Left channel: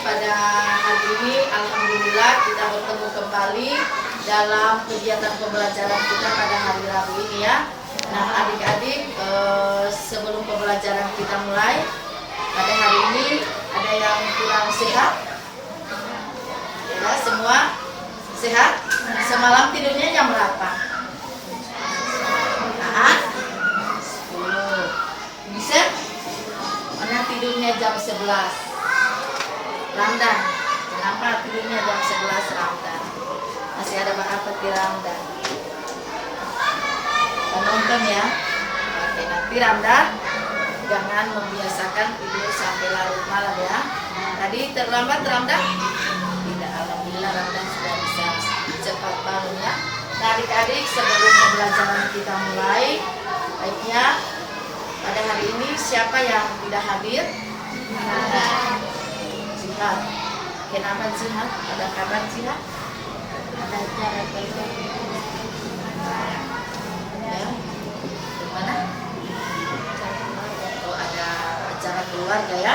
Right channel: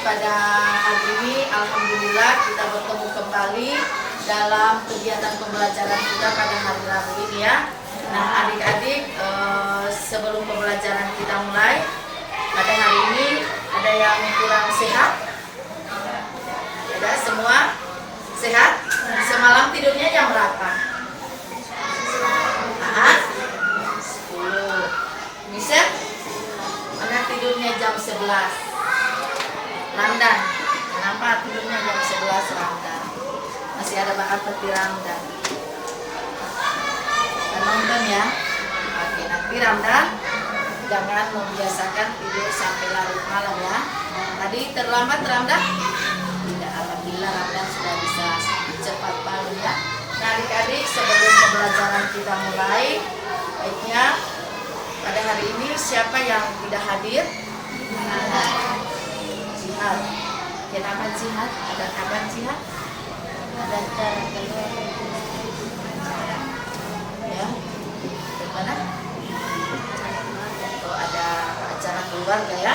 pada hari ini alhamdulillah kita bertemu kembali dalam kegiatan pembelajaran kita pada hari Rabu ini ya. Nah adik-adik, sebelum pembelajaran kita mulai, pada hari ini ada yang kurang sehat? Ya, semua sehat? Semalam tidurnya jam berapa? 10. Bisa? Mana tidurnya jam 11? Ramdan. Kenapa tidurnya jam 11 Ramdan? Masih ada apa di Ramdan? Nonton ya. Oke, nanti Ramdan jangan membiasakan tidur sampai larut malam ya. Tadi terlambat Ramdan? Tidak, alhamdulillah Ramdan sudah bisa cepat bangun ya. Nah adik-adik, sebelum pembelajaran kita mulai, baiknya pada hari ini siapa yang tidak hadir? Jihad. Kenapa Jihad? Ada kabar Jihad? Ada acara keluar. Ya. Mana? Oh, ada acara keluarga ya.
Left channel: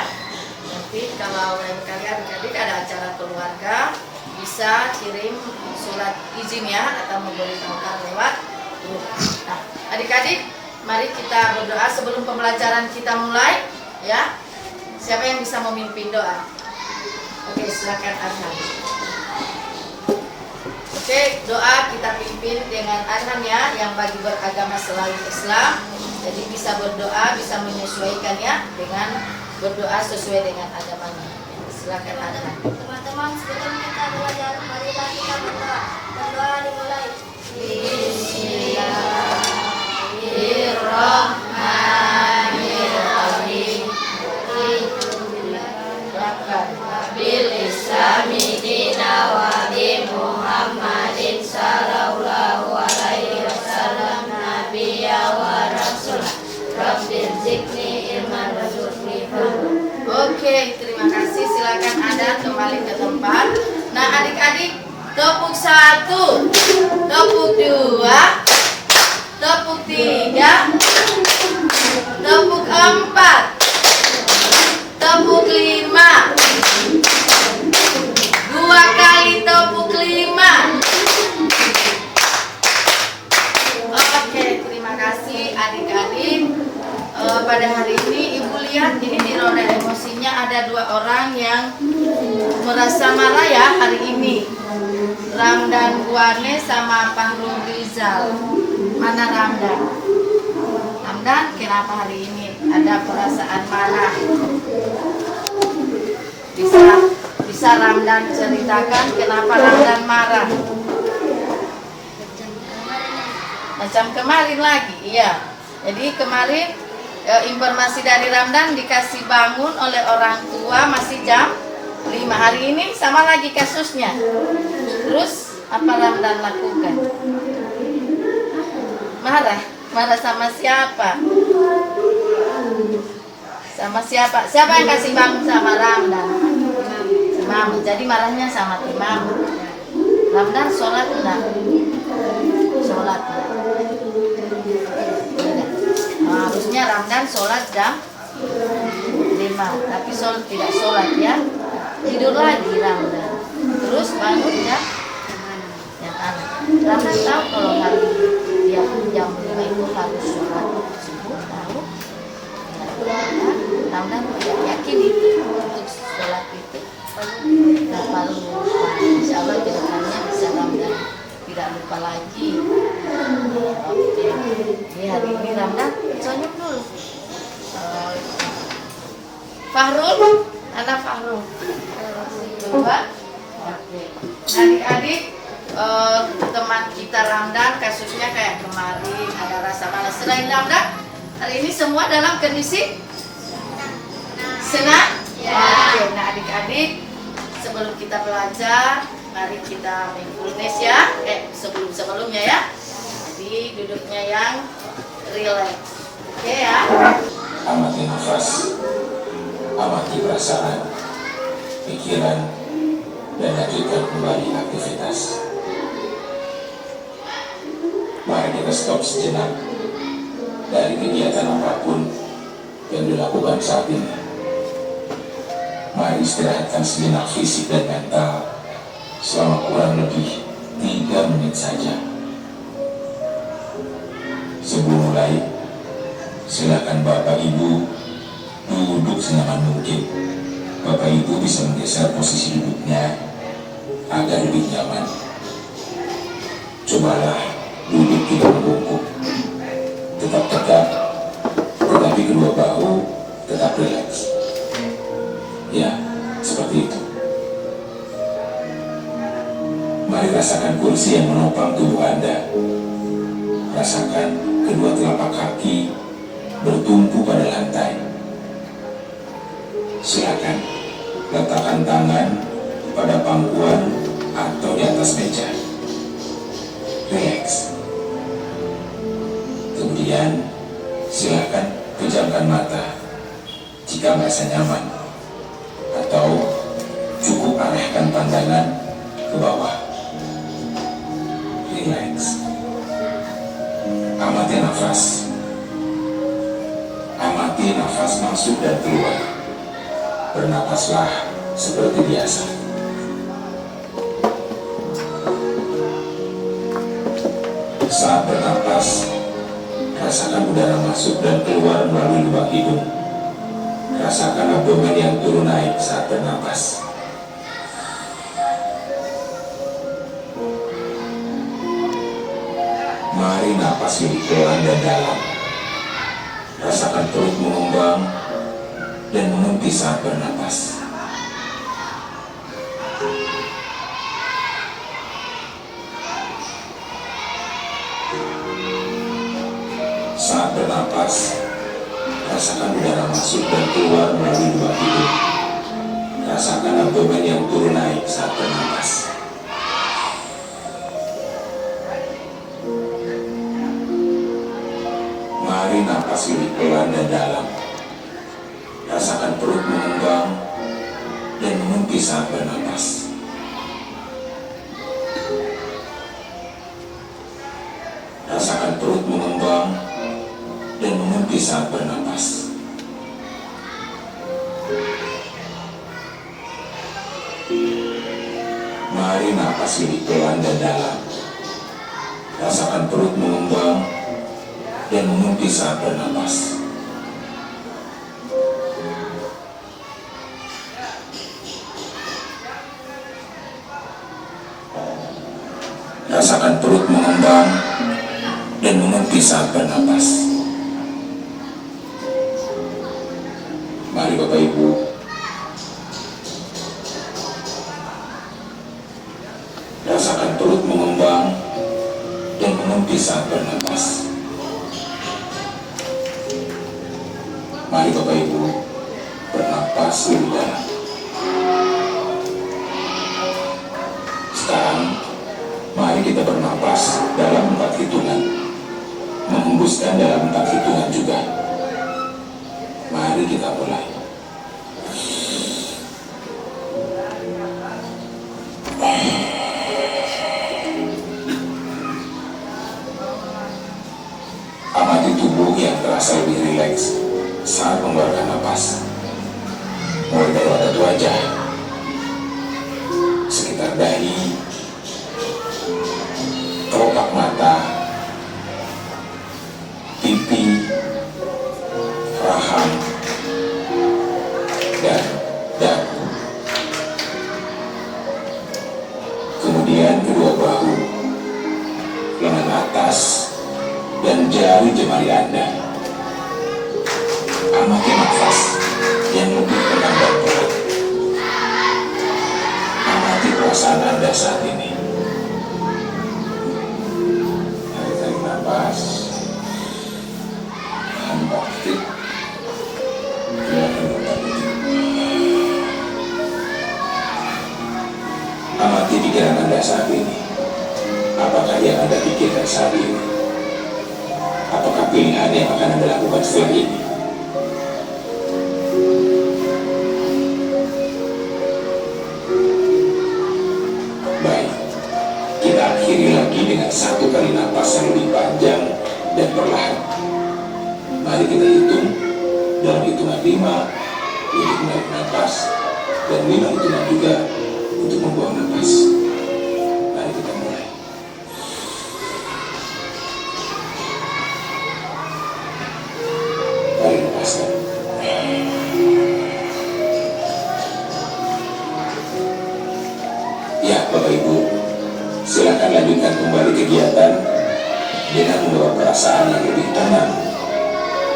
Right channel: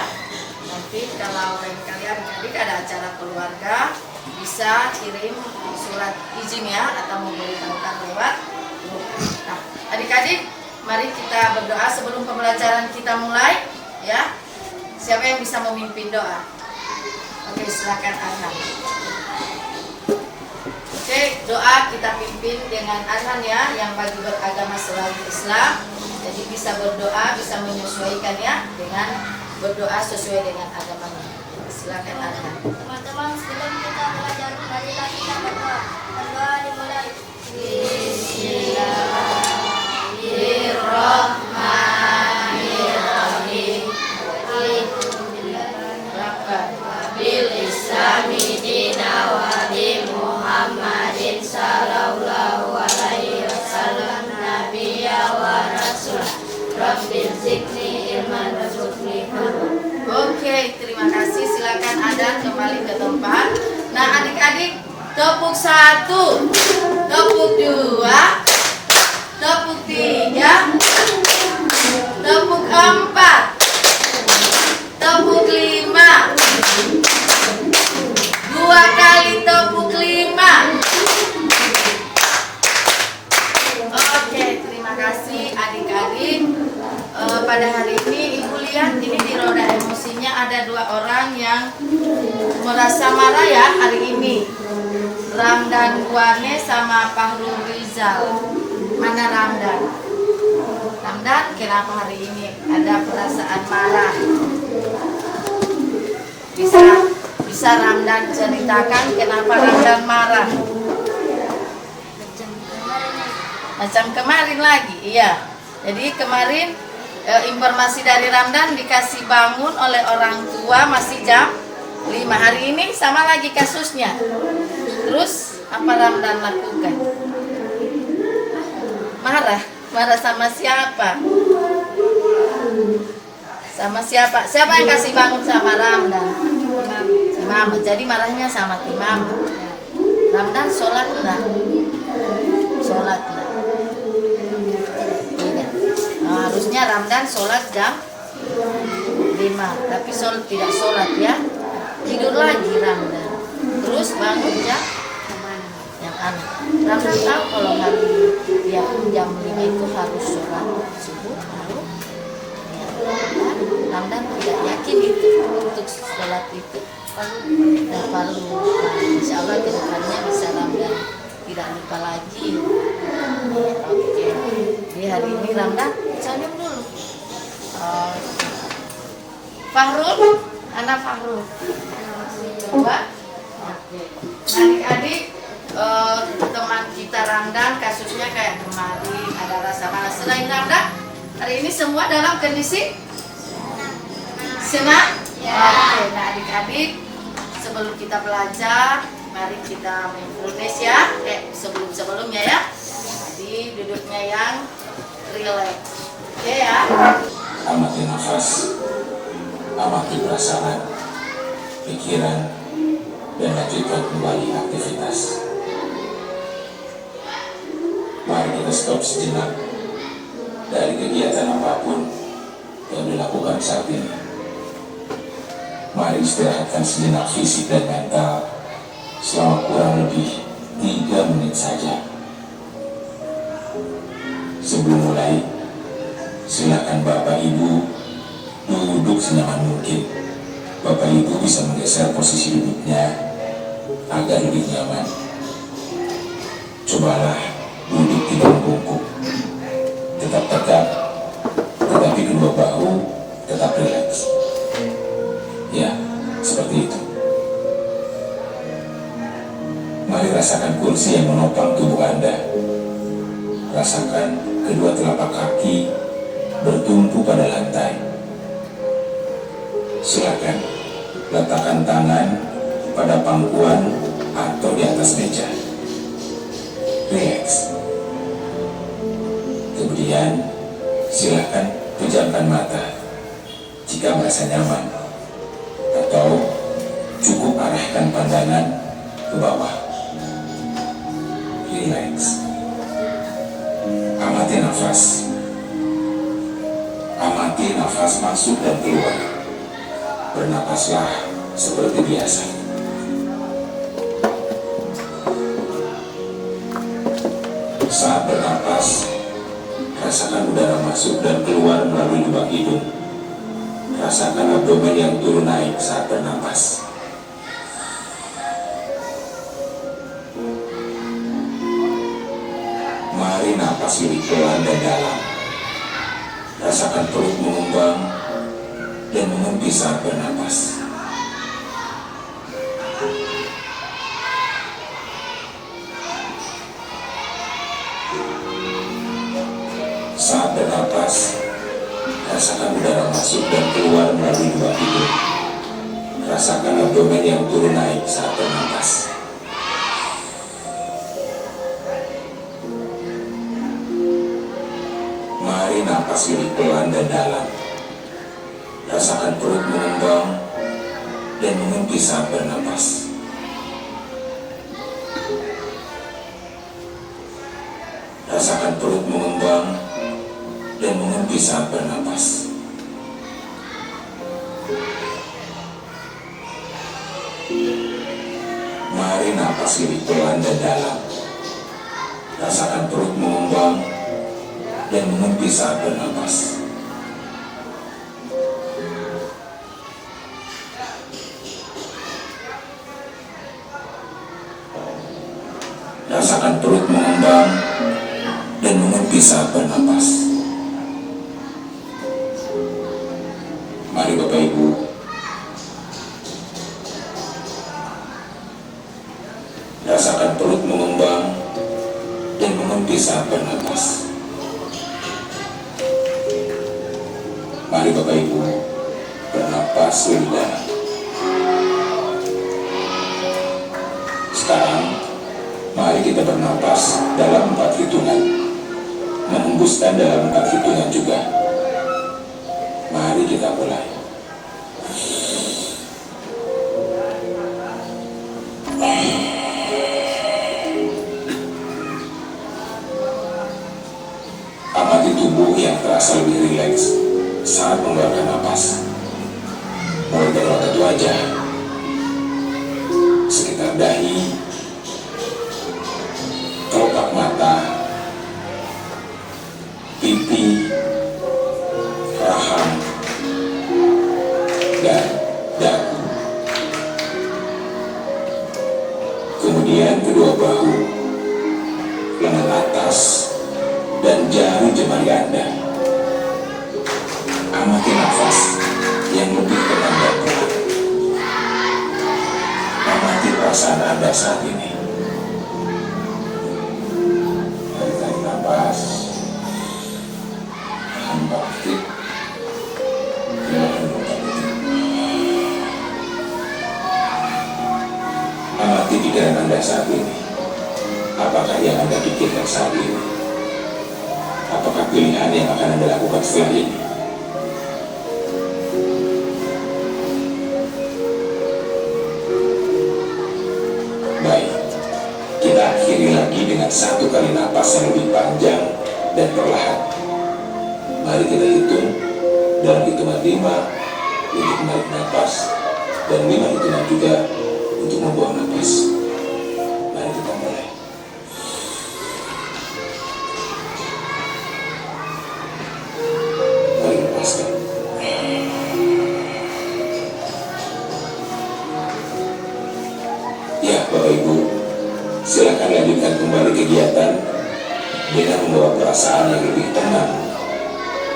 Nanti kalau lain kali adik-adik ada acara keluarga, bisa kirim surat izin ya, atau memberitahukan lewat grup. Nah, adik-adik, mari kita berdoa sebelum pembelajaran kita mulai ya. Siapa yang bisa memimpin doa? Oke, silakan Arhan. Oke, doa kita pimpin dengan Arhan ya, yang bagi beragama selain Islam. Jadi bisa berdoa, bisa menyesuaikan ya dengan berdoa sesuai dengan agamanya. Silakan Arhan. Teman-teman, sebelum kita belajar, marilah kita berdoa. Berdoa dimulai. Bismillahirrahmanirrahim. Bil Islami dina wa bi Muhammadin sallallahu alaihi wasallam nabiyya wa rasul. Rabbil zikni ilman warzuqni. Oke, terima kasih. Silakan Anda kembali ke tempat. Nah, adik-adik, tepuk 1, tepuk 2, tepuk 3, tepuk 4, tepuk 5, 2 kali tepuk 5. Oke, terima kasih adik-adik. Pada hari ini Ibu lihat ini di roda emosinya ada 2 orang yang merasa marah ya hari ini. Ramdan Guane sama Fahrul Rizal. Mana Ramdan? Ramdan kenapa hari ini ada perasaan marah? Bisa Ramdan ceritakan kenapa Ramdan marah? Macam kemarin lagi, iya. Jadi kemarin informasi dari Ramdan dikasih bangun oleh orang tua masih jam 5. Hari ini sama lagi kasusnya. Terus apa Ramdan lakukan? Marah? Marah sama siapa? Sama siapa? Siapa yang kasih bangun sama Ramdan? Imam. Jadi marahnya sama Imam. Ramdan sholat nah. Sholat nah. Harusnya Ramdan sholat jam 5, tapi tidak sholat ya. Tidur lagi Ramdan. Terus bangun jam yang anak. Ramdan tahu kalau hari dia jam 5 itu harus sholat subuh, tahu? Ya, Ramdan tidak yakin itu untuk sholat itu. Nah, kalau lupa, insya Allah ke depannya bisa Ramdan tidak lupa lagi. Oke. Jadi hari ini Ramdan senyum dulu. Fahrul, anak Fahrul. Coba. Oke. Adik-adik, teman kita Ramdan kasusnya kayak kemarin ada rasa malas. Selain Ramdan, hari ini semua dalam kondisi senang. Oke. Nah adik-adik, sebelum kita belajar, mari kita mindfulness ya. Sebelumnya ya. Jadi duduknya yang relax. Oke ya. Amati nafas, amati perasaan, pikiran, dan lanjutkan kembali aktivitas. Mari kita stop sejenak dari kegiatan apapun yang dilakukan saat ini. Mari Mari istirahatkan sejenak fisik dan mental selama kurang lebih 3 menit saja. Sebelum mulai, silakan Bapak Ibu duduk senyaman mungkin. Bapak Ibu bisa menggeser posisi duduknya agar lebih nyaman. Cobalah duduk tidak membungkuk, tetap tegak, tetapi kedua bahu tetap rileks. Ya, seperti itu. Mari rasakan kursi yang menopang tubuh Anda. Rasakan kedua telapak kaki bertumpu pada lantai. Silakan letakkan tangan pada pangkuan atau di atas meja. Relax. Kemudian silakan pejamkan mata jika merasa nyaman, atau cukup arahkan pandangan ke bawah. Relax. Amati nafas. Amati nafas masuk dan keluar. Bernapaslah seperti biasa. Saat bernapas, rasakan udara masuk dan keluar melalui lubang hidung. Rasakan abdomen yang turun naik saat bernapas. Mari napas lebih pelan dan dalam. Rasakan perut mengembang dan mengempis saat bernapas. Saat bernapas, rasakan udara masuk dan keluar melalui lubang hidung. Rasakan abdomen yang turun naik saat bernapas. Mari napas lebih pelan dan dalam. Rasakan perut mengembang dan mengempis saat bernapas. Rasakan perut mengembang dan mengempis saat bernapas. Mari napas lebih pelan dan dalam. Rasakan perut mengembang dan mengempis saat bernapas. Rasakan perut mengembang dan mengempis saat bernapas. Mari Bapak Ibu, rasakan perut mengembang dan mengempis saat bernapas. Mari Bapak Ibu, bernapas lebih dalam. Sekarang, mari kita bernapas dalam 4 hitungan. Menghembuskan dalam 4 hitungan juga. Mari kita mulai. Amati tubuh yang terasa lebih rileks saat mengeluarkan napas. Mulai dari otot wajah, sekitar dahi, kelopak mata, pipi, rahang, dan dagu. Kemudian kedua bahu, lengan atas, dan jari jemari Anda. Amati nafas yang lebih tenang dan pelan. Amati perasaan Anda saat ini. Tarik nafas, hembus aktif, keluarkan otot. Amati pikiran Anda saat ini. Apakah yang Anda pikirkan saat ini? Apakah pilihan yang akan Anda lakukan setelah ini? Baik, kita akhiri lagi dengan 1 kali napas yang lebih panjang dan perlahan. Mari kita hitung dalam hitungan 5 untuk menarik napas, dan 5 hitungan juga untuk membuang nafas. Mari kita mulai. Mari lepaskan. Ya, Bapak Ibu, silakan lanjutkan kembali kegiatan dengan membawa perasaan yang lebih tenang,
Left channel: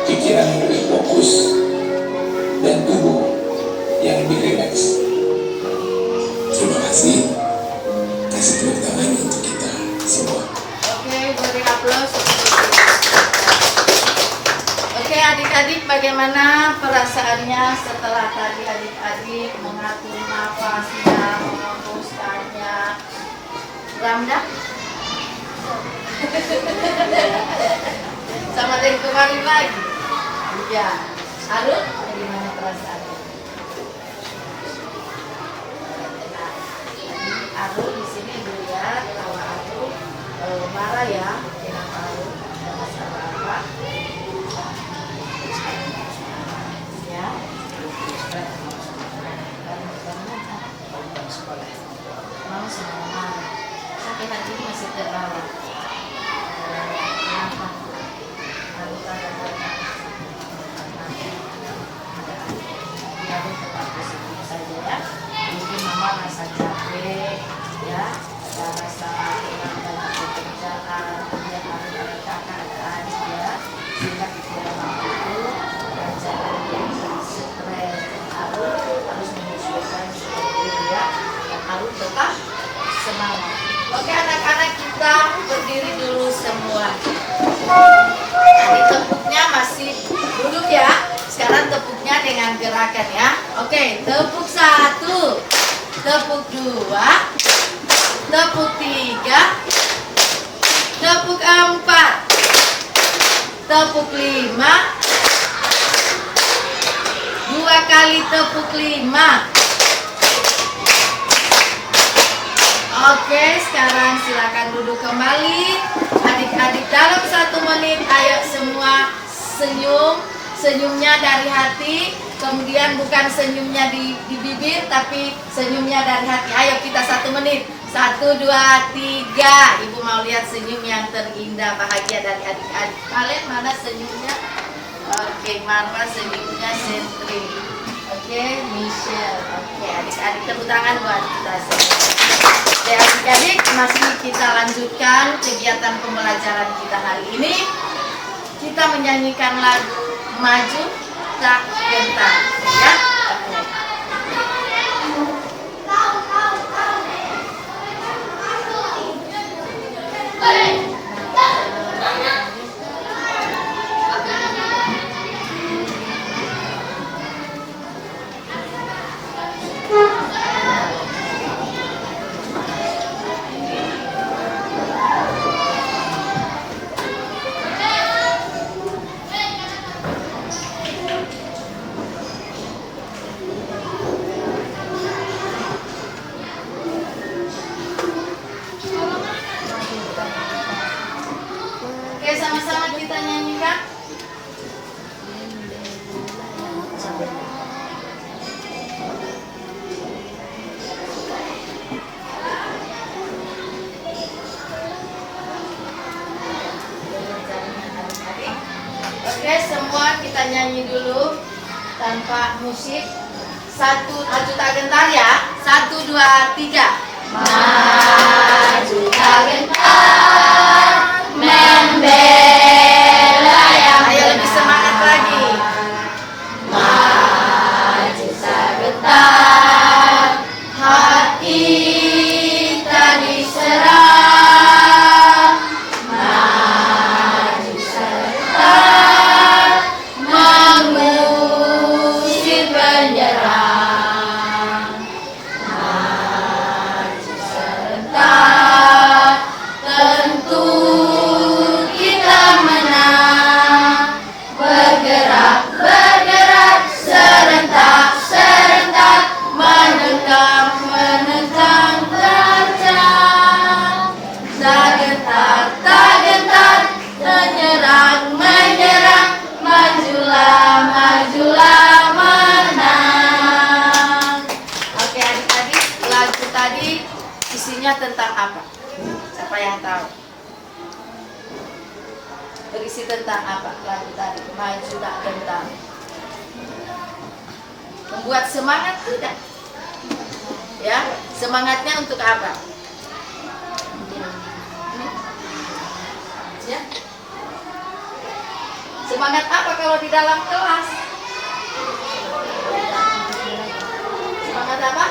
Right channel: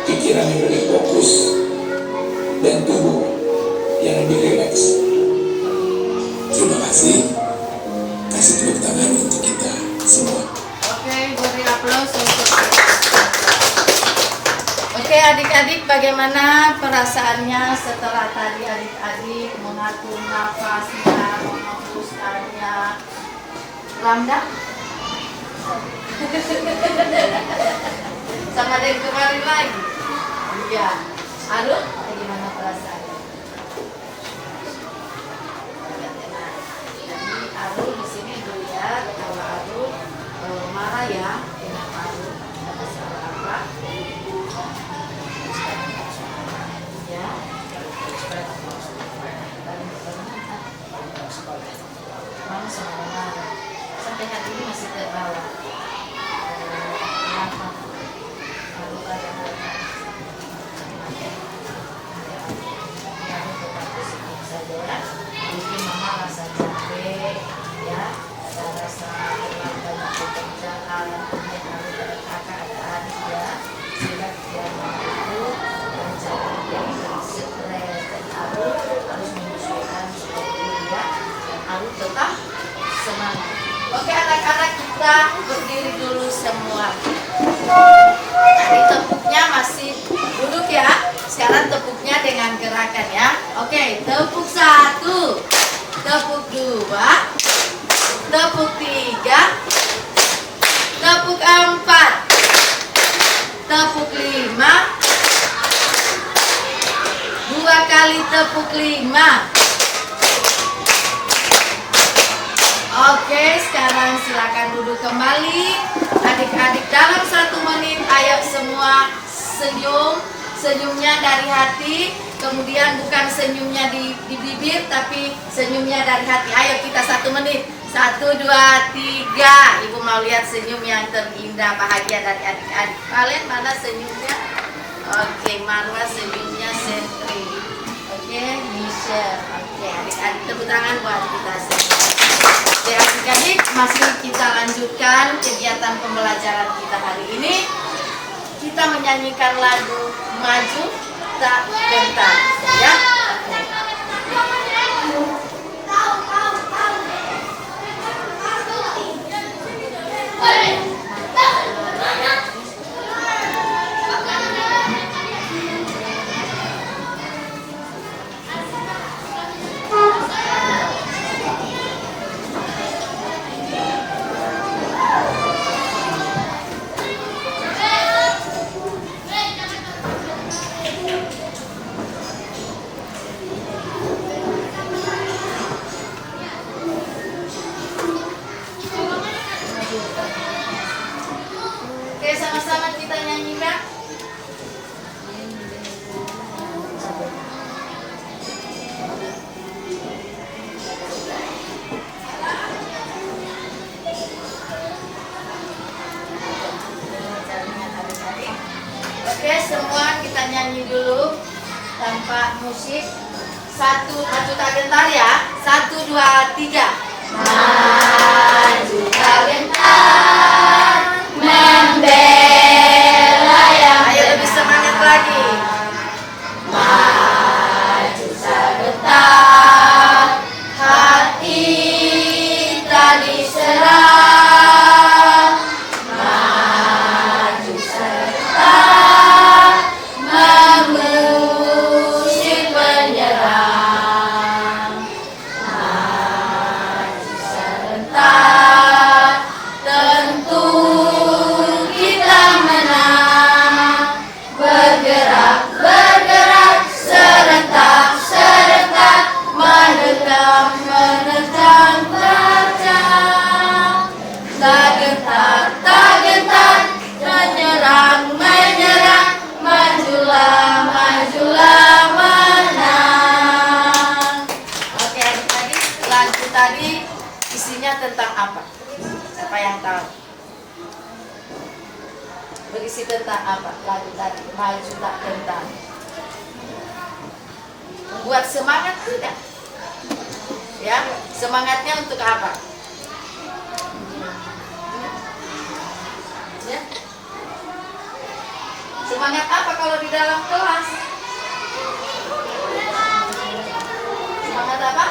pikiran yang lebih fokus, dan tubuh yang lebih rileks. Terima kasih. Kasih tepuk tangan untuk kita semua. Oke, beri aplaus. Oke, adik-adik, bagaimana perasaannya setelah tadi adik-adik mengatur nafasnya, menghembuskannya? Ramda? Sama dengan kemarin lagi. Ya, Arul, bagaimana perasaannya? Arul di sini dilihat kalau Arul marah ya, kenapa Arul ada masalah apa? Ya, mama semua marah. Sampai hari ini masih terawat. Kenapa? Arul ada marah. Ya, tetap positif saja ya. Mungkin mama rasa capek ya, rasa kurang banyak pekerjaan, kemudian harus ada kakak ada adik ya, sehingga pikiran itu dan cara dia stres dan harus menyesuaikan seperti itu ya, dan harus tetap semangat. Oke anak-anak, kita berdiri dulu semua. Tadi tepuknya masih duduk ya. Sekarang tepuknya dengan gerakan ya. Oke, tepuk 1, tepuk 2, tepuk 3, tepuk 4, tepuk 5, 2 kali tepuk 5. Oke, sekarang silakan duduk kembali. Adik-adik dalam 1 menit, ayo semua senyum. Senyumnya dari hati, kemudian bukan senyumnya di bibir, tapi senyumnya dari hati. Ayo kita 1 menit. 1, 2, 3. Ibu mau lihat senyum yang terindah, bahagia dari adik-adik. Kalian mana senyumnya? Oke, Marwa senyumnya Sentri. Oke, Michelle. Oke, adik-adik tepuk tangan buat kita semua. Oke, adik-adik masih kita lanjutkan kegiatan pembelajaran kita hari ini. Kita menyanyikan lagu Maju Tak Gentar ya. Oke, sama-sama kita nyanyikan. Oke, semua kita nyanyi dulu tanpa musik. 1, maju tak gentar ya. 1, 2, 3. Maju tak gentar, membela yang benar. Ayo lebih semangat lagi. Maju tak gentar, hati tak diserah. Maju serentak, mengusir penyerang. Maju serentak, tentu kita menang. Bergerak, bergerak, serentak, serentak, menerkam, menerjang, terjang. Tak gentar, tak gentar, menyerang, menyerang, majulah, majulah, menang. tentang apa? Siapa yang tahu? Berisi tentang apa? Lagu tadi, maju tak gentar. Membuat semangat tidak? Ya, semangatnya untuk apa? Ya. Semangat apa kalau di dalam kelas? Semangat apa?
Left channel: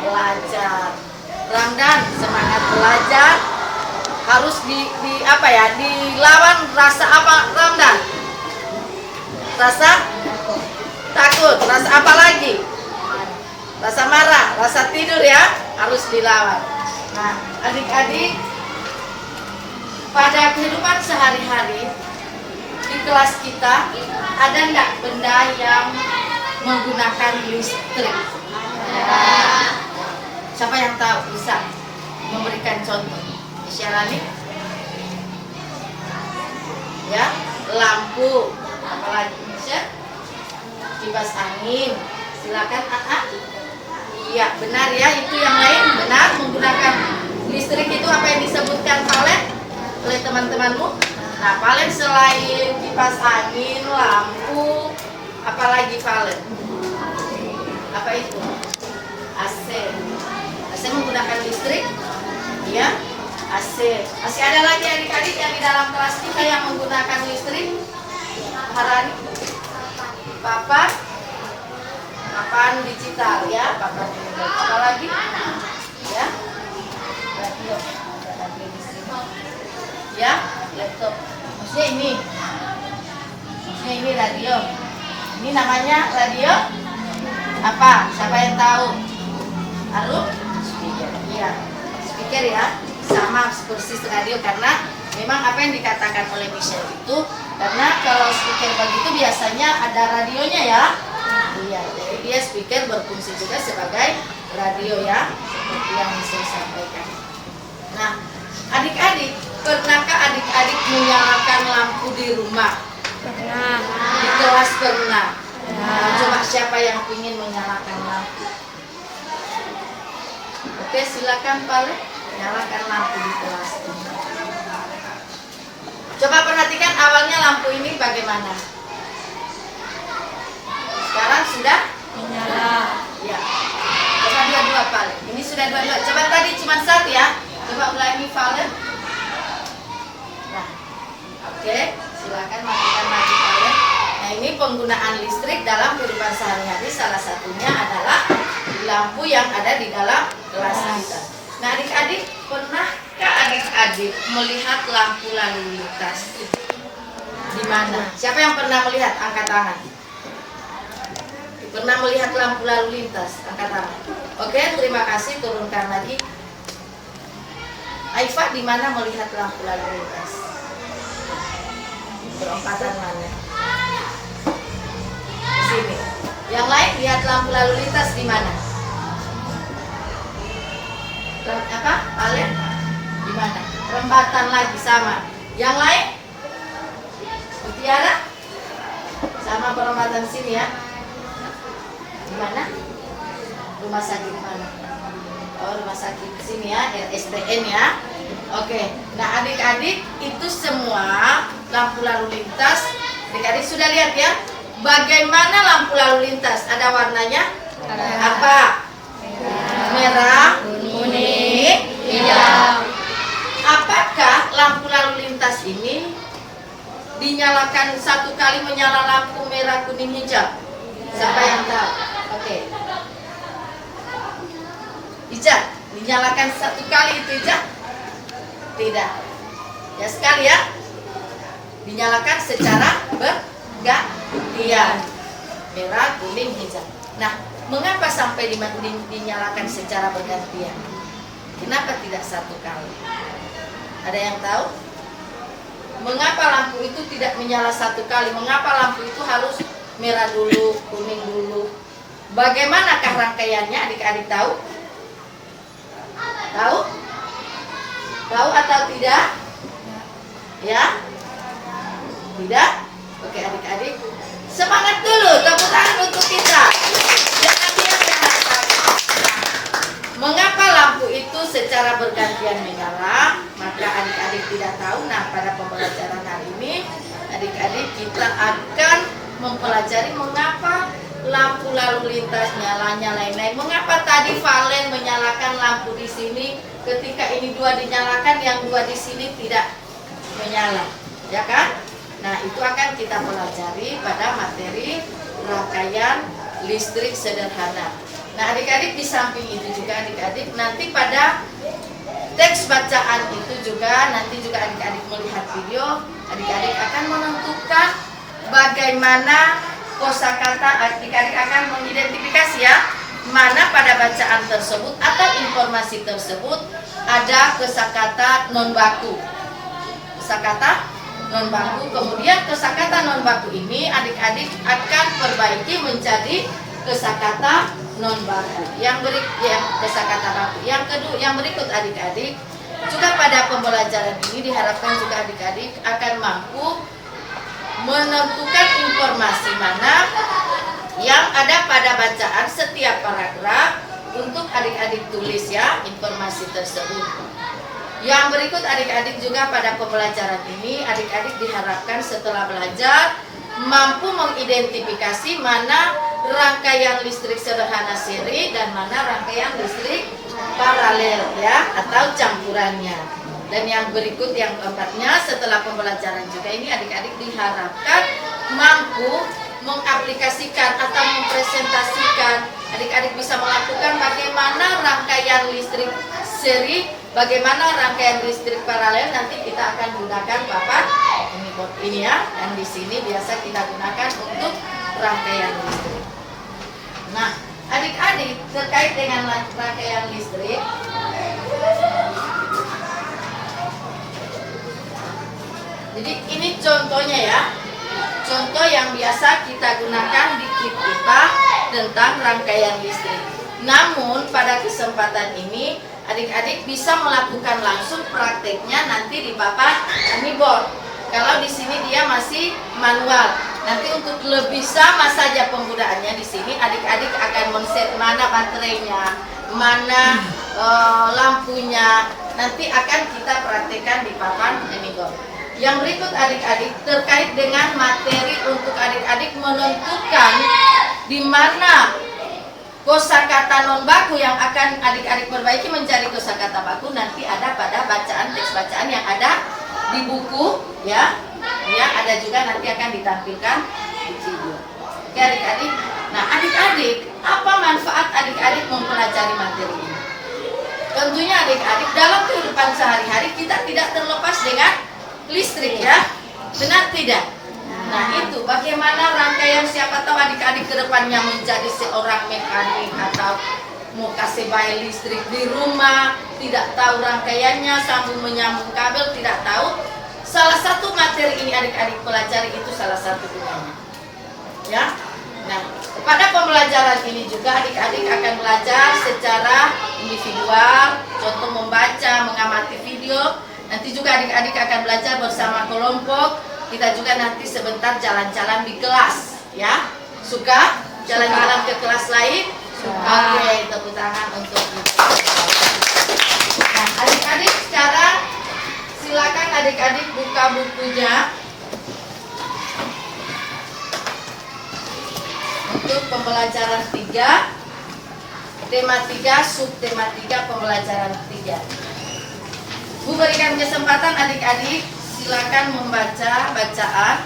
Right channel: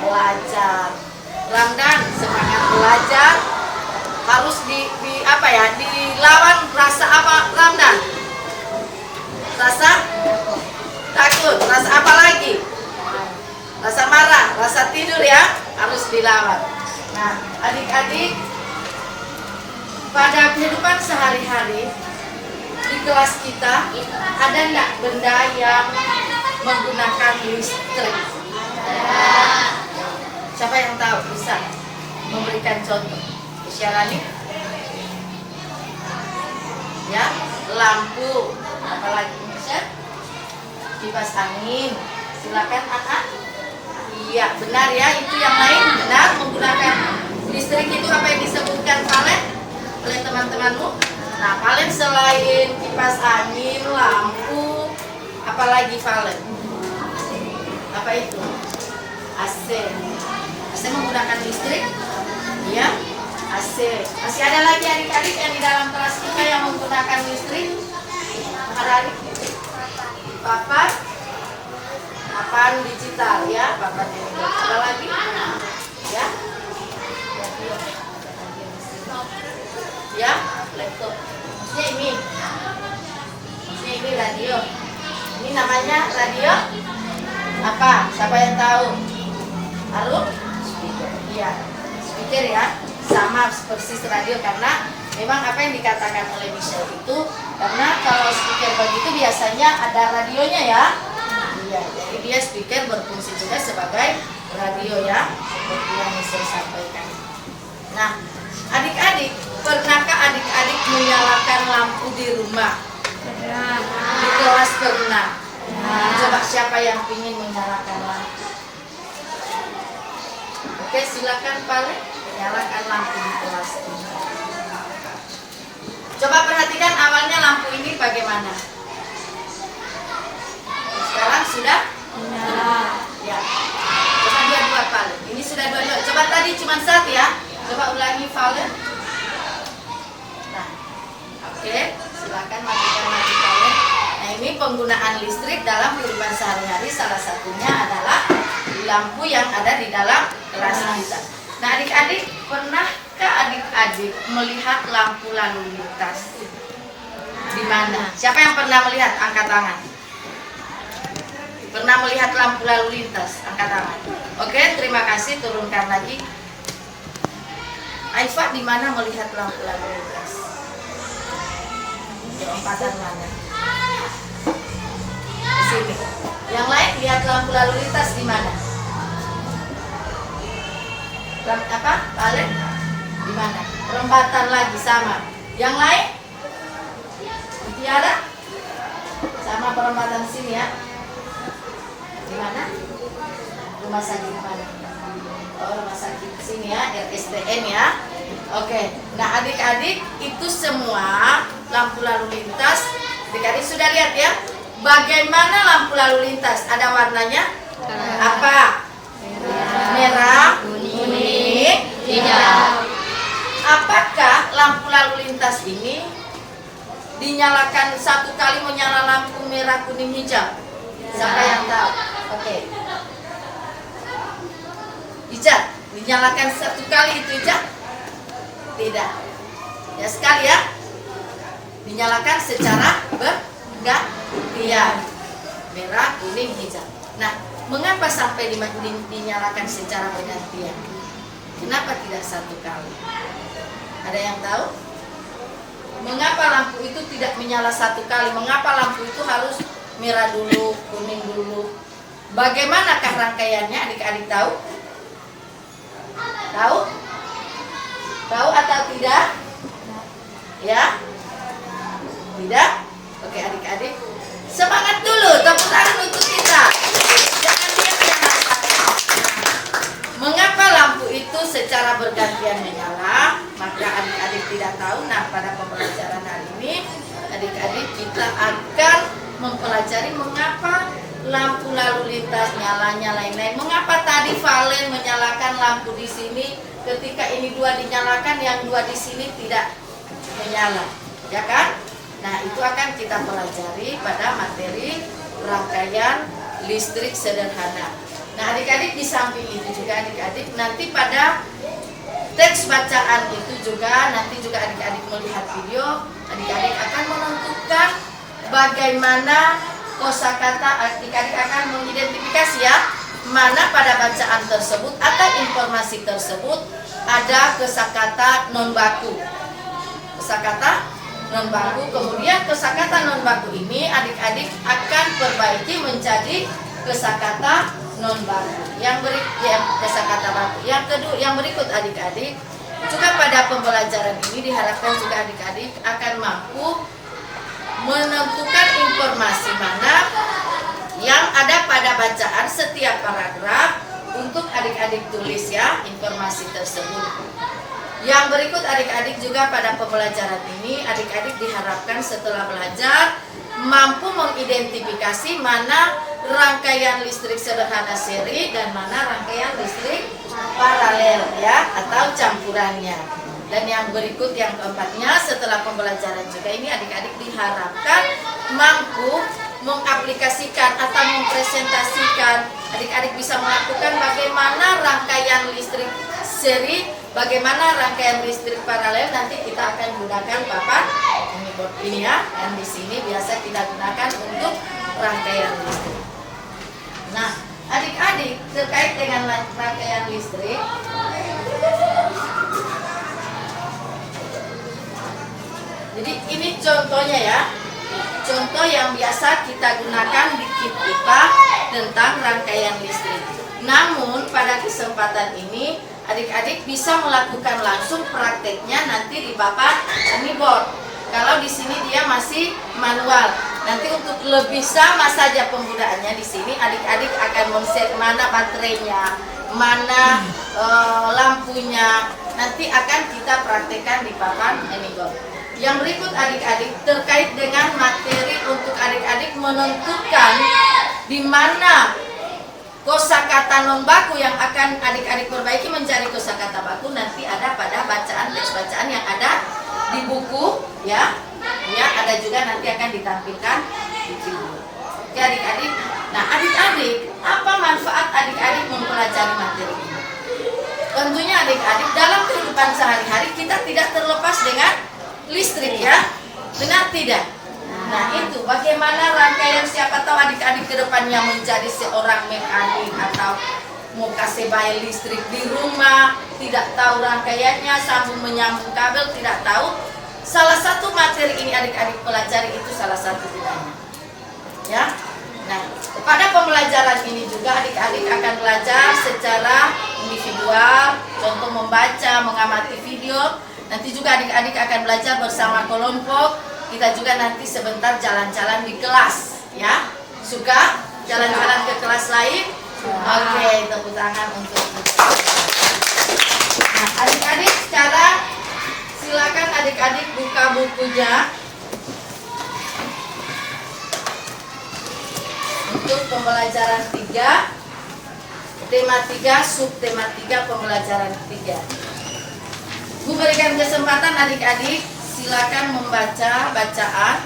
Belajar. Ramdan, semangat belajar harus apa ya? Dilawan rasa apa, Ramdan? Rasa takut. Rasa apa lagi? Rasa marah, rasa tidur ya, harus dilawan. Nah, adik-adik, pada kehidupan sehari-hari di kelas kita ada enggak benda yang menggunakan listrik? Siapa yang tahu bisa memberikan contoh? Isyarani? Ya, lampu, apalagi bisa? Kipas angin. Silakan Anak. Iya, benar ya, itu yang lain benar menggunakan listrik itu apa yang disebutkan Valen oleh teman-temanmu? Nah, Valen selain kipas angin, lampu, apalagi Valen? Apa itu? AC. AC menggunakan listrik? Ya, AC. Masih ada lagi adik-adik yang di dalam kelas kita yang menggunakan listrik? Hari papan digital ya, papan digital. Ada lagi? Ya, radio. Ya, laptop. Maksudnya ini radio. Ini namanya radio apa? Siapa yang tahu? Arum? Speaker. Iya, speaker ya. Sama persis radio karena memang apa yang dikatakan oleh Michelle itu karena kalau speaker begitu biasanya ada radionya ya. Iya, jadi dia speaker berfungsi juga sebagai radio ya, seperti yang Michelle sampaikan. Nah, adik-adik, pernahkah adik-adik menyalakan lampu di rumah? Pernah. Di kelas pernah. Coba siapa yang ingin menyalakan lampu? Oke, silakan Pale, nyalakan lampu di kelas ini. Coba perhatikan awalnya lampu ini bagaimana? Sekarang sudah? Ya. Coba dua Pale. Ini sudah dua. Coba tadi cuma satu ya. Coba ulangi Pale. Nah, oke, silakan matikan lagi Pale. Nah, ini penggunaan listrik dalam kehidupan sehari-hari salah satunya adalah lampu yang ada di dalam kelas kita. Nah, adik-adik, pernahkah adik-adik melihat lampu lalu lintas? Di mana? Siapa yang pernah melihat? Angkat tangan. Pernah melihat lampu lalu lintas? Angkat tangan. Oke, terima kasih. Turunkan lagi. Aifa, di mana melihat lampu lalu lintas? Perempatan mana? Di sini. Yang lain lihat lampu lalu lintas di mana? Apa? Palen? Di mana? Perempatan lagi sama. Yang lain? Mutiara? Sama perempatan sini ya. Di mana? Rumah sakit mana? Oh, rumah sakit sini ya, RSTN ya. Oke. Nah, adik-adik itu semua lampu lalu lintas. Adik-adik sudah lihat ya? Bagaimana lampu lalu lintas? Ada warnanya? Apa? Merah, kuning, hijau. Apakah lampu lalu lintas ini dinyalakan satu kali menyala lampu merah, kuning, hijau? Siapa yang tahu? Oke. Ijat, dinyalakan satu kali itu Ijat? Tidak. Ya sekali ya. Dinyalakan secara bergantian. Merah, kuning, hijau. Nah, mengapa sampai dinyalakan secara bergantian? Kenapa tidak satu kali? Ada yang tahu? Mengapa lampu itu tidak menyala satu kali? Mengapa lampu itu harus merah dulu, kuning dulu? Bagaimanakah rangkaiannya? Adik-adik tahu? Tahu? Tahu atau tidak? Ya? Tidak? Oke adik-adik, semangat dulu, tepuk tangan untuk kita. Jangan diam, jangan takut. Mengapa lampu itu secara bergantian menyala, maka adik-adik tidak tahu. Nah, pada pembelajaran hari ini adik-adik kita akan mempelajari mengapa lampu lalu lintas nyala-nyalain. Mengapa tadi Valen menyalakan lampu di sini ketika ini 2 dinyalakan, yang 2 di sini tidak menyala, ya kan? Nah, itu akan kita pelajari pada materi rangkaian listrik sederhana. Nah, adik-adik di samping itu juga adik-adik nanti pada teks bacaan itu juga nanti juga adik-adik melihat video, adik-adik akan menentukan bagaimana kosakata, adik-adik akan mengidentifikasi ya mana pada bacaan tersebut atau informasi tersebut ada kosakata non baku. Kosakata non baku, kemudian kosakata non baku ini adik-adik akan perbaiki menjadi kosakata non baku. Kosakata baku. Yang berikut adik-adik juga pada pembelajaran ini diharapkan juga adik-adik akan mampu menentukan informasi mana yang ada pada bacaan setiap paragraf untuk adik-adik tulis ya informasi tersebut. Yang berikut adik-adik juga pada pembelajaran ini adik-adik diharapkan setelah belajar mampu mengidentifikasi mana rangkaian listrik sederhana seri dan mana rangkaian listrik paralel ya atau campurannya. Dan yang berikut yang keempatnya setelah pembelajaran juga ini adik-adik diharapkan mampu mengaplikasikan atau mempresentasikan, adik-adik bisa melakukan bagaimana rangkaian listrik seri, bagaimana rangkaian listrik paralel. Nanti kita akan gunakan papan ini ya, dan di sini biasa kita gunakan untuk rangkaian listrik. Nah, adik-adik terkait dengan rangkaian listrik, jadi ini contohnya ya, contoh yang biasa kita gunakan di KIP IPA tentang rangkaian listrik. Namun pada kesempatan ini adik-adik bisa melakukan langsung prakteknya nanti di papan board. Kalau di sini dia masih manual. Nanti untuk lebih sama saja penggunaannya di sini adik-adik akan men-set mana baterainya, mana lampunya. Nanti akan kita praktekkan di papan board. Yang berikut adik-adik terkait dengan materi untuk adik-adik menentukan di mana kosakata non baku yang akan adik-adik perbaiki menjadi kosakata baku nanti ada pada bacaan teks bacaan yang ada di buku ya. Ya, ada juga nanti akan ditampilkan di video. Oke adik-adik. Nah, adik-adik, apa manfaat adik-adik mempelajari materi ini? Tentunya adik-adik dalam kehidupan sehari-hari kita tidak terlepas dengan listrik ya, benar tidak? Nah itu bagaimana rangkaian, siapa tahu adik-adik kedepannya menjadi seorang mekanik atau mau kasih bayi listrik di rumah, tidak tahu rangkaiannya, sambung menyambung kabel, tidak tahu. Salah satu materi ini adik-adik pelajari itu salah satu gunanya ya. Nah pada pembelajaran ini juga adik-adik akan belajar secara individual, contoh membaca, mengamati video. Nanti juga adik-adik akan belajar bersama kelompok. Kita juga nanti sebentar jalan-jalan di kelas ya. Suka jalan-jalan ke kelas lain? Oke, tepuk tangan untuk kita. Nah, adik-adik sekarang silakan adik-adik buka bukunya untuk pembelajaran 3, tema 3, subtema 3, pembelajaran 3. Bu berikan kesempatan adik-adik silakan membaca bacaan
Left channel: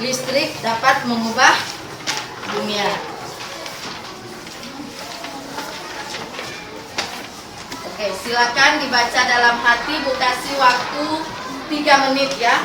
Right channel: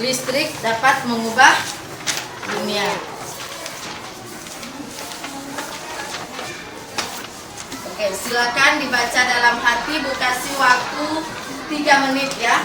listrik dapat mengubah dunia. Oke, silakan dibaca dalam hati. Bu kasih waktu 3 menit ya.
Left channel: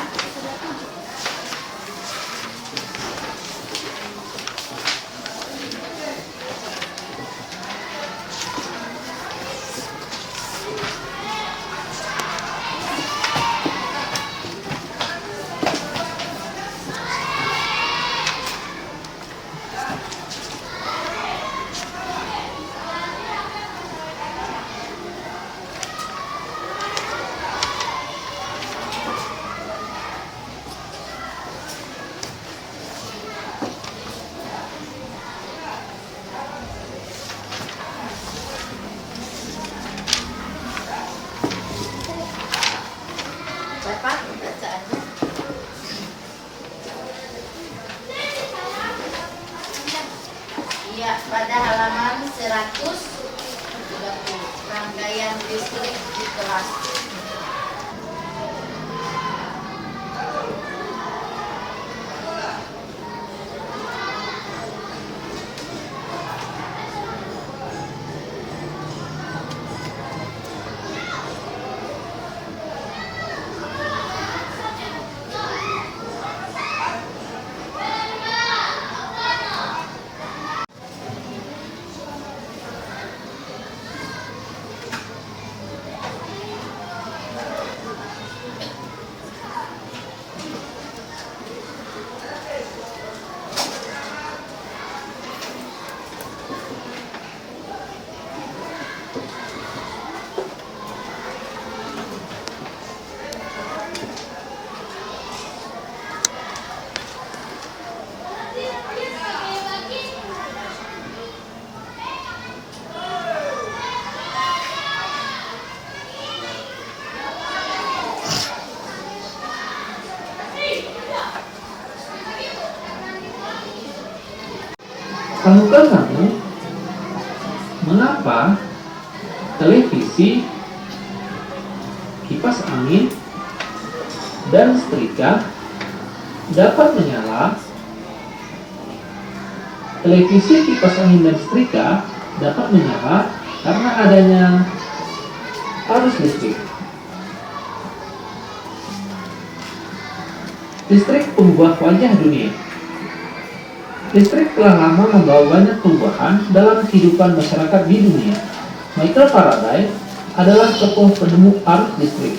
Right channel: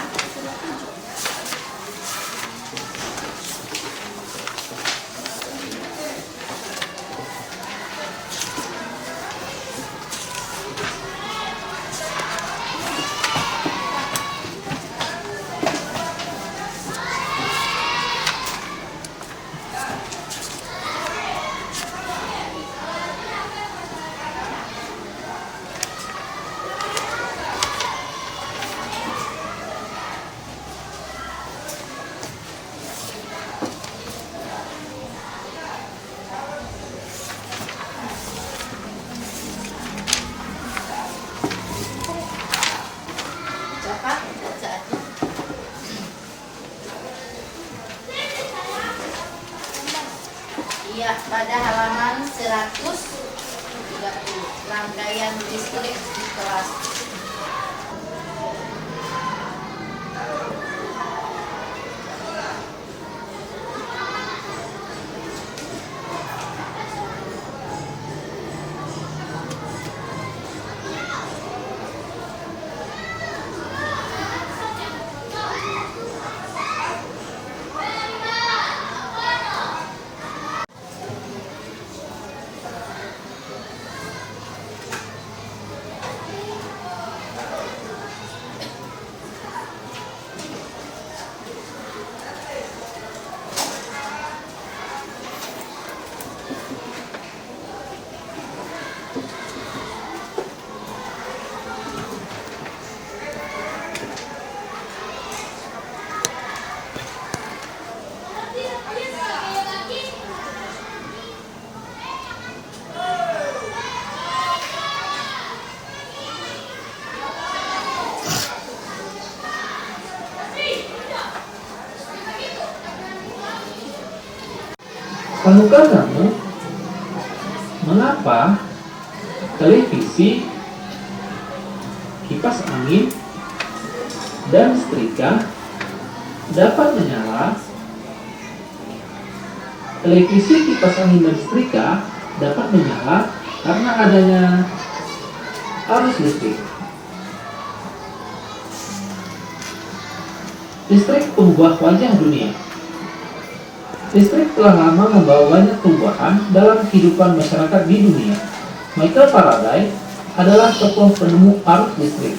Ya, pada halaman 130, rangkaian listrik di kelas. Tahukah kamu mengapa televisi, kipas angin, dan setrika dapat menyala? Televisi, kipas angin, dan setrika dapat menyala karena adanya arus listrik. Listrik pengubah wajah dunia. Listrik telah lama membawa banyak perubahan dalam kehidupan masyarakat di dunia. Michael Faraday adalah tokoh penemu arus listrik.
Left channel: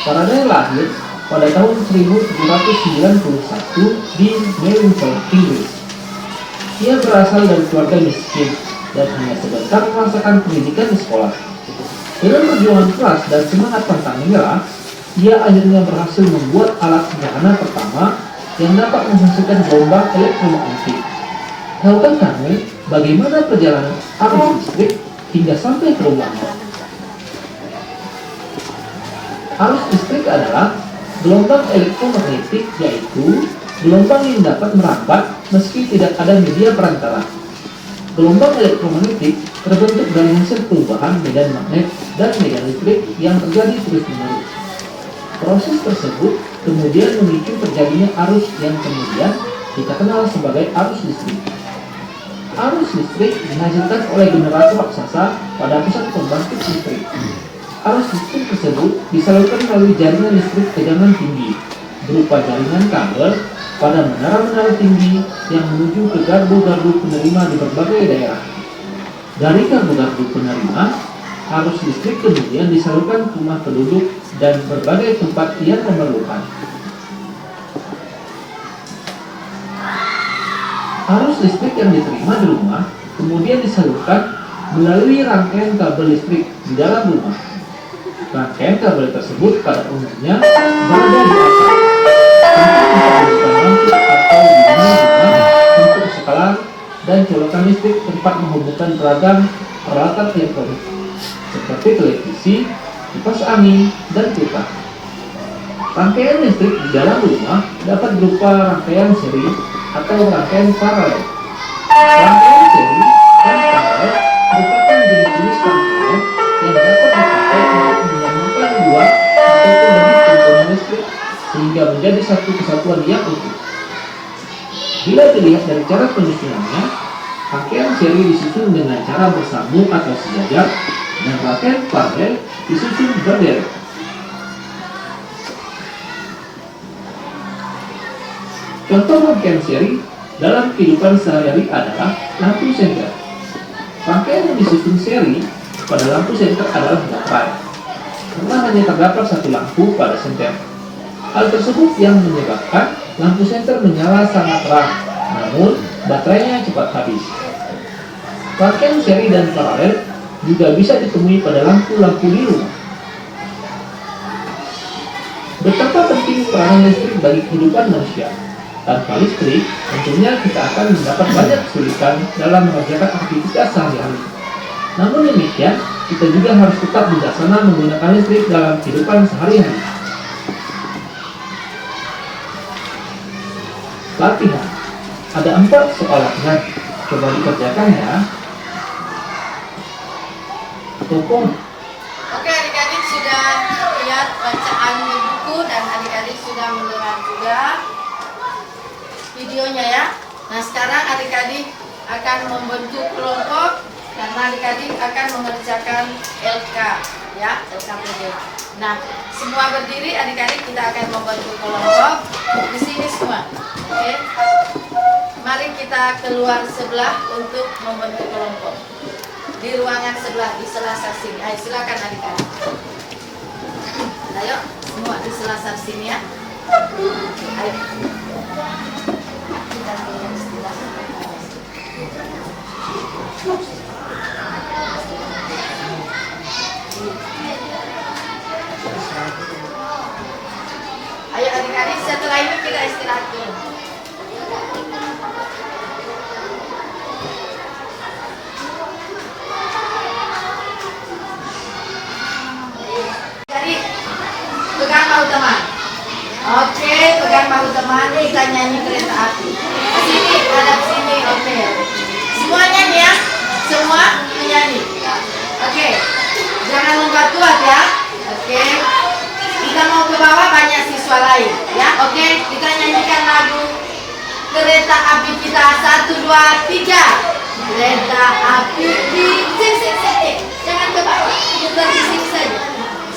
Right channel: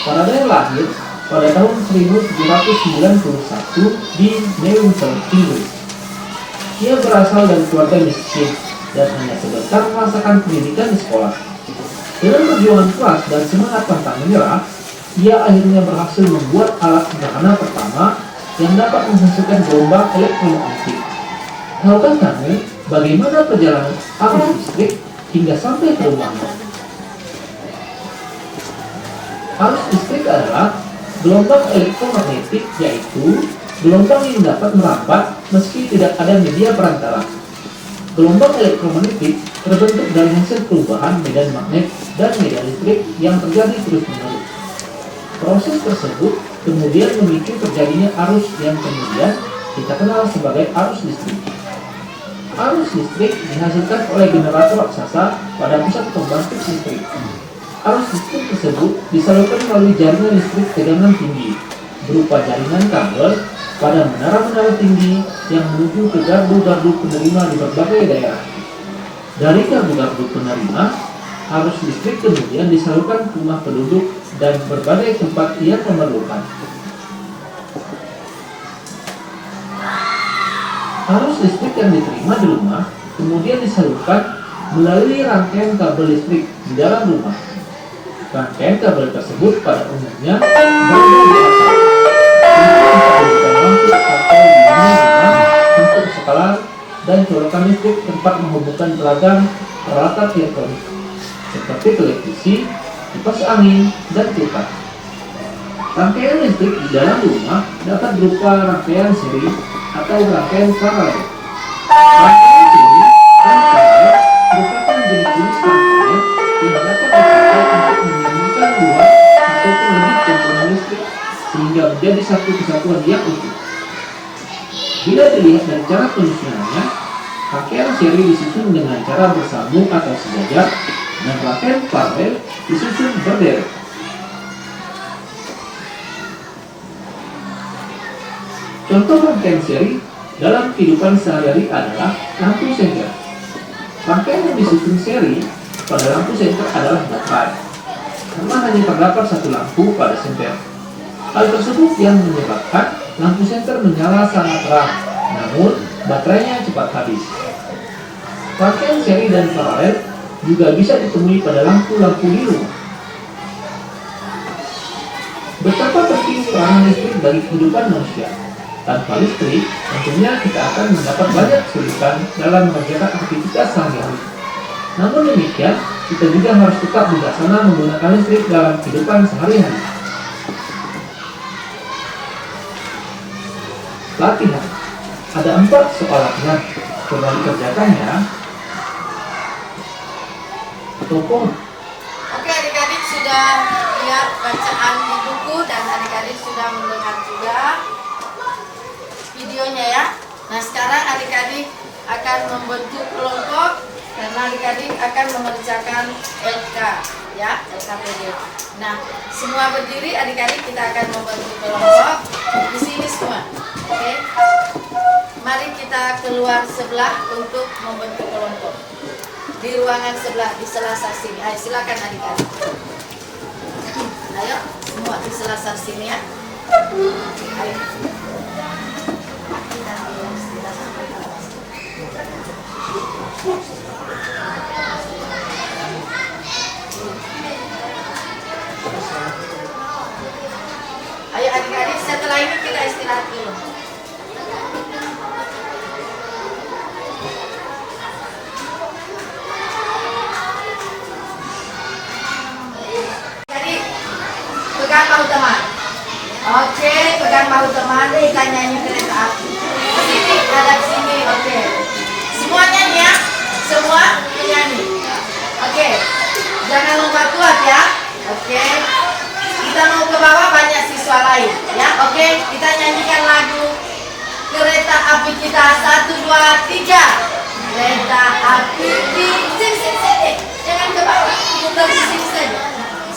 Faraday lahir pada tahun 1791 di Newcastle, Inggris. Ia berasal dari keluarga miskin dan hanya sebentar merasakan pendidikan di sekolah. Dengan perjuangan keras dan semangat pantang menyerah, ia akhirnya berhasil membuat alat sederhana pertama yang dapat menghasilkan gelombang elektromagnetik. Tahukah kamu bagaimana perjalanan arus listrik hingga sampai ke rumahnya? Arus listrik adalah gelombang elektromagnetik, yaitu gelombang yang dapat merambat meski tidak ada media perantara. Gelombang elektromagnetik terbentuk dari hasil perubahan medan magnet dan medan listrik yang terjadi terus-menerus. Proses tersebut kemudian memicu terjadinya arus yang kemudian kita kenal sebagai arus listrik. Arus listrik dihasilkan oleh generator raksasa pada pusat pembangkit listrik. Arus listrik tersebut disalurkan melalui jaringan listrik tegangan tinggi berupa jaringan kabel pada menara-menara tinggi yang menuju ke gardu-gardu penerima di berbagai daerah. Dari gardu-gardu penerima, arus listrik kemudian disalurkan ke rumah penduduk dan berbagai tempat yang memerlukan. Arus listrik yang diterima di rumah kemudian disalurkan melalui rangkaian kabel listrik di dalam rumah. Rangkaian kabel tersebut pada umumnya berada di atas untuk bisa lampu atau di rumah untuk skala dan colokan listrik tempat menghubungkan beragam peralatan elektronik seperti televisi, kipas angin, dan kulkas. Rangkaian listrik di dalam rumah dapat berupa rangkaian seri atau rangkaian paralel. Rangkaian seri dan paralel merupakan jenis-jenis rangkaian yang dapat dipakai untuk menyambungkan dua ataupun lebih komponen listrik sehingga menjadi satu kesatuan yang utuh. Bila dilihat dari cara penyusunannya, rangkaian seri disusun dengan cara bersambung atau sejajar dan rangkaian paralel disusun berderet. Contoh rangkaian seri dalam kehidupan sehari-hari adalah lampu senter. Rangkaian yang disusun seri pada lampu senter adalah baterai, karena hanya terdapat satu lampu pada senter. Hal tersebut yang menyebabkan lampu senter menyala sangat terang, namun baterainya cepat habis. Rangkaian seri dan paralel juga bisa ditemui pada lampu-lampu di rumah. Betapa penting peranan listrik bagi kehidupan manusia. Tanpa listrik, tentunya kita akan mendapat banyak kesulitan dalam mengerjakan aktivitas sehari-hari. Namun demikian, kita juga harus tetap bijaksana menggunakan listrik dalam kehidupan sehari-hari. Latihan. Ada 4 soal latihan. Coba dikerjakan ya. Toko. Oke, adik-adik sudah lihat bacaan di buku dan adik-adik sudah mendengar juga videonya ya. Nah, sekarang adik-adik akan membentuk kelompok karena adik-adik akan mengerjakan LK ya, LKPD. Nah, semua berdiri adik-adik, kita akan membentuk kelompok di sini semua. Oke. Mari kita keluar sebelah untuk membentuk kelompok. Di ruangan sebelah, di selasar sini. Ayo silakan adik-adik. Ayo semua di selasar sini ya. Ayo. Ayo adik-adik, setelah ini kita istirahat dulu. Jadi pegang bahu teman. Oke, pegang bahu teman. Kita nyanyi kereta api. Sini ada sini. Oke. Semuanya nih ya. Semua menyanyi. Oke. Jangan lompat ya. Oke. Kita mau ke bawah, banyak siswa lain ya. Oke, kita nyanyikan lagu kereta api kita. 1, 2, 3. Kereta api di sini. Jangan ke bawah, kita di sini saja.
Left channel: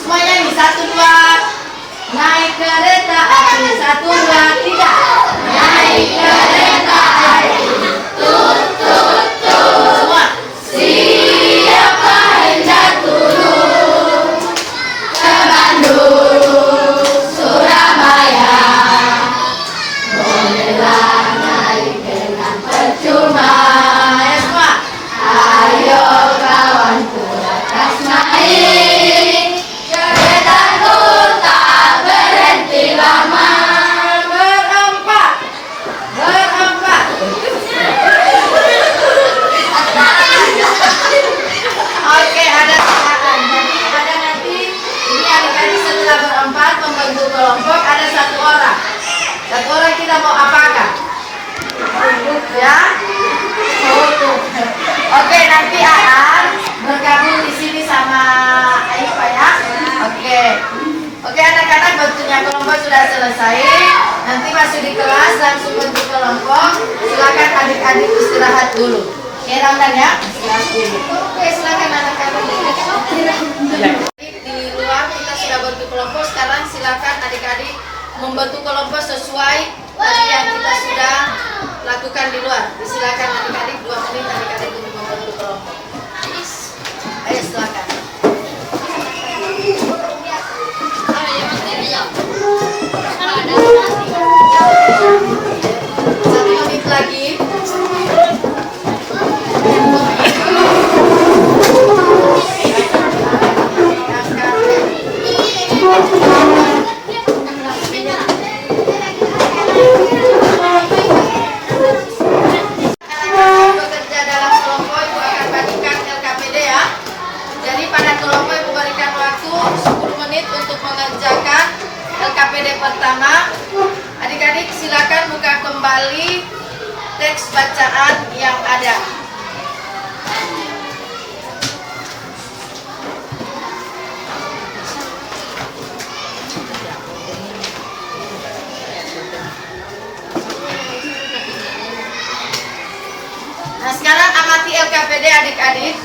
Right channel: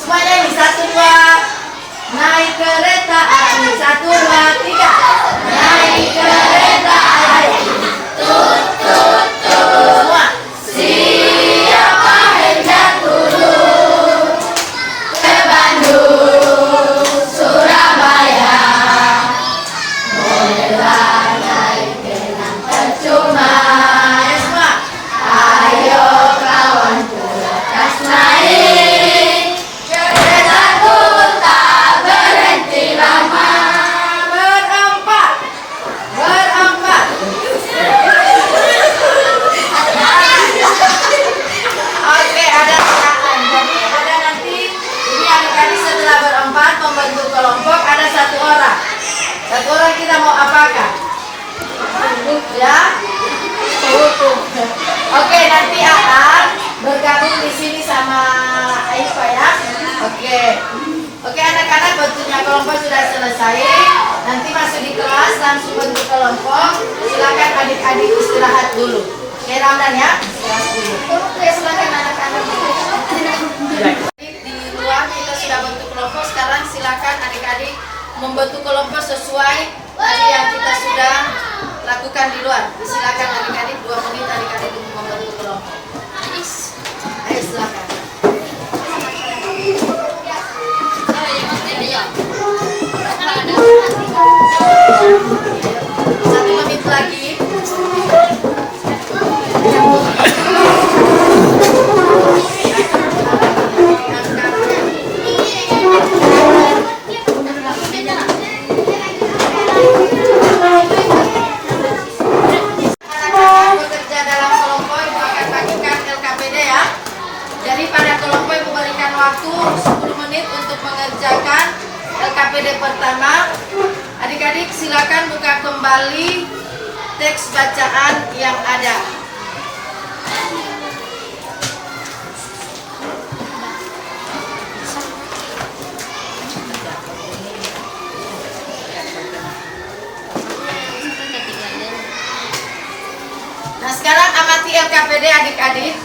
Semuanya nih, 1, 2. Naik kereta api. 1, 2, 3. Naik kereta api. Tut tut tut. Semua. Siapa hendak turun ke Bandung, Surabaya, bolehlah naik dengan percuma. Ya semua. Ayo kawanku lekas naik, keretaku tak berhenti lama. Berempat, berempat. Oke, ada tekanan. Jadi ada nanti ini adik-adik setelah berempat membentuk kelompok, ada satu orang. Satu orang kita mau apakan? Ya. Oke, nanti Aan bergabung di sini sama Aifa ya. Oke. Oke, anak-anak, bentuknya kelompok sudah selesai. Nanti masuk di kelas langsung bentuk kelompok. Silakan adik-adik istirahat dulu. Oke, Ramdan ya. Istirahat dulu. Oke, silakan anak-anak. Di luar kita sudah bentuk kelompok. Sekarang silakan adik-adik membentuk kelompok sesuai tadi yang kita sudah lakukan di luar. Silakan adik-adik 2 menit adik-adik untuk membentuk kelompok. Ayo silakan. 1 menit lagi. Bekerja dalam kelompok, Ibu akan bagikan LKPD ya. Jadi pada kelompok Ibu berikan waktu 10 menit untuk mengerjakan LKPD pertama. Adik-adik silakan buka kembali teks bacaan yang ada. Nah, sekarang amati LKPD adik-adik.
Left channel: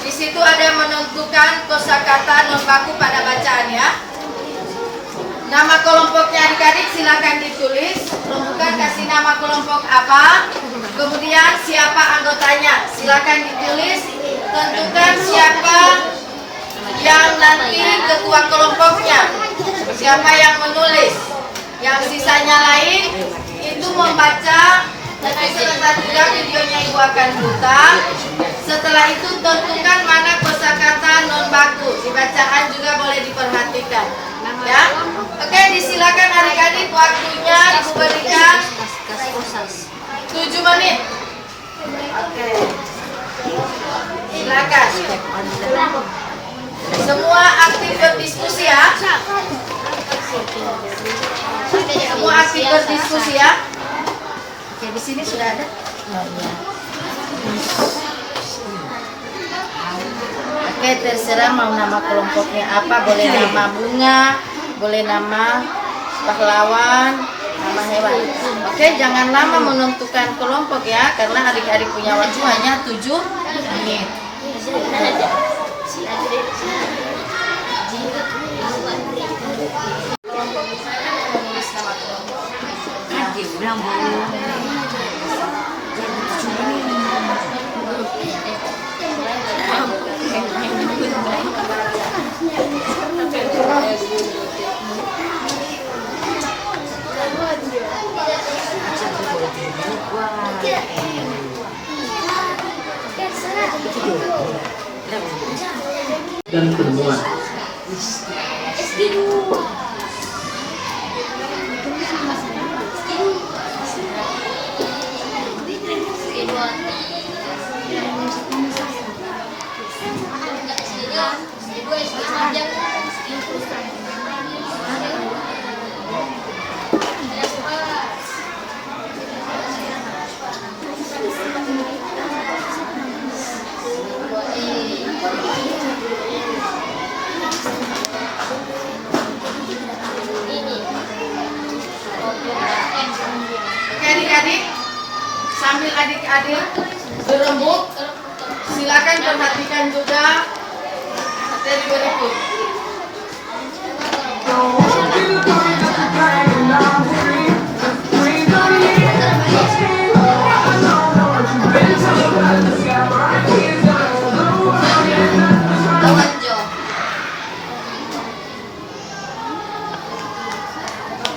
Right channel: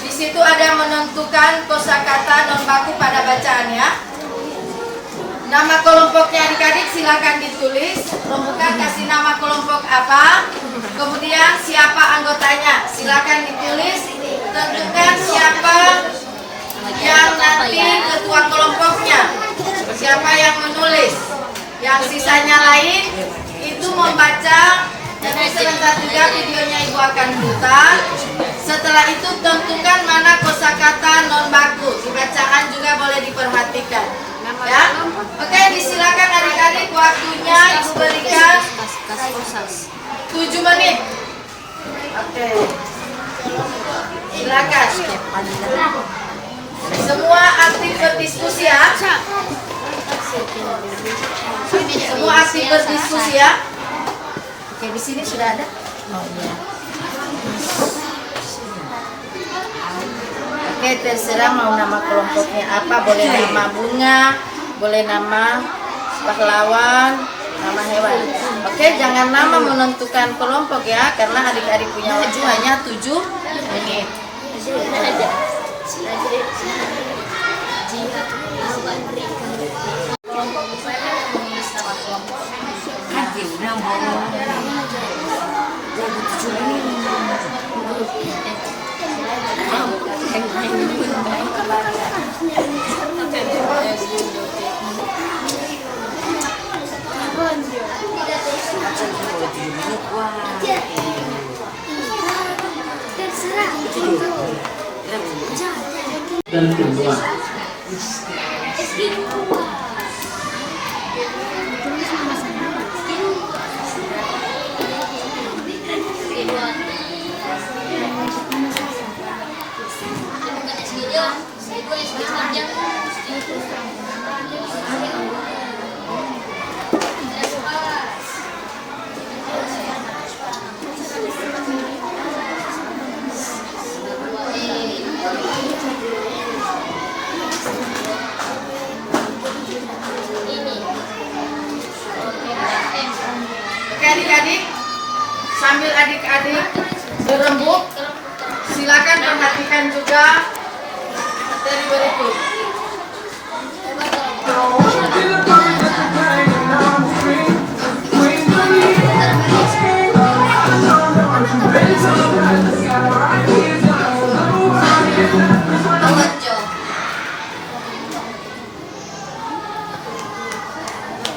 Di situ ada menentukan kosakata non baku pada bacaan ya. Nama kelompoknya adik-adik silakan ditulis. Rembukan kasih nama kelompok apa. Kemudian siapa anggotanya silakan ditulis. Tentukan siapa yang nanti ketua kelompoknya. Siapa yang menulis. Yang sisanya lain itu membaca. Jadi sebentar juga videonya Ibu akan putar. Setelah itu tentukan mana kosakata non baku. Di bacaan juga boleh diperhatikan. Ya, oke, disilakan adik-adik, waktunya Ibu berikan 7 menit. Oke, silakan. Semua aktif berdiskusi ya. Semua aktif berdiskusi ya. Oke, di sini sudah ada. Oh iya. Oke, terserah mau nama kelompoknya apa, boleh nama bunga, boleh nama pahlawan, nama hewan. Oke, jangan lama menentukan kelompok ya, karena adik-adik punya waktu hanya 7 menit. Dan benua. Oke adik-adik, sambil adik-adik berembuk, silakan perhatikan juga materi berikut.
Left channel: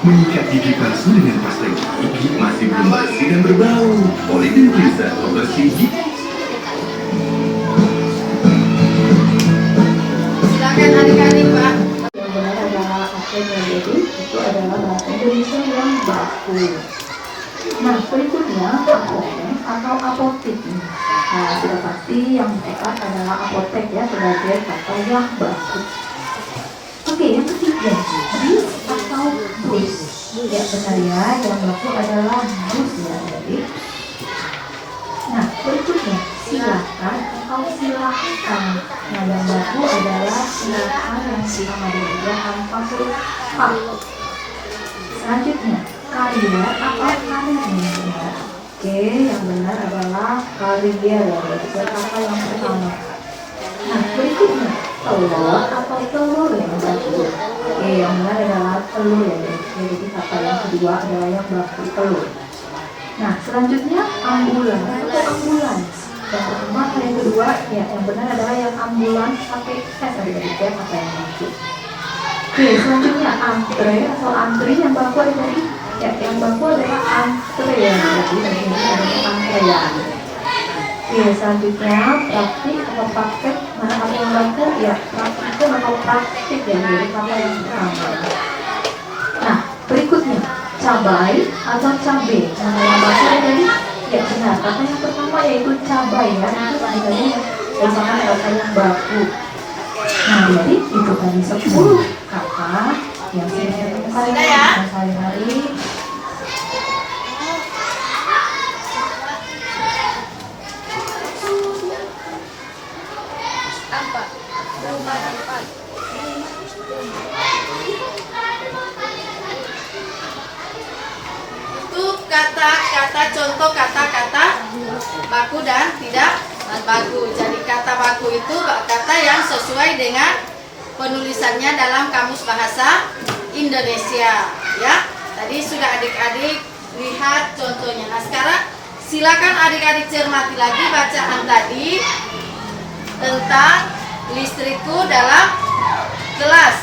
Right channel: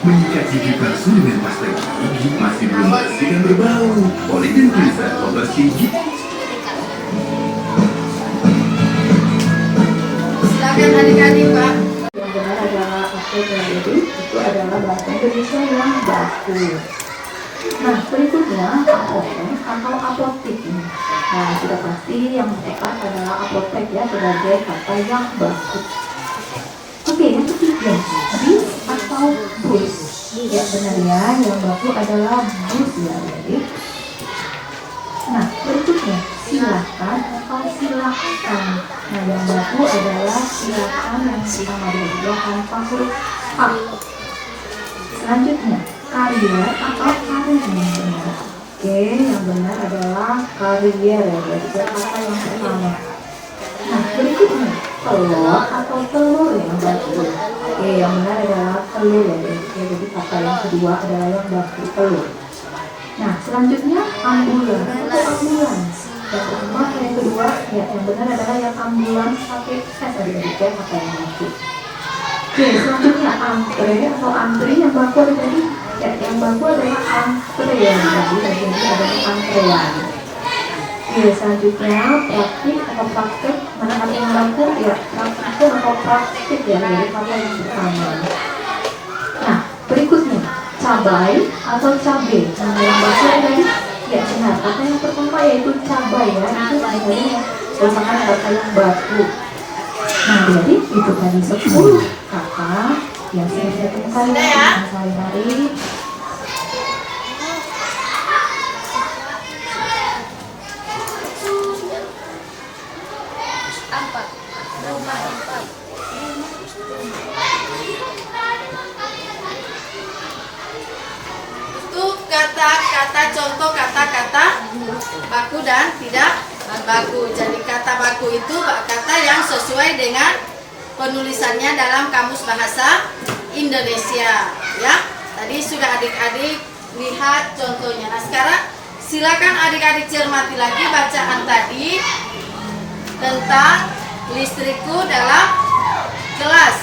Menyikat gigi palsu dengan pasta gigi masih belum bersih dan berbau. Oleh Dentrisa, pembersih gigi. Silakan adik-adik, Pak. Yang benar adalah apa yang jadi itu adalah bahasa Indonesia yang baku. Nah, berikutnya apotek atau apotik. Nah, sudah pasti yang tepat adalah apotek ya sebagai kata yang baku. Oke, yang ketiga, bis atau bus. Yang benar ya, yang baku adalah bus ya, jadi. Nah, berikutnya silakan atau silakan. Nah, yang baku adalah silakan yang sama dia tanpa huruf H. Selanjutnya, karier atau karir yang benar. Oke, yang benar adalah karier ya, berarti kata yang pertama. Nah, berikutnya telur atau telur yang baku. Oke, yang benar adalah telur ya, jadi kata yang kedua adalah yang baku, telur. Nah, selanjutnya ambulans atau ambulans. Yang pertama, yang kedua, ya yang benar adalah yang ambulans pakai S dari kata yang baku. Oke, selanjutnya antre atau antri yang baku ada tadi. Ya, yang baku adalah antrean, berarti ini adalah antrean. Oke, selanjutnya praktik atau praktek, mana ada yang baku ya praktik atau praktik ya, jadi kata yang pertama. Nah, berikutnya cabai atau cabe. Nah, yang baku ada tadi ya benar, kata yang pertama yaitu cabai ya, itu sebenarnya merupakan kata yang baku. Nah, jadi itu tadi 10 kata yang saya temukan sehari-hari. Kata-kata contoh kata-kata baku dan tidak baku. Jadi kata baku itu kata yang sesuai dengan penulisannya dalam Kamus Bahasa Indonesia ya. Tadi sudah adik-adik lihat contohnya. Nah, sekarang silakan adik-adik cermati lagi bacaan tadi tentang listrikku dalam kelas.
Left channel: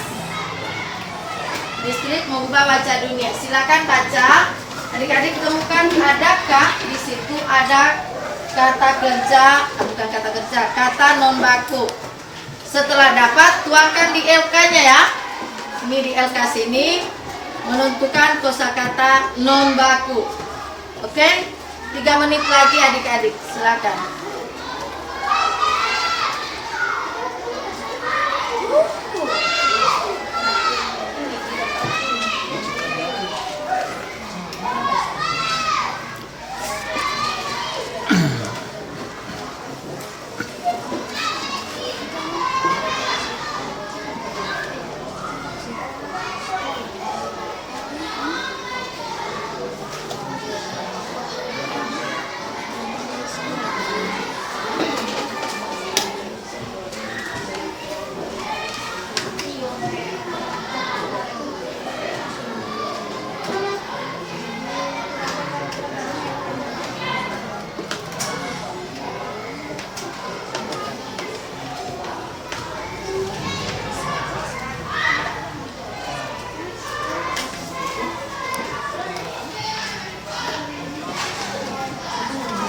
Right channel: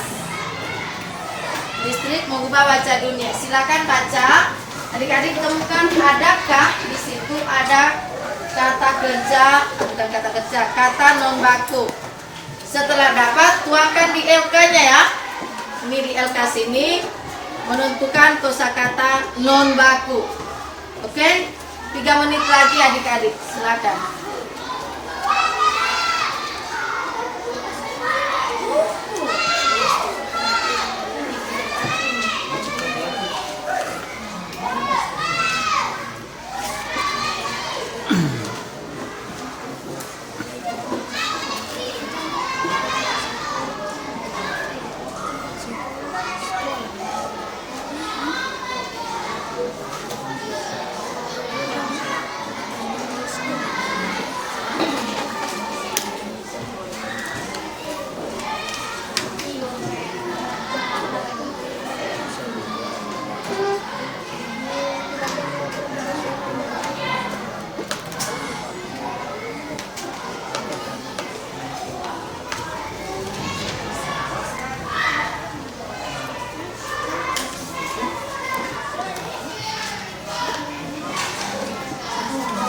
Listrik mengubah wajah dunia. Silakan baca. Adik-adik temukan adakah di situ ada kata kerja, bukan kata kerja, kata non baku. Setelah dapat, tuangkan di LK-nya ya. Ini di LK sini menentukan kosakata non baku. Oke? 3 menit lagi adik-adik, silakan.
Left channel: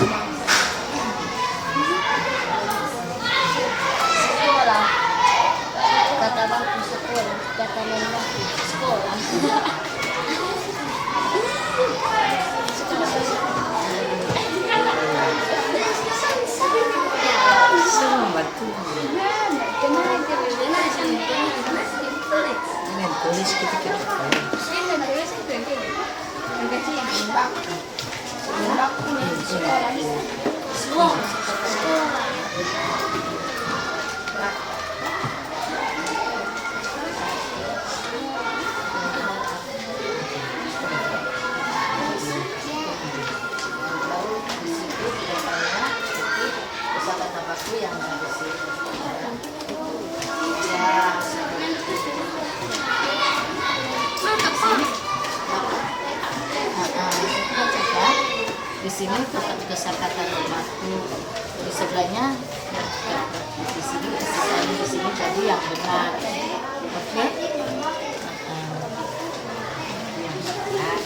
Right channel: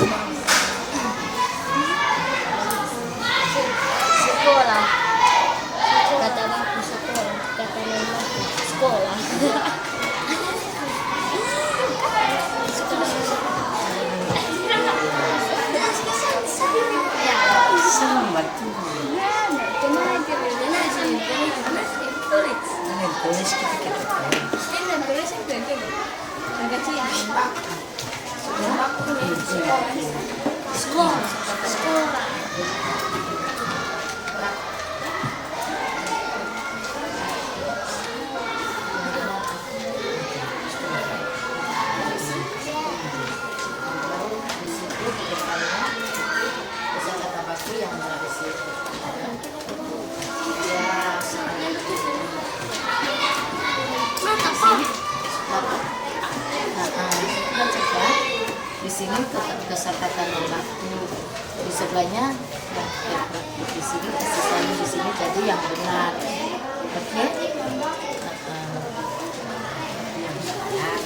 Sekolah. Kata baku sekolah. Kata mamaku sekolah. Senang batu. Dengan tulis kita kata baku yang dari situ. Ya, di sini kesempatan batu, di sebelahnya di sini sisanya di sini jadi yang benar, oke? Yang benar,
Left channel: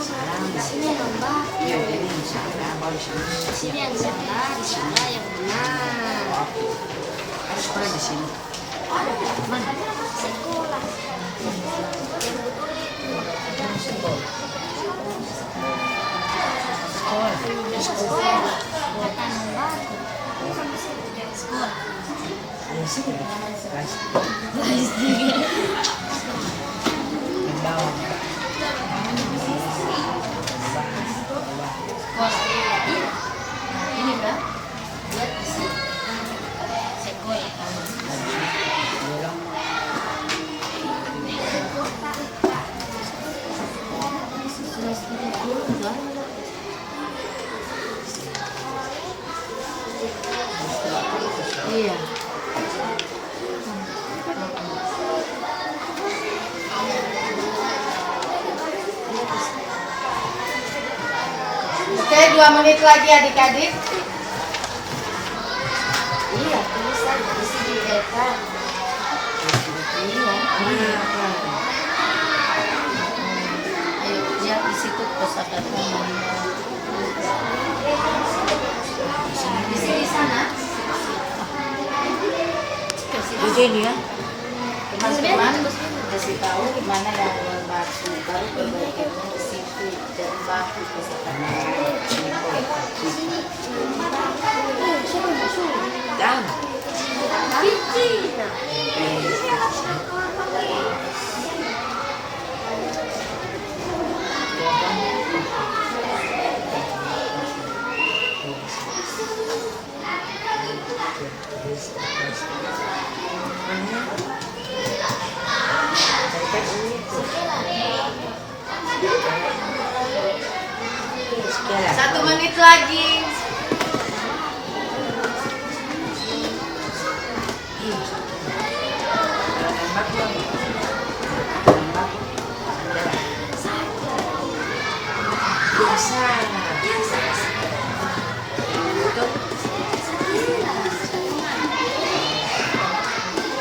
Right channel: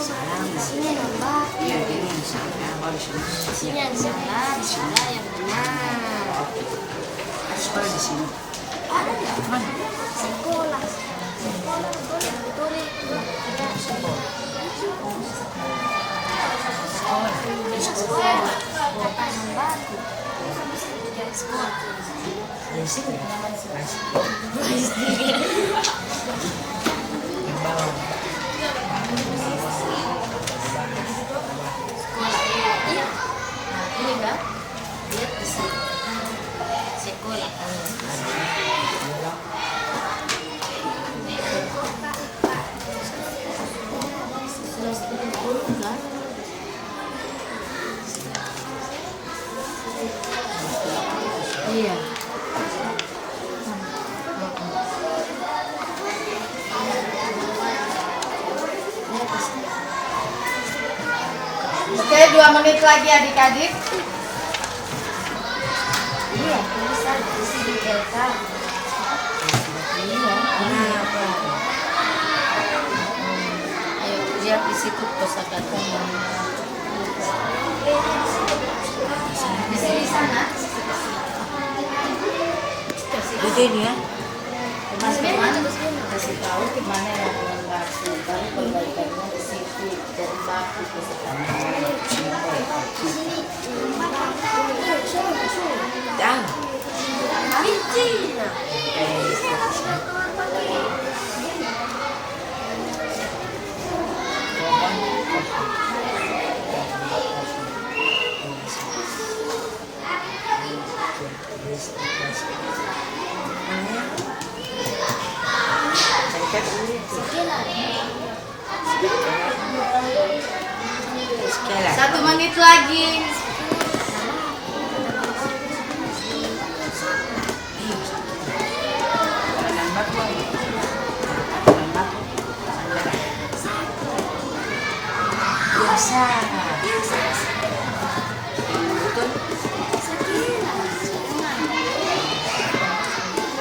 salam. Di sini nambah. Ya ini yang salah, baru Di sini yang salah, di sana yang benar. Oke. Sekolah di sini. Mana? Sekolah. Yang betul itu. Sekolah. Sekolah. Tanam batu. Sekolah. Di sini. Yang bawah. Ini kan? Lihat di sini. Sekolah. Iya. Oke, 2 menit lagi adik-adik. Iya, tulisan di sini LK. Iya. Ayo lihat di situ kosakatanya. Di sini sana. Di sini ya. Teman-teman kasih tahu kemana yang keluar batu, baru perbaikannya di situ. Jadi batu kosakatanya. Jangan. Satu menit lagi.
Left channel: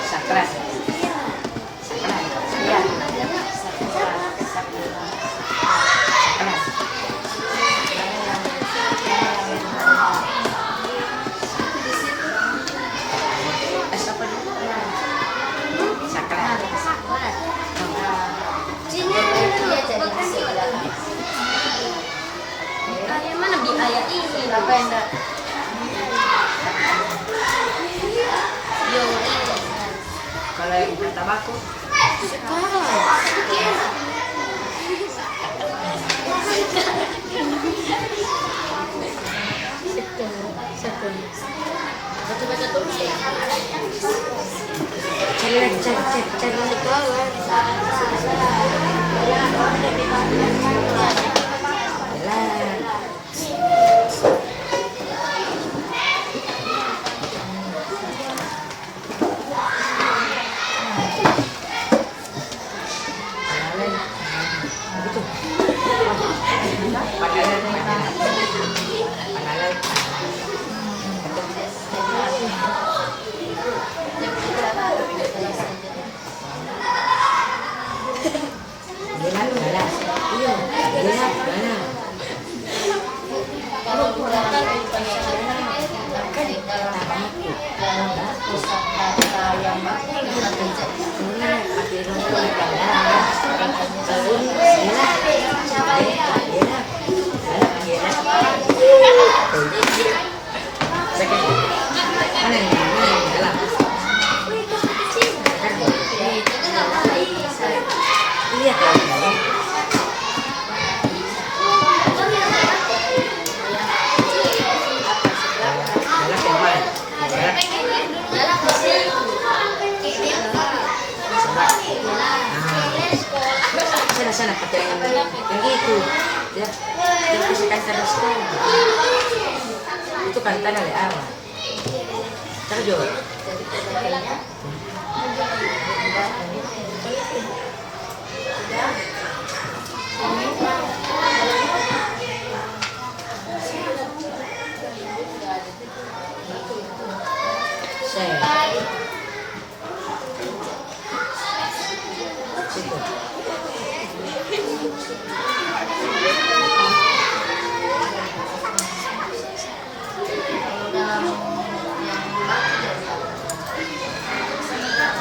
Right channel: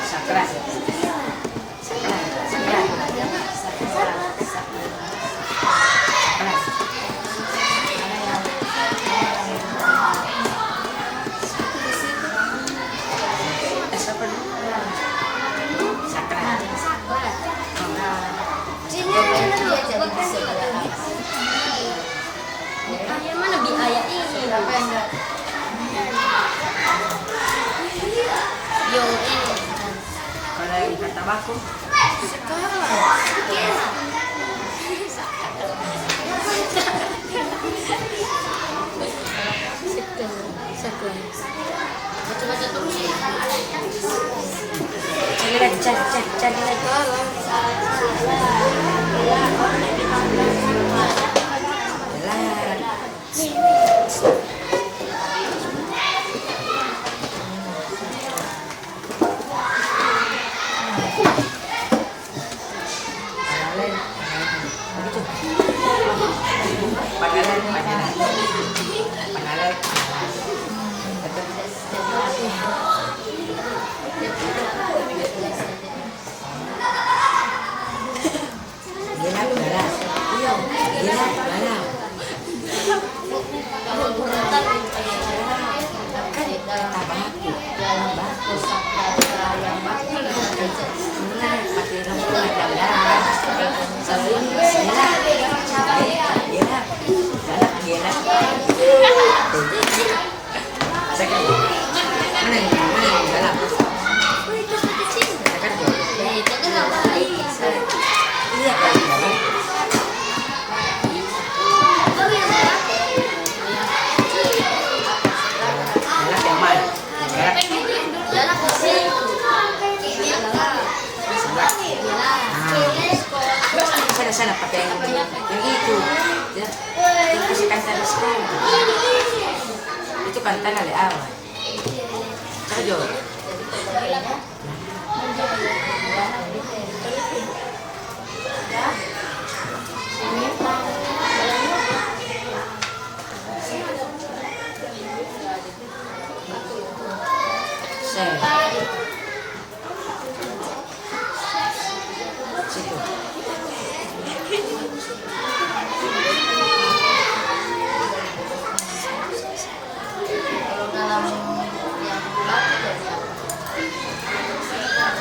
Sakra. Mana di ayat ini? Apa yang enggak? Yo, Kalau yang kata baku, coba tutup ya. Cari lagi. Iya. Yang itu, ya, dia kasih kaitan sekarang. Itu kaitan dari awal. Terjauh. Dalam yang batu jadi apa?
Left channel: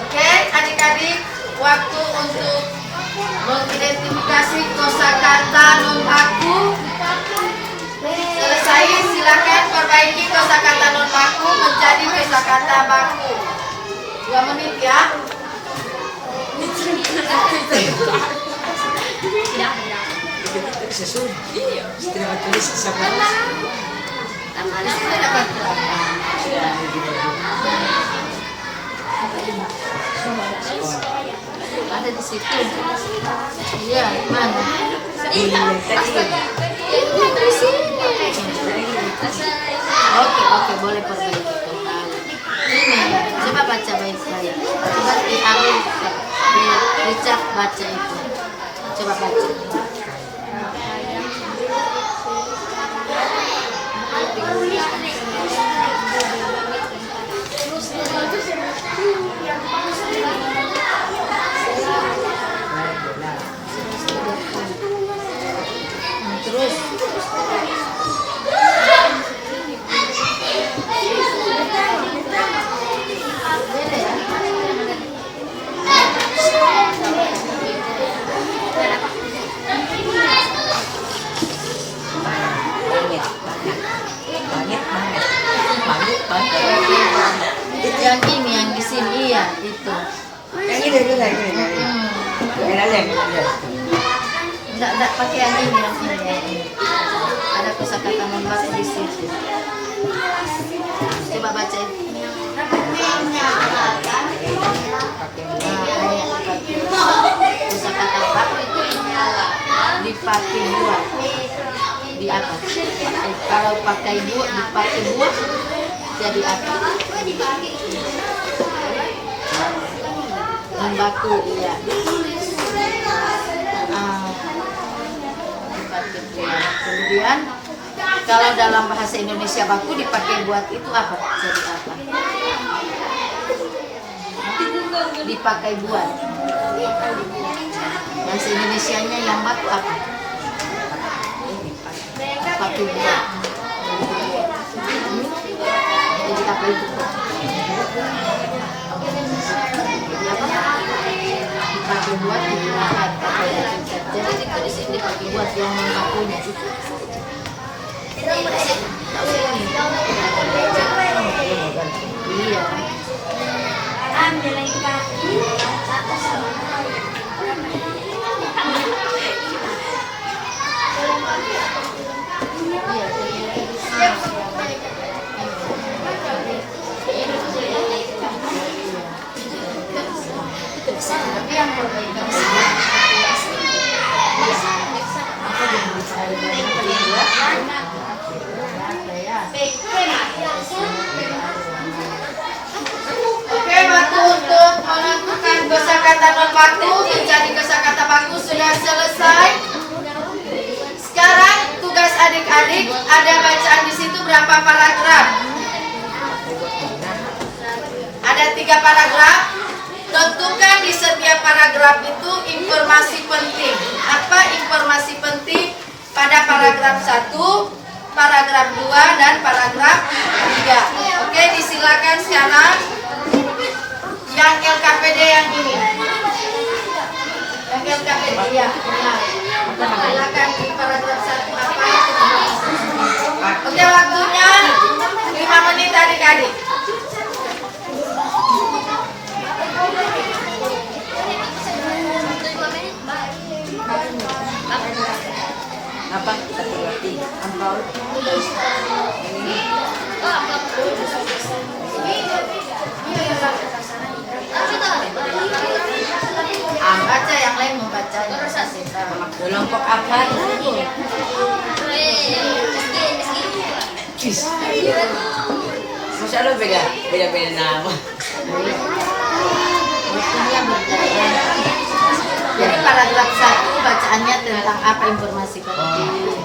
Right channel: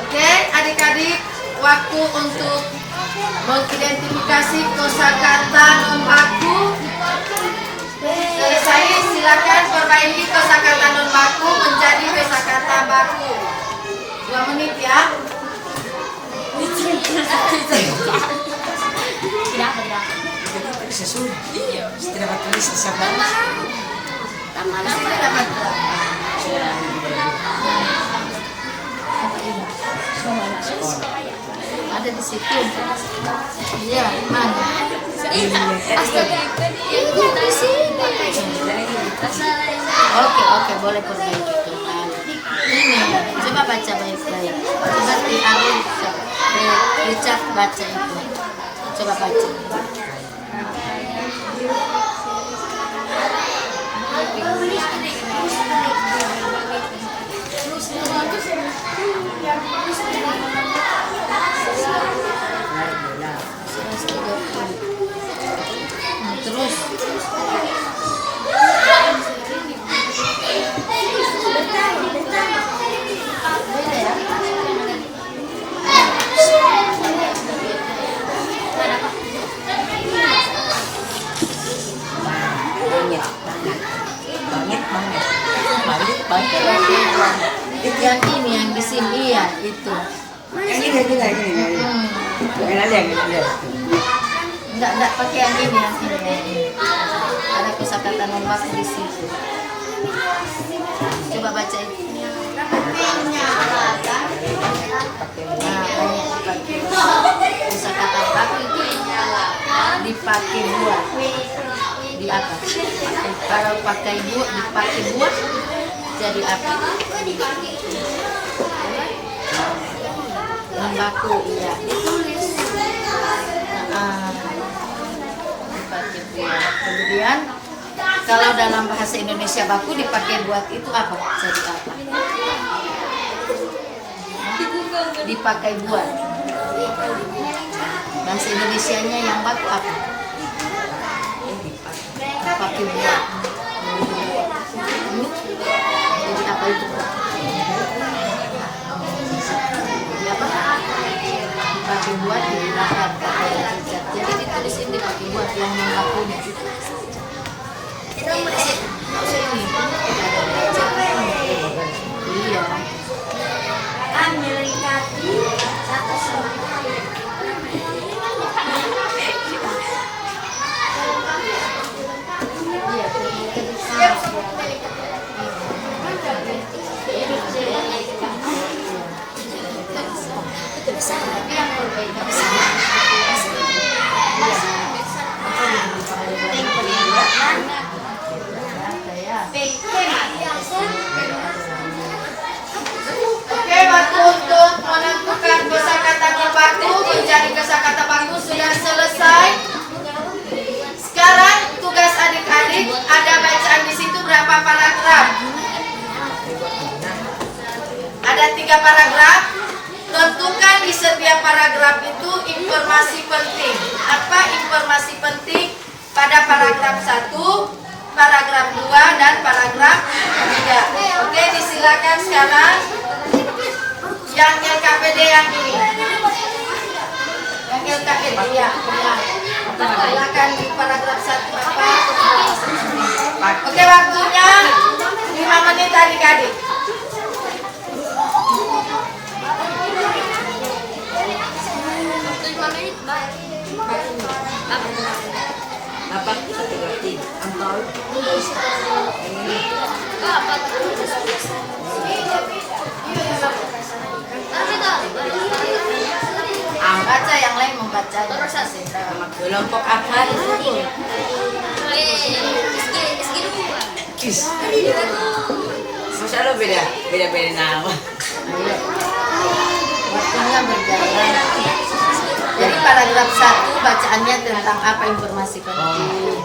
Oke, adik-adik, waktu untuk mengidentifikasi kosakata non baku selesai. Silakan perbaiki kosakata non baku menjadi kosakata baku. 2 menit ya. Sesuai. Setelah tulis sama. Di sini dapat berapa? Ada di situ. Iya, mana? Di sini. Oke, boleh perbaiki kembali. Ini, coba baca baik-baik. Coba dicat baca itu. Coba baca. Terus yang ini yang di sini ya itu. Enggak pakai yang ini yang ini. Ada kosakata non baku di situ. Coba baca itu. Kosakata baku itu dipakai buat di atas. Kalau pakai buat dipakai buat jadi apa? Non baku ya ditulis. Dipakai buat. Kemudian kalau dalam bahasa Indonesia baku dipakai buat itu apa? Jadi apa? Dipakai buat. Bahasa Indonesianya yang baku apa? Dipakai buat. Jadi apa itu? Dipakai buat digunakan pakai dicat. Jadi ditulis ini dipakai buat yang non bakunya. Iya. Tapi yang perbaikan Oke, waktu untuk menentukan kosakata non baku menjadi kosakata baku sudah selesai. Sekarang tugas adik-adik ada bacaan di situ berapa paragraf? Ada 3 paragraf. Tentukan di setiap paragraf itu informasi penting. Apa informasi penting pada paragraf 1, paragraf 2, dan paragraf 3. Oke, disilakan sekarang yang LKPD yang ini. Yang LKPD ya. Silakan di paragraf 1 apa? Oke, waktunya 5 menit adik-adik. Apa? Satu lagi. Ampau. baca yang lain membacanya kasih tahu. Nama kelompok apa itu? Kis. Masya Allah beda nama. Waktunya berjalan. Jadi paragraf 1 bacaannya tentang apa informasi penting.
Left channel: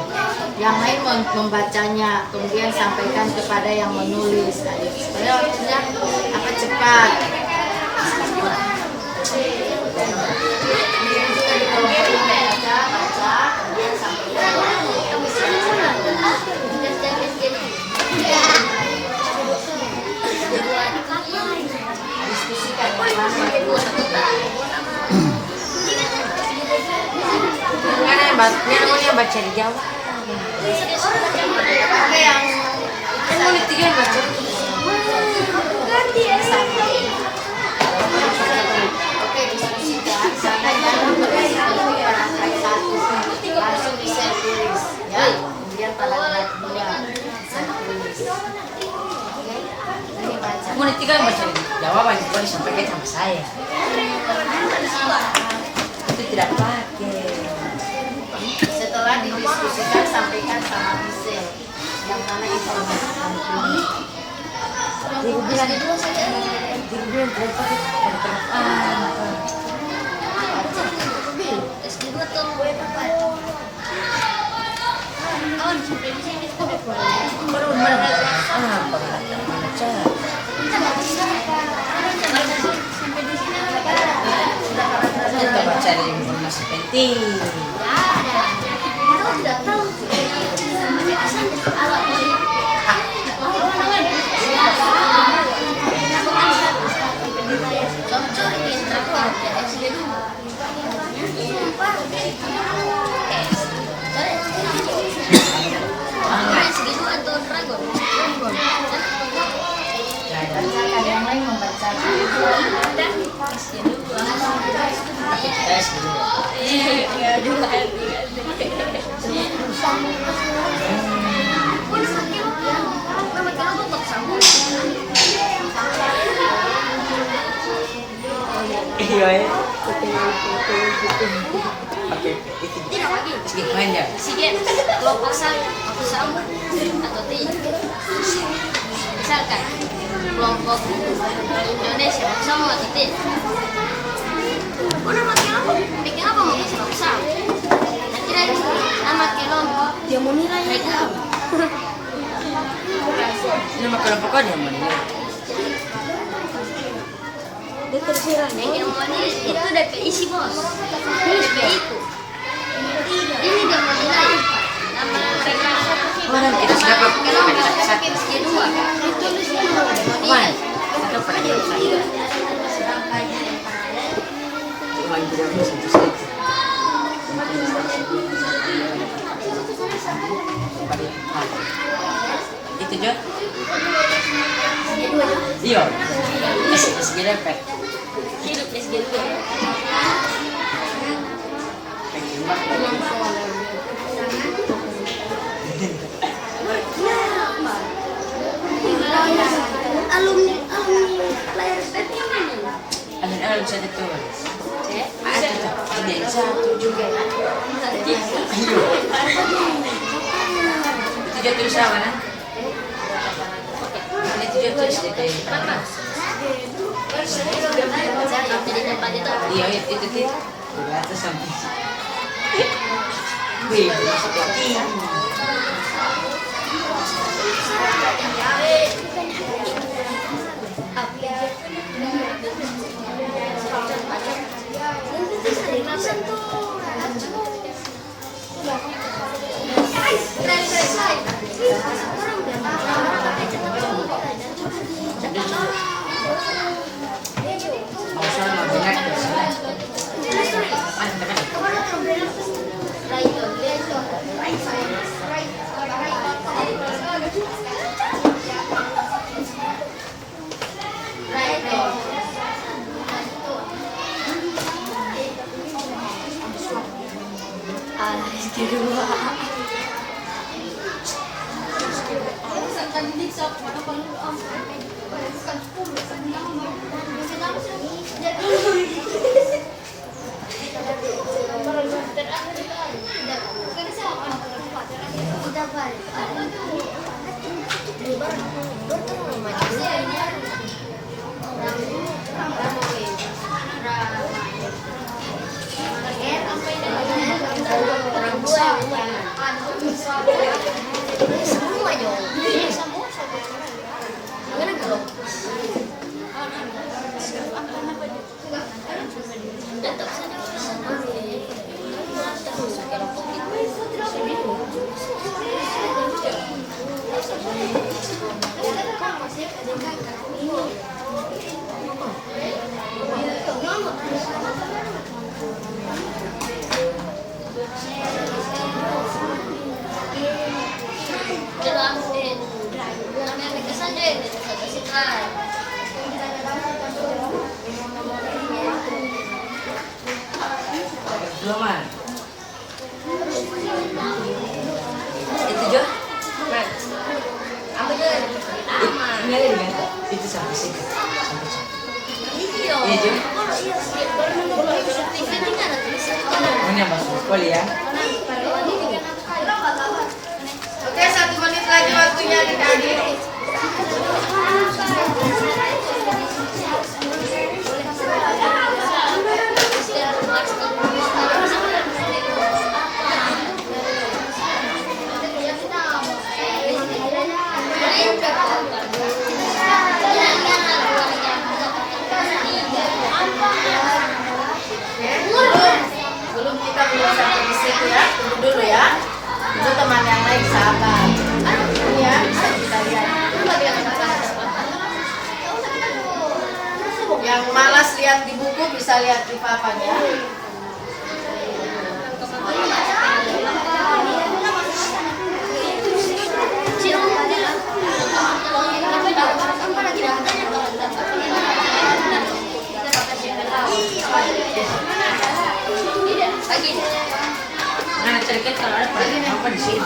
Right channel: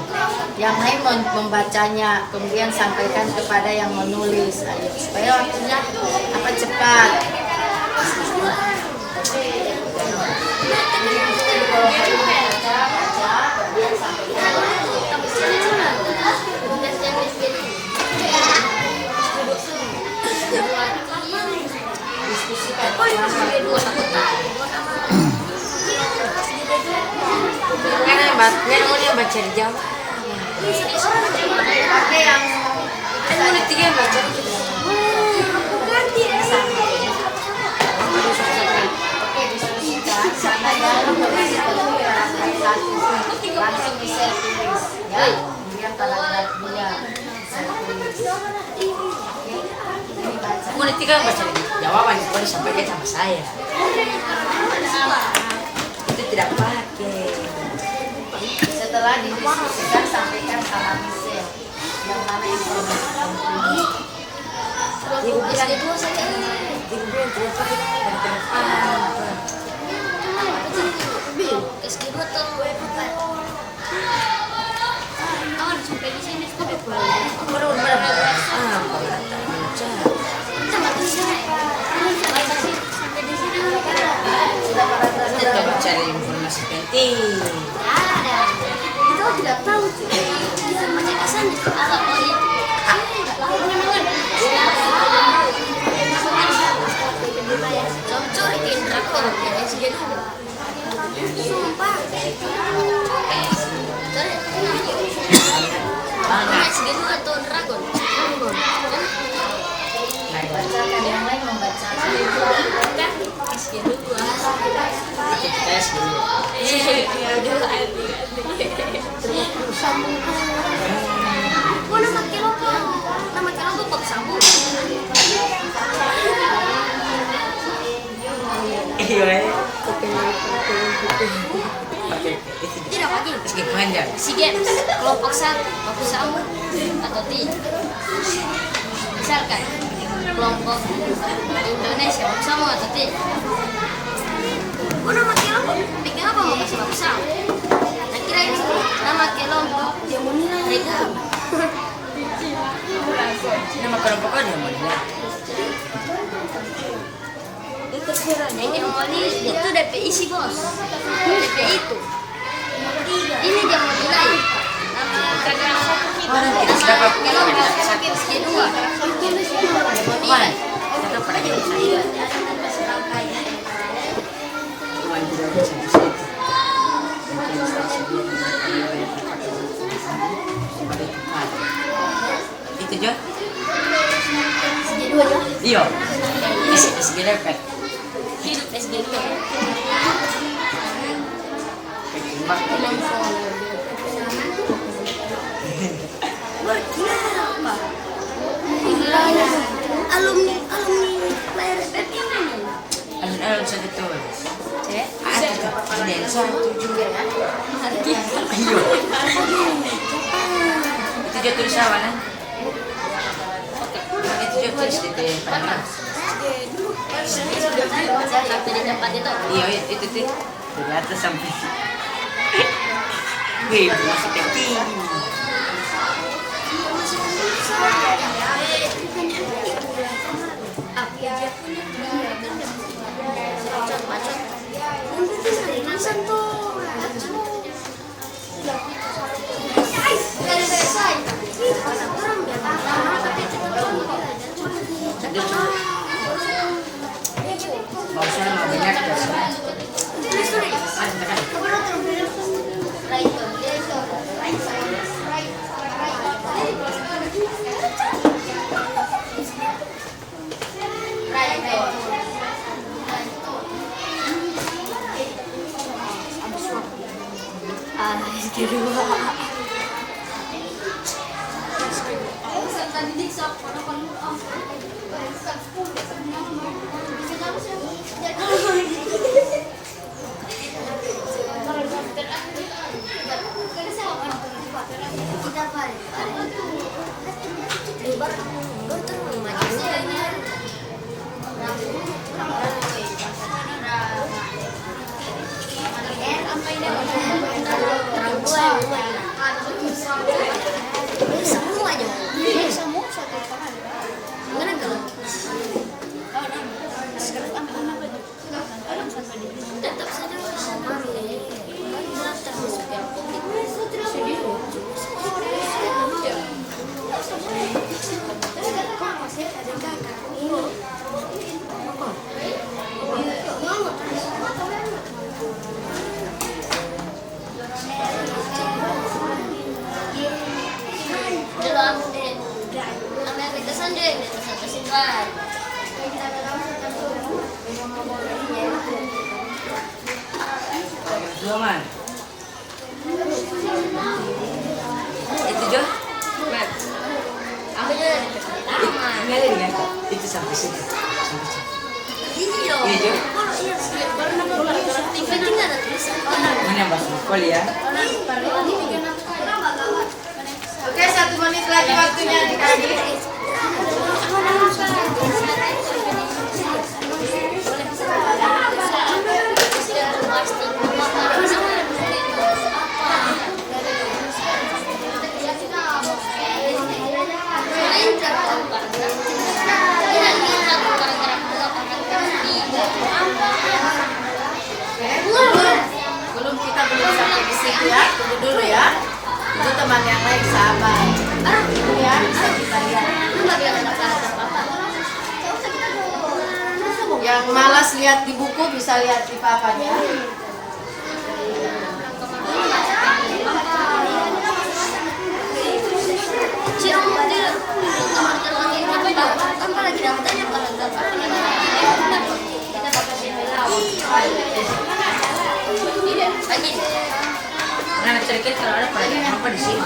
Yang lain membacanya, kemudian sampaikan kepada yang menulis, supaya waktunya cepat. Baca, kemudian sampaikan. Diskusikan. Kan yang baca di Jawa. Oke, yang Ini tiga yang baca. Oke, diskusikan. Siapa yang langsung bisa tulis, ya. Kemudian paragraf 2 bisa tulis. Oke, ini baca. Ini tiga yang baca di Jawa wajib boleh sampaikan sama saya. Itu tidak pakai. Setelah didiskusikan, sampaikan sama Michelle yang mana informasi penting. Ibu bilang tidak pakai S2 tuh gue pakai. Kawan sampai di sini sampai kita mencari informasi penting. Kau tidak tahu. Bacakan, yang lain membacakan. Tes dulu. Iya. Pakai Tidak lagi. sedikit panjang. Sige, kelompok satu atau tiga. Misalkan kelompok Indonesia bersama atau tiga. Nama kelompok, bikin apa mau kasih bersama? Akhirnya nama kelompok dia mau nilai mereka. Nama kelompok aja mana? Yang mau nilai itu DP isi bos. DP itu. Ini dia mau nilai. Nama mereka. Orang kita sudah Kelompok sakit kedua. Dia mau nilai. Itu Jo? Iya. SG repet. Hidup SG2. Alumni layar SPT. Alun-alun sa dito. Hindi, satu juga. Iyo. Itu jatuh sa mana? Itu jatuh sa dito. Sampai di depan itu. Iya, itu tuh. Terus sampai. Wih, seperti. Dua man. Itu Jo. Man. Apa aja? Ini ada dengan itu sampai sini. Sampai sini. Iya. Iya Jo. Tinggal kita ada tulisan. Mana bahasa sekolah ya? Oke, 1 menit lagi waktunya adik-adik. Belum kita belum sampai di situ ya, tunggu dulu ya. Itu teman yang lain sabar. Itu ya bisa kita lihat. Yang malas lihat di buku bisa lihat di papanya. Nah, cerikan kalau ada pada apa di sini.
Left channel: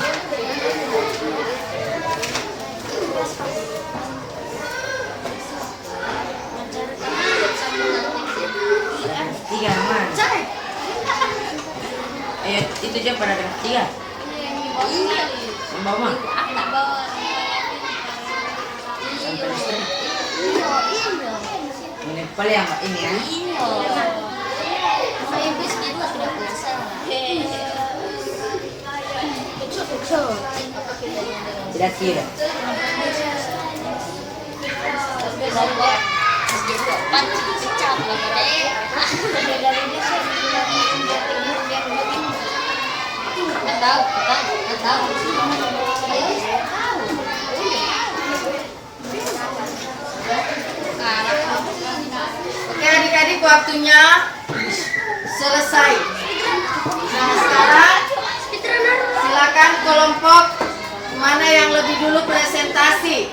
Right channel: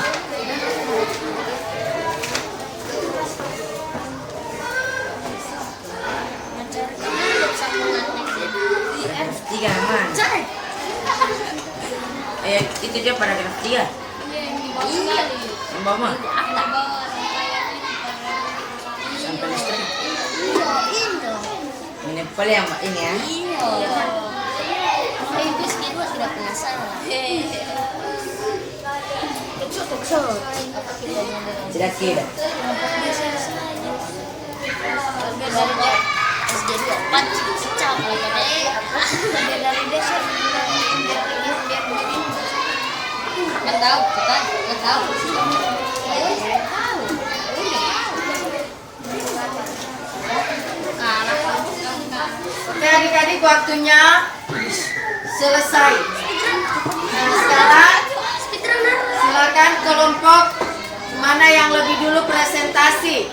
Paragraf 3 man. Itu aja paragraf 3. Yang bawah. Sampai listrik. Ini paling yang ini ya. Tidak kira. Oke adik-adik, waktunya selesai. Nah sekarang silakan kelompok mana yang lebih dulu presentasi.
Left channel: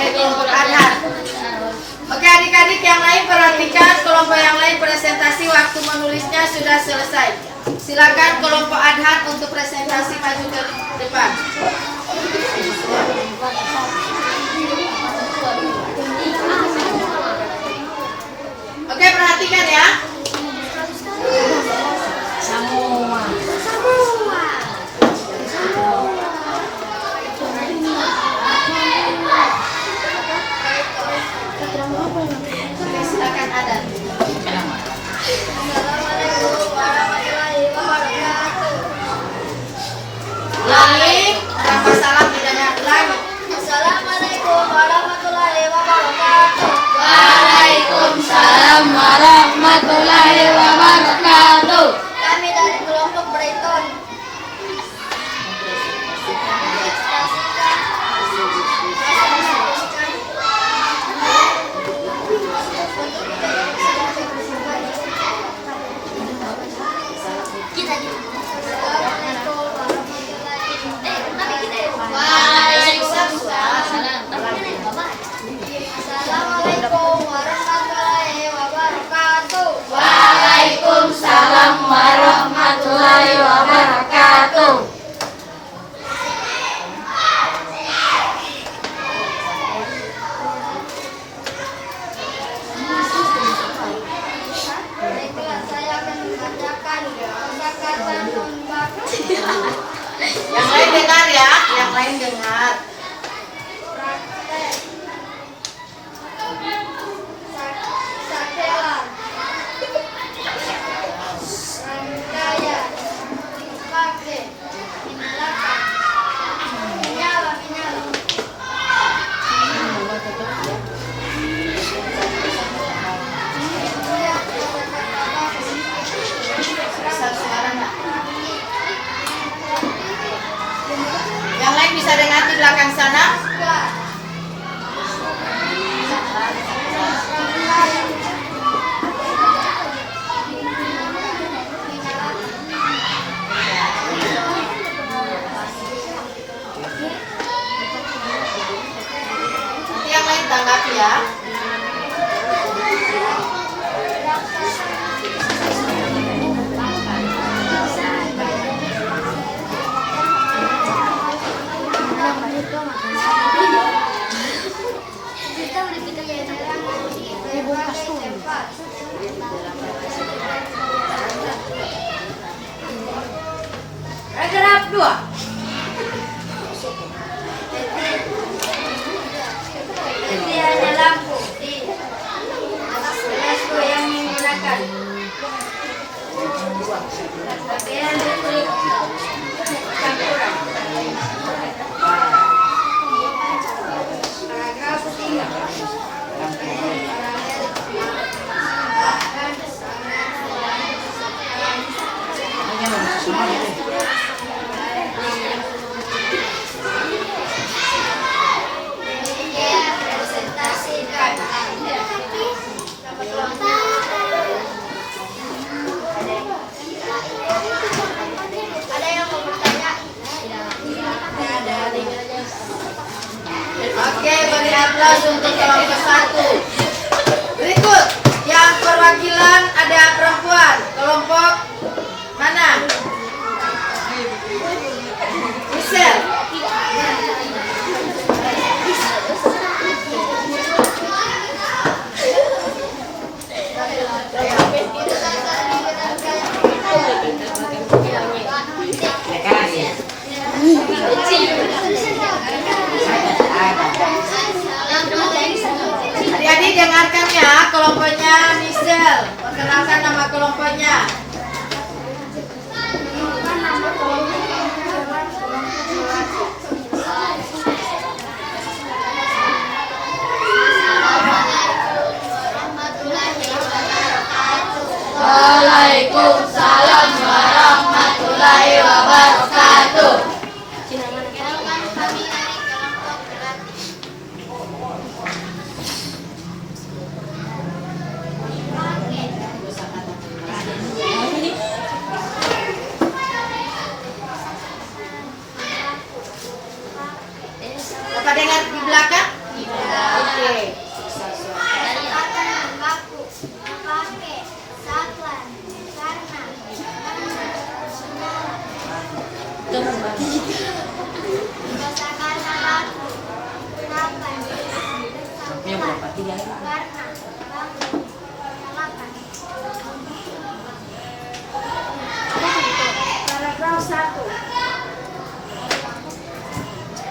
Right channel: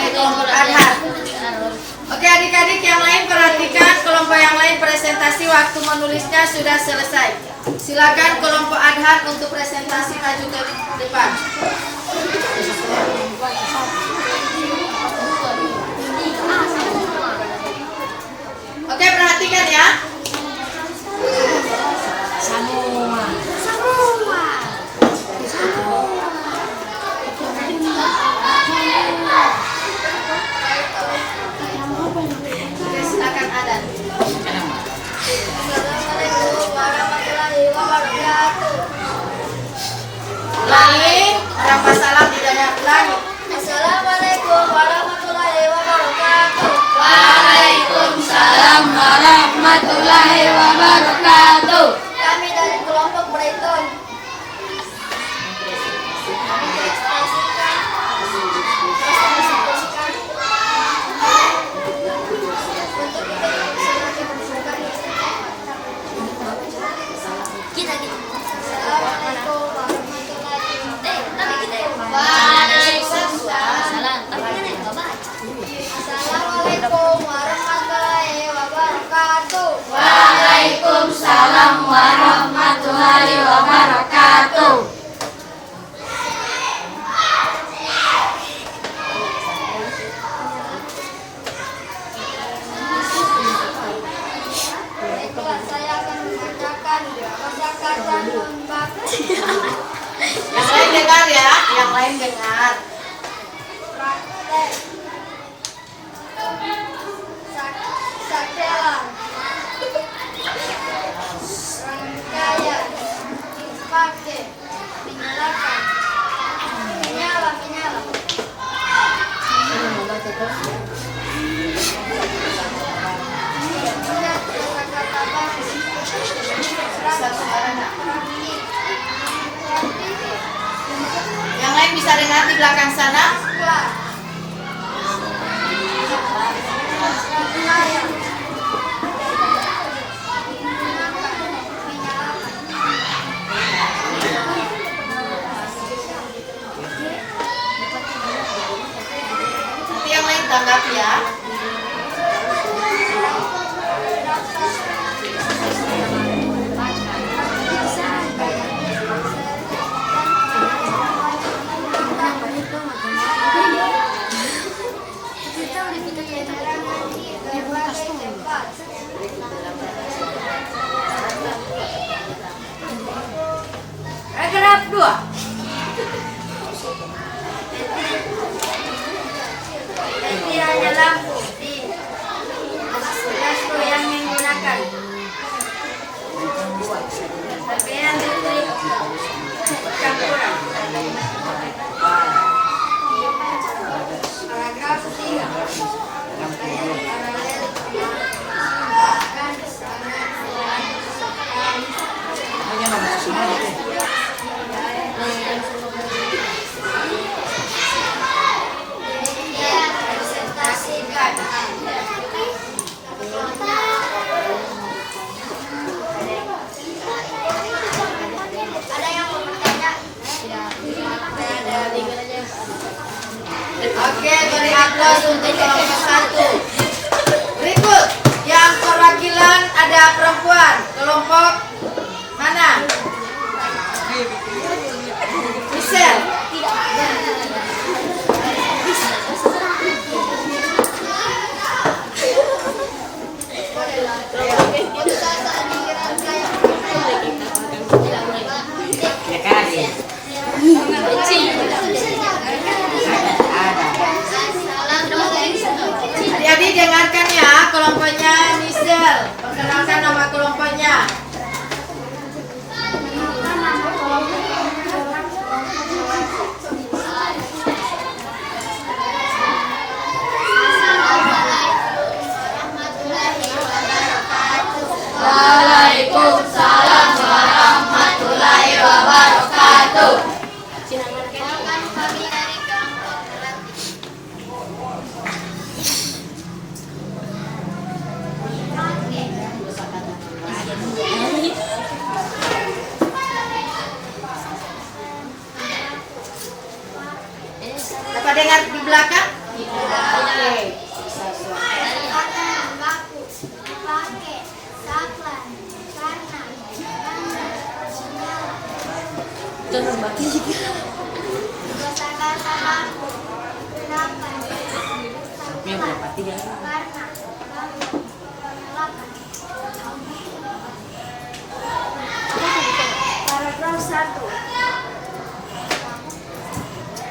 Kelompok Adhat. Oke adik-adik yang lain perhatikan, kelompok yang lain presentasi, waktu menulisnya sudah selesai. Silakan kelompok Adhat untuk presentasi maju ke depan. Oke perhatikan ya. Semua. Silakan Adan. Assalamualaikum warahmatullahi wabarakatuh. Ulangi, tanpa salah tidak ulangi. Assalamualaikum warahmatullahi wabarakatuh. Waalaikumsalam warahmatullahi wabarakatuh. Kami dari kelompok Brighton. Assalamualaikum warahmatullahi wabarakatuh. Waalaikumsalam warahmatullahi wabarakatuh. Saya akan membacakan kata-kata non-baku. Yang lain dengar ya, yang lain dengar. Praktek. Sakelan. Rangkaian. Dipakai. Menyalakan. Menyala. Yang lain bisa dengar di belakang sana? Nanti yang lain tanggapi ya. Paragraf 2. Jadi ada lampu di lampu yang menggunakan pakaian kulit campuran. Paragraf 3. Presentasikan. Ada yang mau bertanya? Ada. Oke, beri aplaus untuk kelompok 1. Berikut yang perwakilan ada perempuan. Kelompok mana? Michelle. Adik-adik dengarkan ya kelompoknya Michelle. Perkenalkan nama kelompoknya. Waalaikumsalam warahmatullahi wabarakatuh. Kenalkan kami dari kelompok berlatih. Apa dengar di belakang? Oke. Kata baku, pakai, saklan, karena, menyala. Kosakata baku, kenapa? Saklan, karena, baku, menyalakan. Paragraf 1.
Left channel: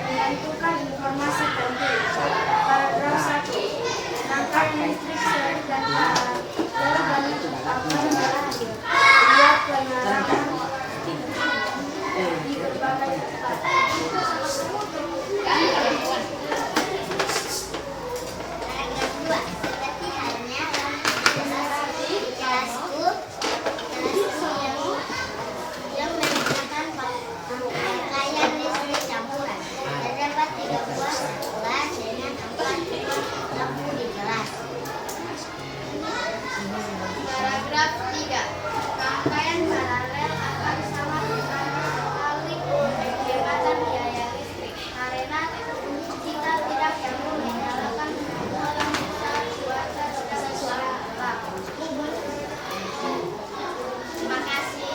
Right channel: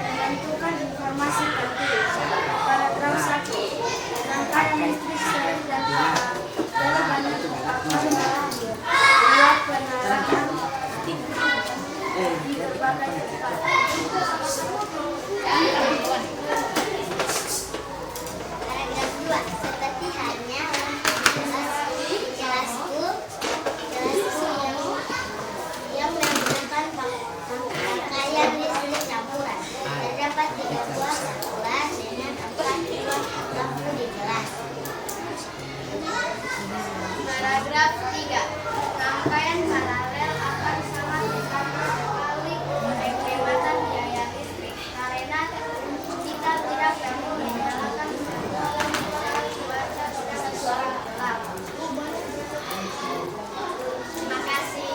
Menentukan informasi penting. Paragraf 1. Rangkaian listrik seri dan paralel akan berakhir. Buat penerangan di berbagai tempat. Paragraf 2. Seperti halnya di kelasku yang menggunakan rangkaian listrik campuran. Terdapat 3 buah sekolah dengan 4 buah lampu di kelas. Paragraf 3. Rangkaian paralel akan sangat membantu sekali penghematan biaya listrik karena kita tidak perlu menyalakan semua lampu saat cuaca sedang gelap. Terima kasih.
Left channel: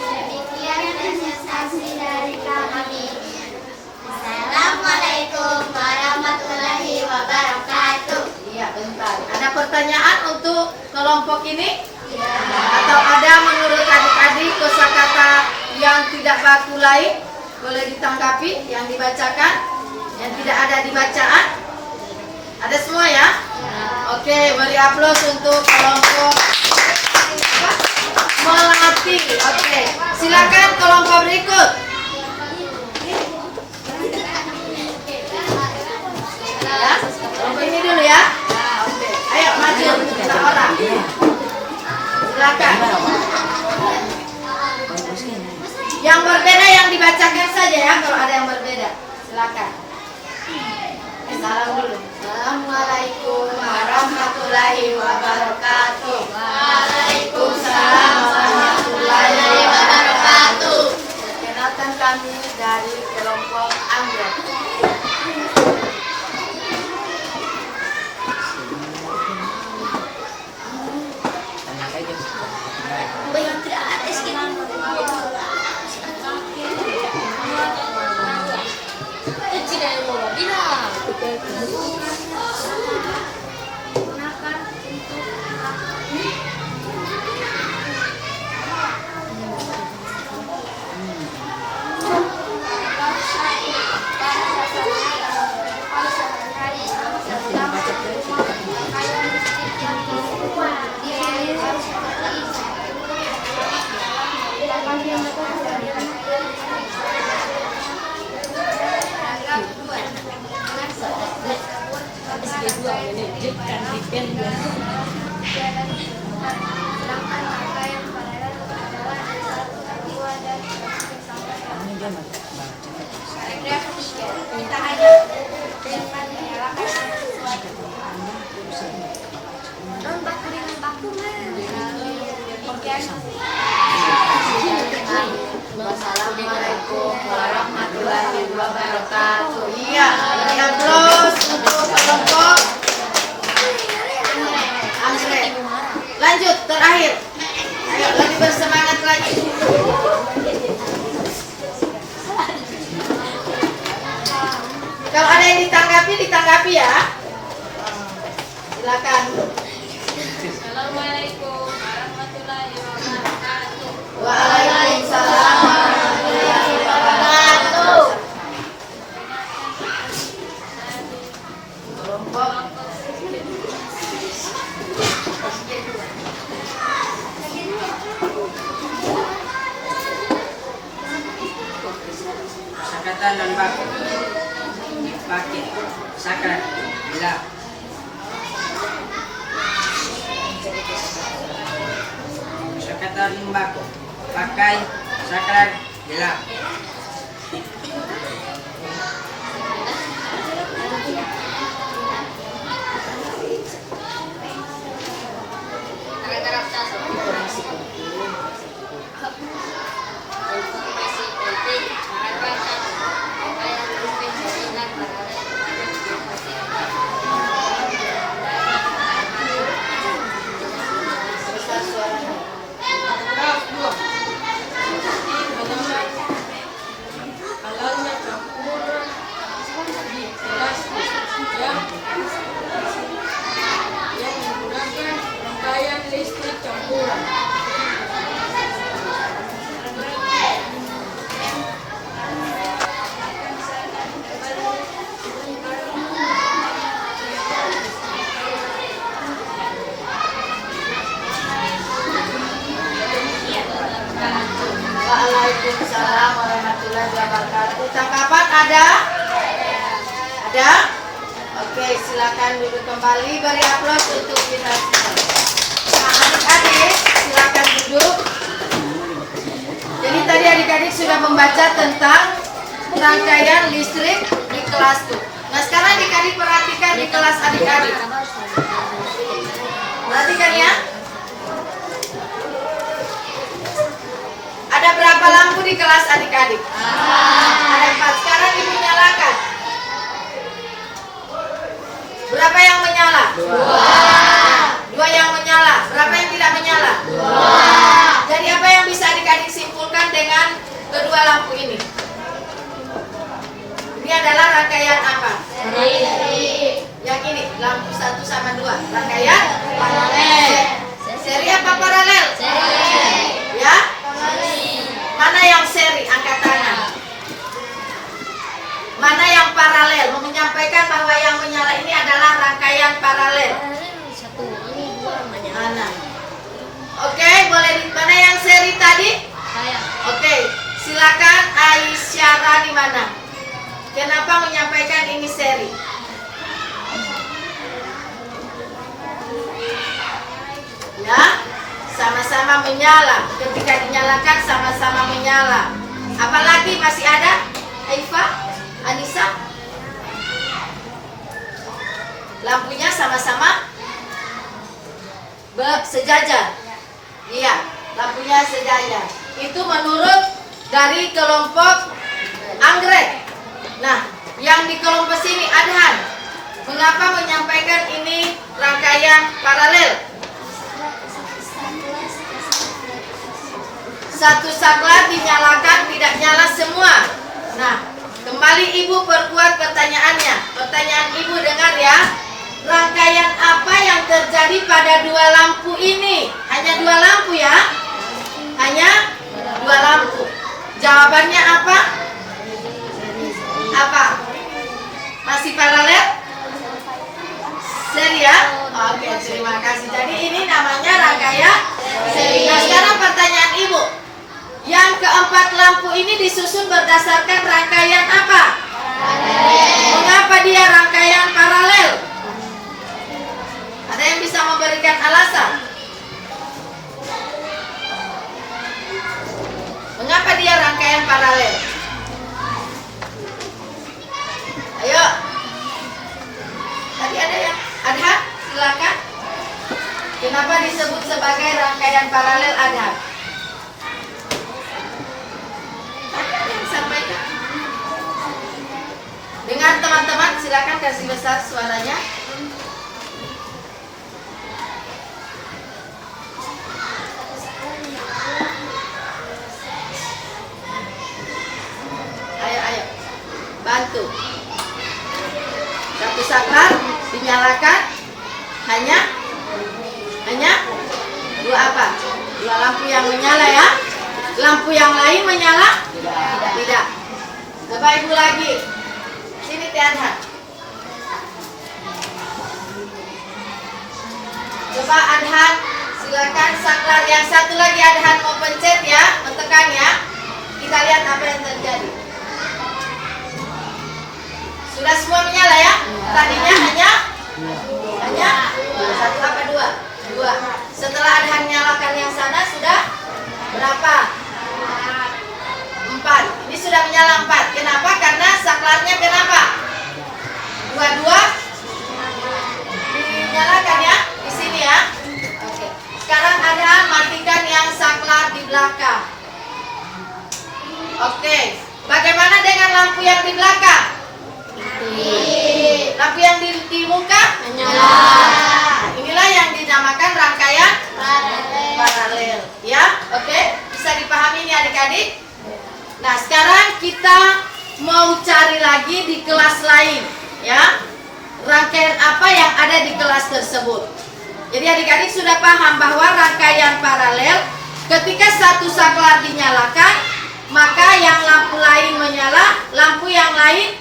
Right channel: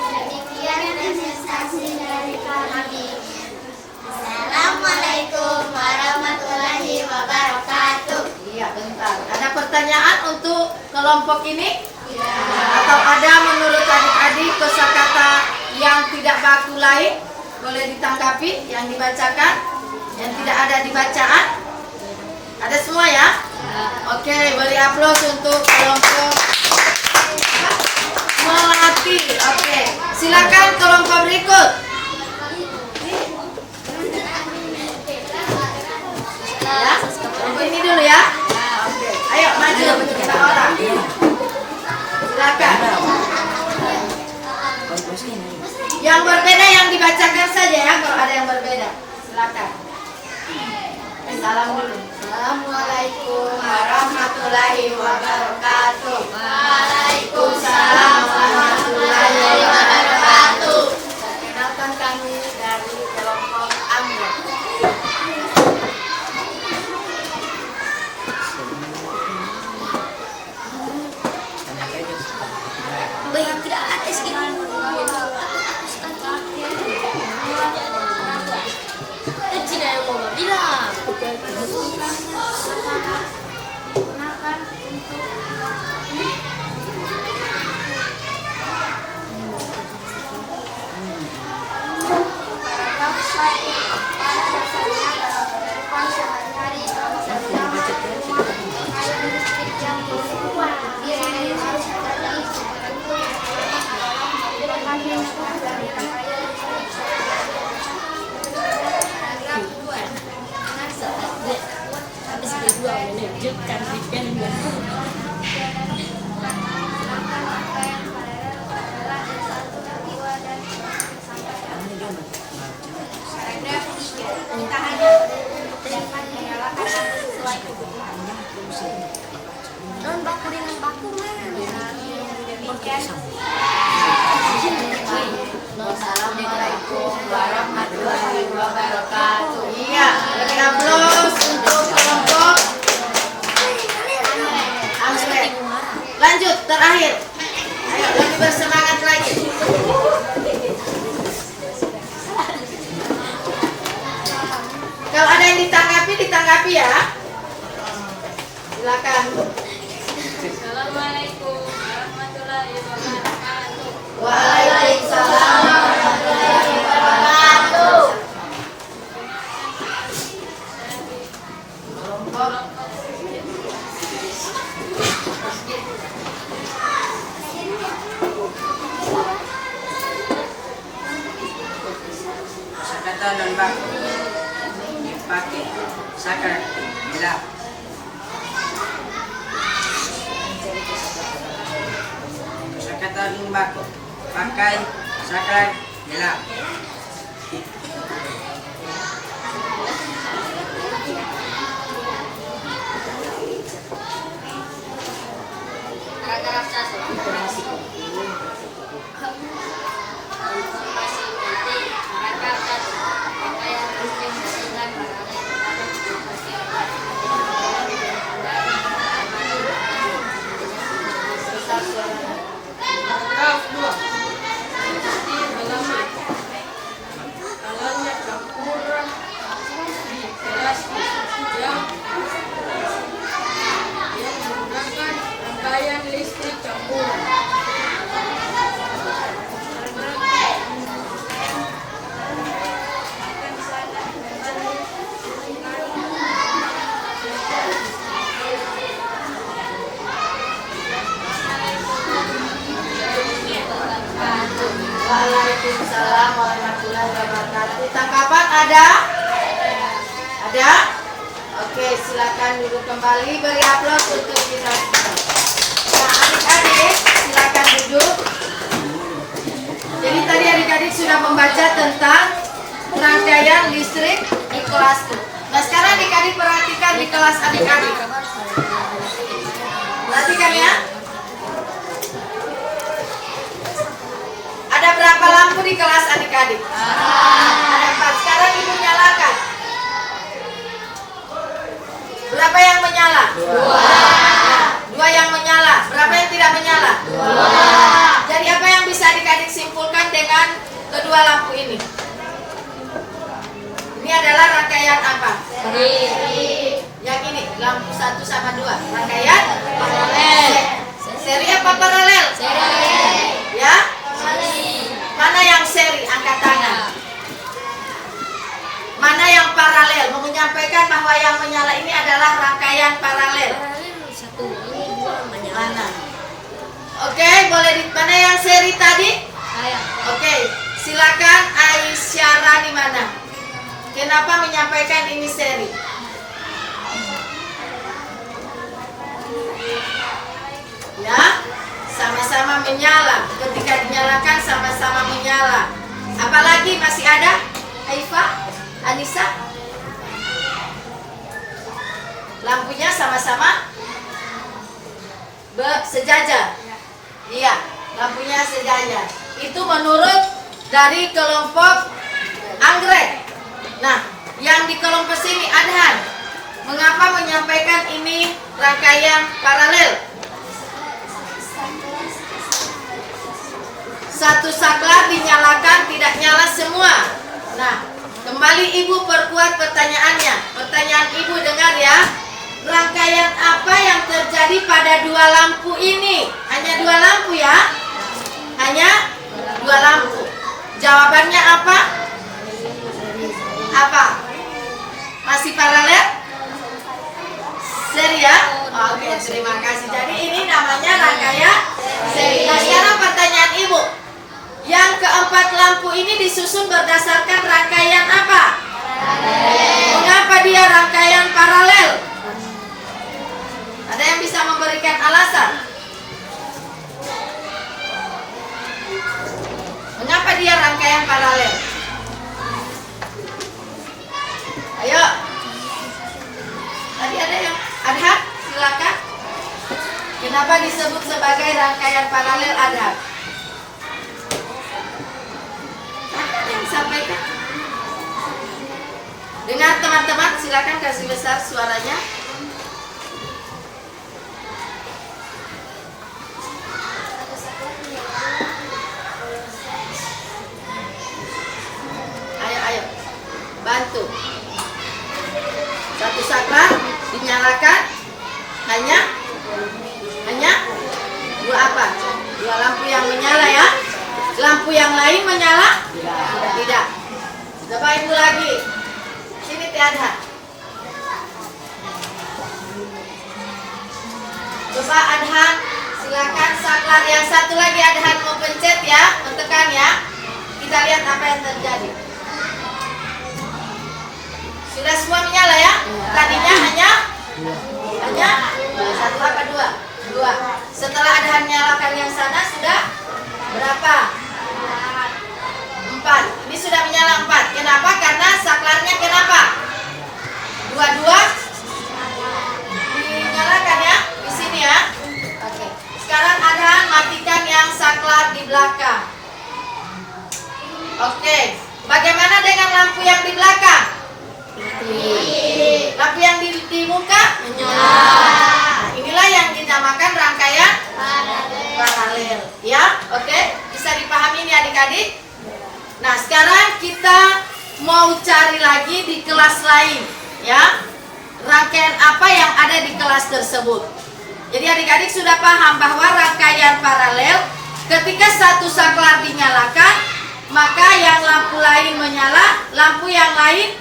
Demikian presentasi dari kami. Assalamualaikum warahmatullahi wabarakatuh. Iya, bentar. Ada pertanyaan untuk kelompok ini? Atau ada menurut adik-adik kosakata yang tidak baku lain? boleh ditanggapi yang dibacakan, yang tidak ada di bacaan. Ada semua ya? Oke, beri aplaus untuk kelompok Melati. Oke, silakan kelompok berikut. Ya, kelompok ini dulu ya. Oke, ayo maju kita orang. Silakan. Yang berbeda yang dibacakan saja ya, kalau ada yang berbeda. Silakan. Salam dulu. Assalamualaikum warahmatullahi wabarakatuh. Waalaikumsalam warahmatullahi wabarakatuh. Perkenalkan kami dari kelompok Anggrek. Kita hanya dapat menyalakan sesuatu. Wassalamualaikum warahmatullahi wabarakatuh. Iya, beri aplaus untuk kelompok Anggrek. Lanjut, terakhir. Ayo lebih bersemangat lagi. Kalau ada yang ditanggapi ya. Silakan. Assalamualaikum warahmatullahi wabarakatuh. Waalaikumsalam warahmatullahi wabarakatuh. Kelompok Kosakata non baku. Pakai sakral gelap. Kosakata non baku. Pakai sakral gelap. Paragraf 1. Informasi penting. Paragraf 1. Rangkaian listrik jaringan paralel kepada informasi Paragraf 2. Halalnya campuran elastis yang menggunakan rangkaian listrik campuran. Waalaikumsalam warahmatullahi wabarakatuh. Tanggapan ada? Ada? Oke, silakan duduk kembali. Beri aplaus untuk kita semua. Nah, adik-adik, silakan duduk. Jadi tadi adik-adik sudah membaca tentang rangkaian listrik di kelas tuh. Nah, sekarang adik-adik perhatikan di kelas adik-adik. Perhatikan ya. Ada berapa lampu di kelas adik-adik? Ada 4. Sekarang ibu nyalakan. Berapa yang menyala? 2 yang menyala. Berapa yang tidak menyala? 2. Jadi apa yang bisa adik-adik simpulkan dengan kedua lampu ini? Ini adalah rangkaian apa? Yang ini, lampu 1 sama 2. Rangkaian paralel. Seri apa paralel? Seri. Ya? Mana yang seri? Angkat tangan. paralel. Mau menyampaikan bahwa yang menyala ini adalah rangkaian paralel. Mana? Oke, boleh di mana yang seri tadi? Oke, silakan Aisyah di mana? Kenapa menyampaikan ini seri? Ya, sama-sama menyala. Ketika dinyalakan sama-sama menyala. Apalagi masih ada? Haifa, Anissa? Lampunya sama-sama sejajar. Iya, lampunya sejajar. Itu menurut dari kelompok anggrek. Nah, yang di kelompok sini Adhan, mengapa menyampaikan ini rangkaian paralel? Satu saklar dinyalakan, tidak nyala semua. Nah, kembali Ibu perkuat pertanyaannya. Pertanyaan Ibu dengar ya. Rangkaian apa yang terjadi pada dua lampu ini? Hanya dua lampu ya? Hanya dua lampu. Jawabannya apa? Apa? Masih paralel? Seri ya? Oke, terima kasih. Jadi ini namanya rangkaian seri. Nah, sekarang pertanyaan Ibu. Yang keempat lampu ini disusun berdasarkan rangkaian apa? Mengapa dia rangkaian paralel? Ada yang bisa memberikan alasan? Mengapa dia rangkaian paralel? Ayo. Tadi ada yang Adhan, silakan. Kenapa disebut sebagai rangkaian paralel Adhan? Yang sampaikan. Dengar teman-teman, silakan kasih besar suaranya. Ayo, bantu. Satu saklar dinyalakan, hanya dua apa? Dua lampu yang menyala ya. Lampu yang lain menyala? Tidak. Coba Ibu lagi. Sini Tiadhan. Coba Adhan, silakan saklar yang satu lagi Adhan mau pencet ya, tekan ya. Kita lihat apa yang terjadi. Sudah semua menyala ya? Tadinya hanya satu apa dua? Dua. Setelah Adhan nyalakan yang sana sudah berapa? 4. Ini sudah menyala 4. Kenapa? Karena saklarnya kenapa? Dua-dua dinyalakan ya? Di sini ya. Oke. Sekarang Adhan matikan yang saklar di belakang. Oke. Bagaimana dengan lampu yang di belakang? Lampu yang di muka? Menyala. Inilah yang dinamakan rangkaian paralel. Ya, oke. Bisa dipahami ini adik-adik? Nah, sekarang kita mau cari lagi di kelas lain, ya. Rangkaian apa yang ada di kelas tersebut. Jadi adik-adik sudah paham bahwa rangkaian paralel ketika satu saklar dinyalakan, maka yang lampu lain menyala, lampu yang lain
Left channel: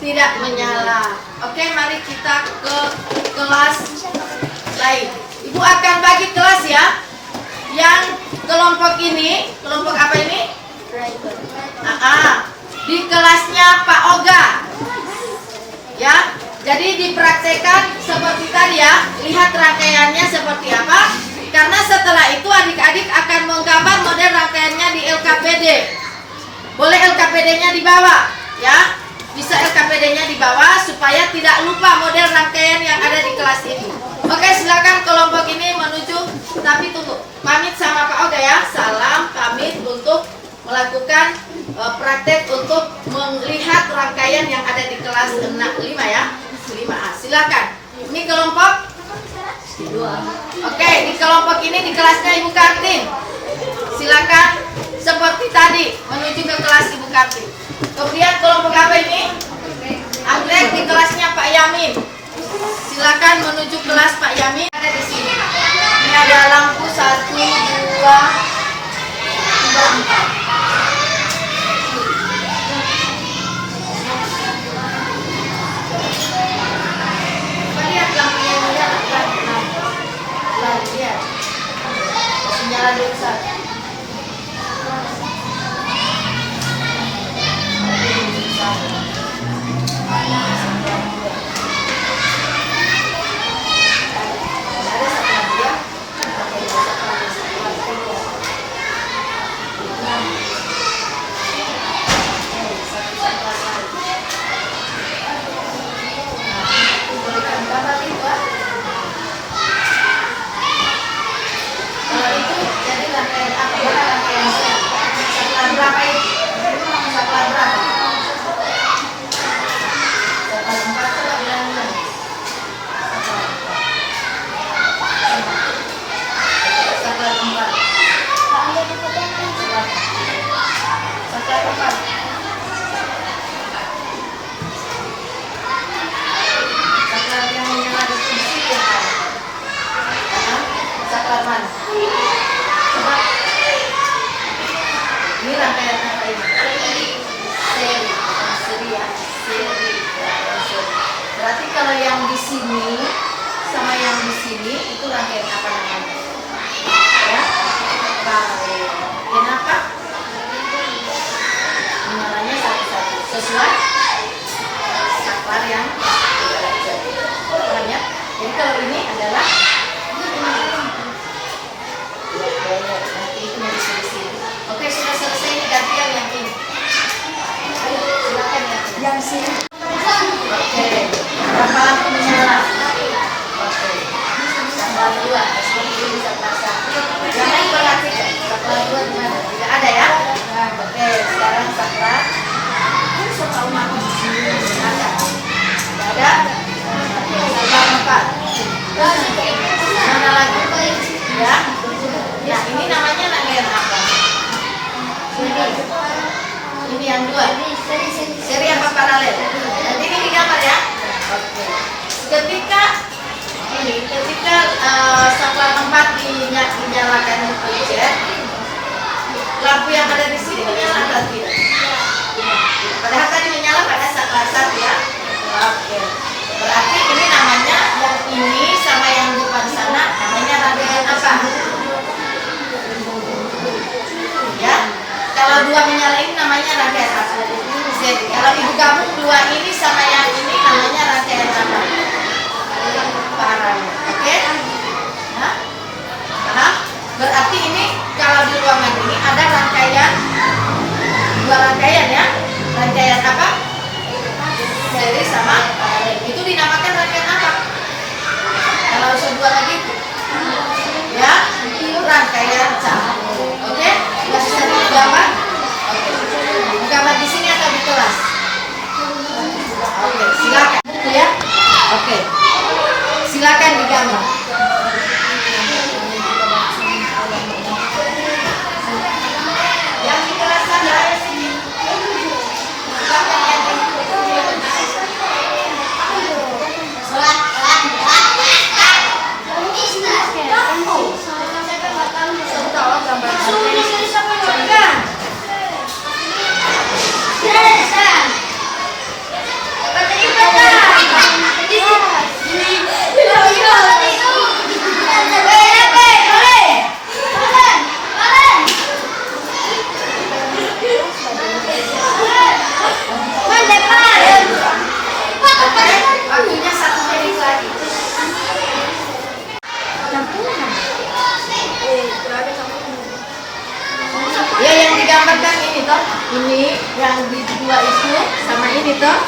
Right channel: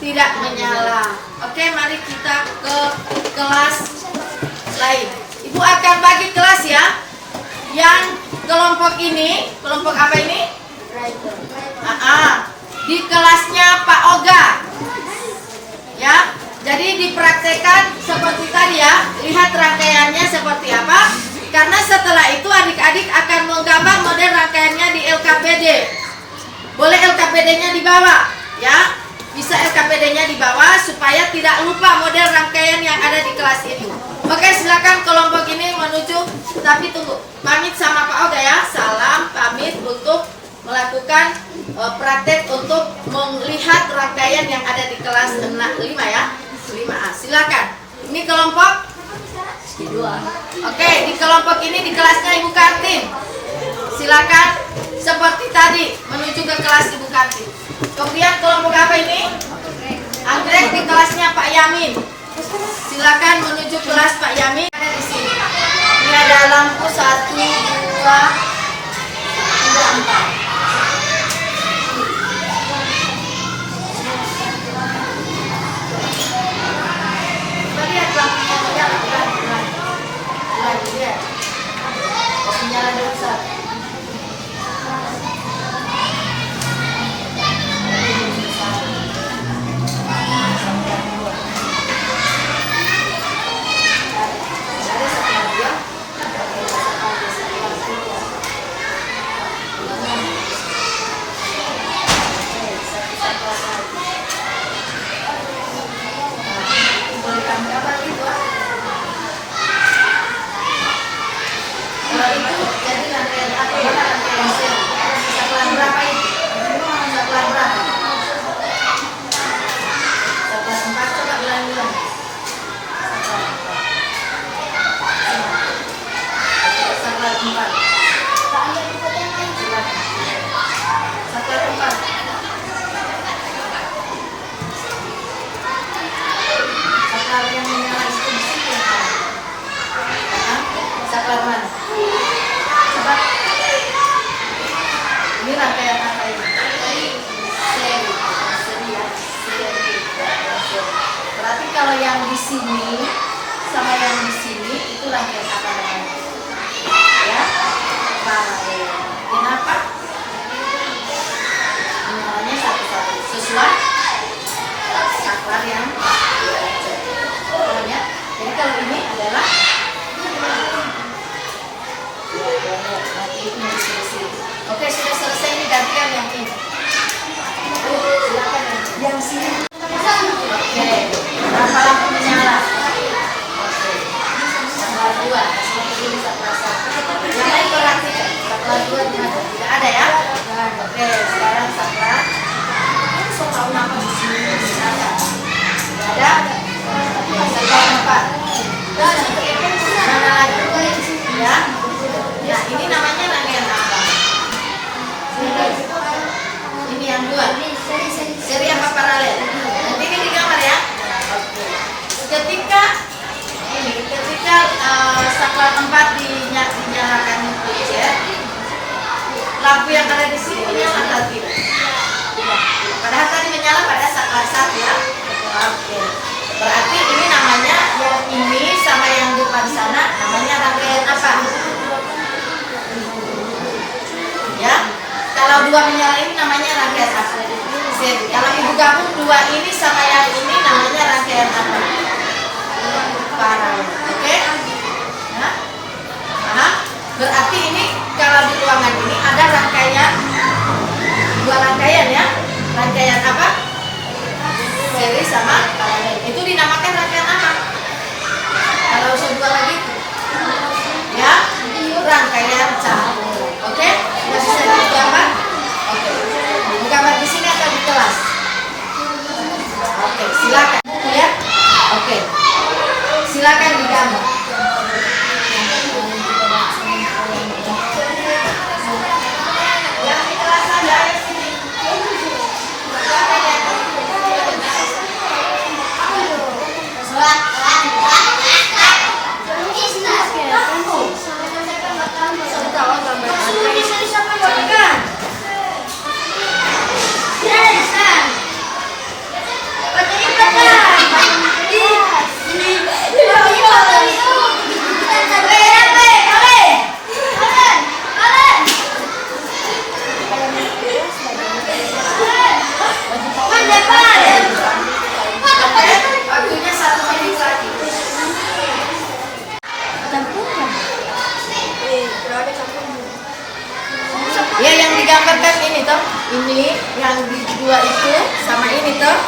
tidak menyala. Oke, mari kita ke kelas lain. Ibu akan bagi kelas ya. Yang kelompok ini, kelompok apa ini? Di kelasnya Pak Oga. Ya, jadi dipraktekkan seperti tadi ya. Lihat rangkaiannya seperti apa. Karena setelah itu adik-adik akan menggambar model rangkaiannya di LKPD. Boleh LKPD-nya dibawa, ya. Bisa LKPD-nya dibawa supaya tidak lupa model rangkaian yang ada di kelas ini. Oke, silakan kelompok ini menuju. Tapi tunggu, pamit sama Pak Oga ya. Salam pamit untuk melakukan praktek untuk melihat rangkaian yang ada di kelas 5 ya. 5A. Silakan. Ini kelompok 2. Oke, di kelompok ini di kelasnya Ibu Kartin. Silakan seperti tadi menuju ke kelas Ibu Kartin. Kemudian kelompok apa ini? Anggrek di kelasnya Pak Yamin. Silakan menuju kelas Pak Yamin. Ada di sini. Ini ada lampu 1, 2, 3, 4. Saklar mana? Coba. Ini rangkaian apa ini? Seri ya. Seri. Berarti kalau yang di sini sama yang di sini itu rangkaian apa namanya? Ya. Paralel. Kenapa? Menyalanya satu-satu sesuai saklar yang belajar. Paham ya? Jadi kalau ini adalah nanti itu mau disini. Oke, sudah selesai, ini gantian yang ini. Silakan ya. Yang sini. Oke. Berapa lampu menyala? Oke. Saklar 2, seperti ini saklar 1. Yang lain perhatikan. Saklar 2 di mana? Tidak ada ya? Oke, sekarang saklar. Tidak ada? Oke, saklar 4. Mana lagi? Ya. Nah, ini namanya rangkaian apa? Ini yang 2. Seri apa paralel? Nanti ini digambar ya. Oke. Ketika saklar 4 dinyalakan proyektor, lampu yang ada di sini menyala atau tidak? Padahal tadi menyala pada saklar 1 ya. Oke. Berarti ini namanya yang ini sama yang di depan sana namanya rangkaian apa? Ya. Kalau 2 menyala ini namanya rangkaian apa? Seri. Kalau ibu gabung 2 ini sama yang ini namanya rangkaian apa? Paralel. Oke? Nah, paham? Berarti ini kalau di ruangan ini ada rangkaian 2 rangkaian ya. Rangkaian apa? Seri sama paralel. Itu dinamakan rangkaian apa? Kalau usul 2 lagi ya, rangkaian campur. Oke? Masih bisa digambar? Oke. Digambar di sini atau di kelas? Oke, silakan. Ya? Oke. Silakan digambar. Yang di kelas saja. Waktunya 1 menit lagi. Ya, yang digambarkan ini toh, ini yang di 2 itu sama ini toh.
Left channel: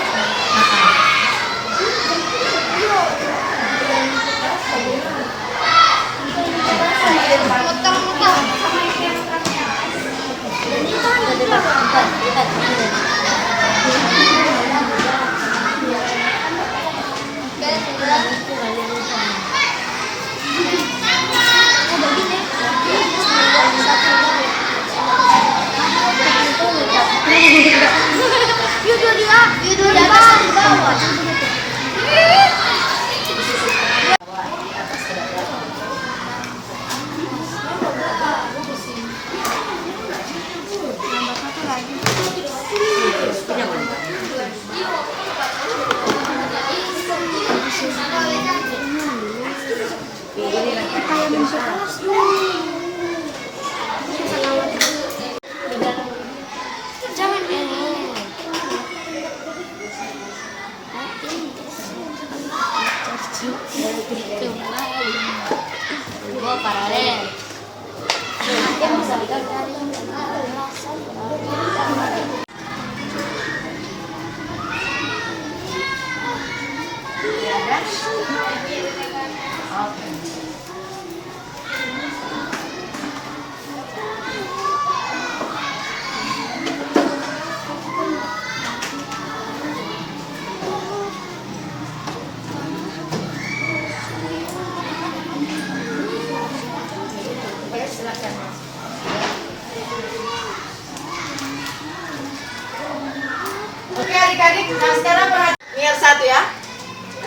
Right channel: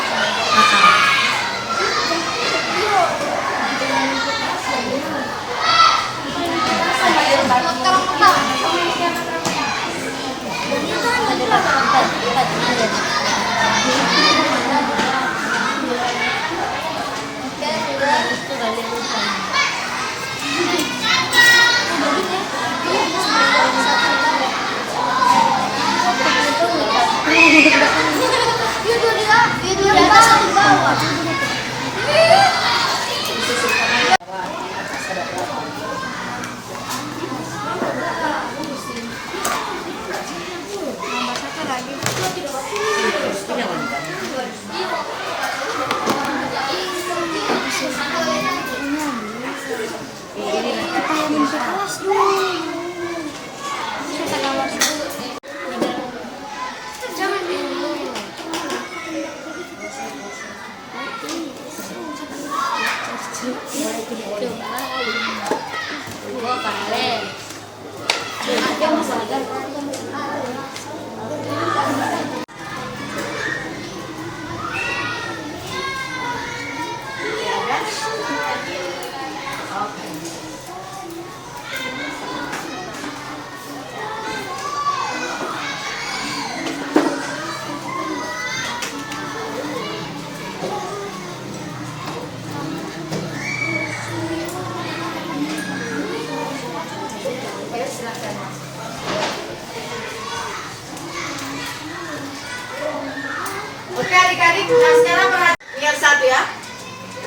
Oke adik-adik, nah sekarang perhatikan lihat 1 ya.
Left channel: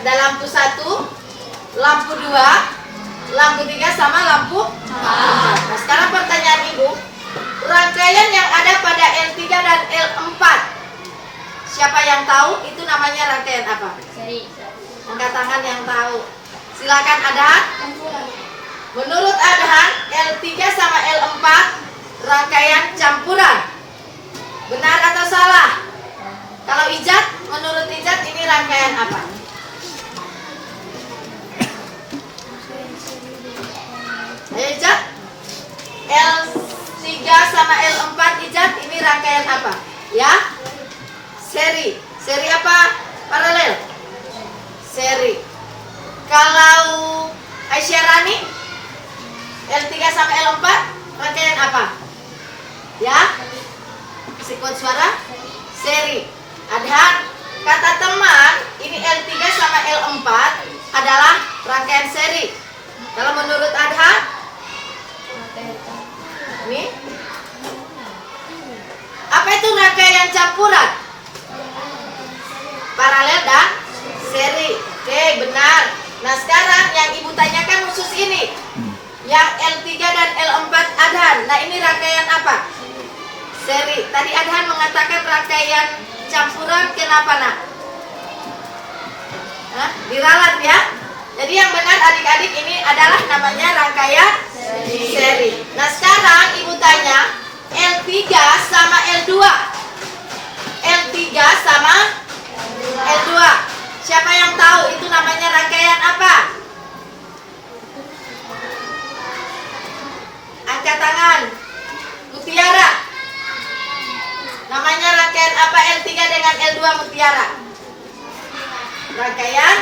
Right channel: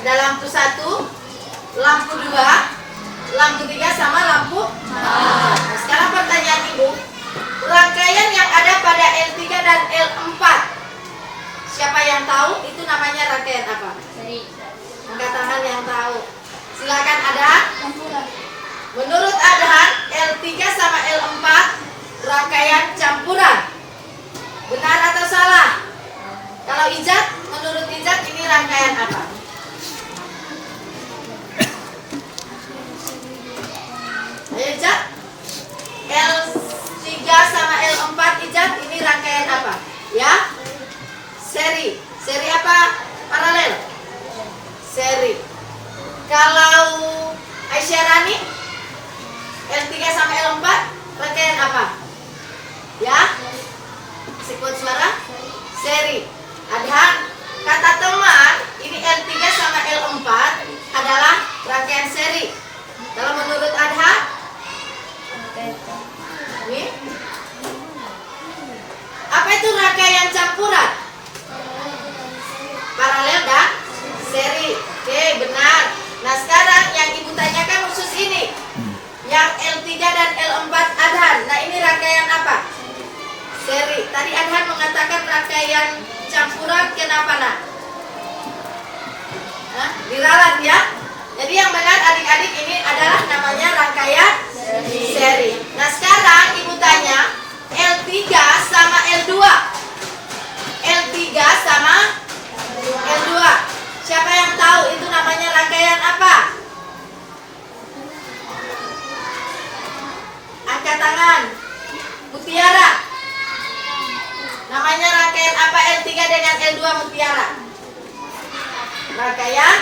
Ada lampu 1, lampu 2, lampu 3 sama lampu 4. Nah, sekarang pertanyaan Ibu, rangkaian yang ada pada L3 dan L4, siapa yang tahu itu namanya rangkaian apa? Angkat tangan yang tahu. Silakan Adhan. Menurut Adhan, L3 sama L4 rangkaian campuran. Benar atau salah? Kalau Ijat, menurut Ijat ini rangkaian apa? Ayo Ijat. L3 sama L4 Ijat ini rangkaian apa? Ya? Seri. Seri apa? Paralel. Seri. Kalau Aisyah Rani, L3 sama L4 rangkaian apa? Ya? Masih kuat suara? Seri. Adhan, kata teman, ini L3 sama L4 adalah rangkaian seri. Kalau menurut Adhan, ini apa itu rangkaian campuran? Paralel dan seri. Oke, benar. Nah, sekarang yang Ibu tanyakan khusus ini, yang L3 dan L4 Adhan. Nah, ini rangkaian apa? Seri. Tadi Adhan mengatakan rangkaian campuran, kenapa nak? Hah? Diralat ya. Jadi yang benar adik-adik ini adalah namanya rangkaian seri. Nah, sekarang Ibu tanya L3 sama L2. L3 sama L2. Siapa yang tahu itu namanya rangkaian apa? Angkat tangan. Mutiara. Namanya rangkaian apa L3 dengan L2 Mutiara? Rangkaian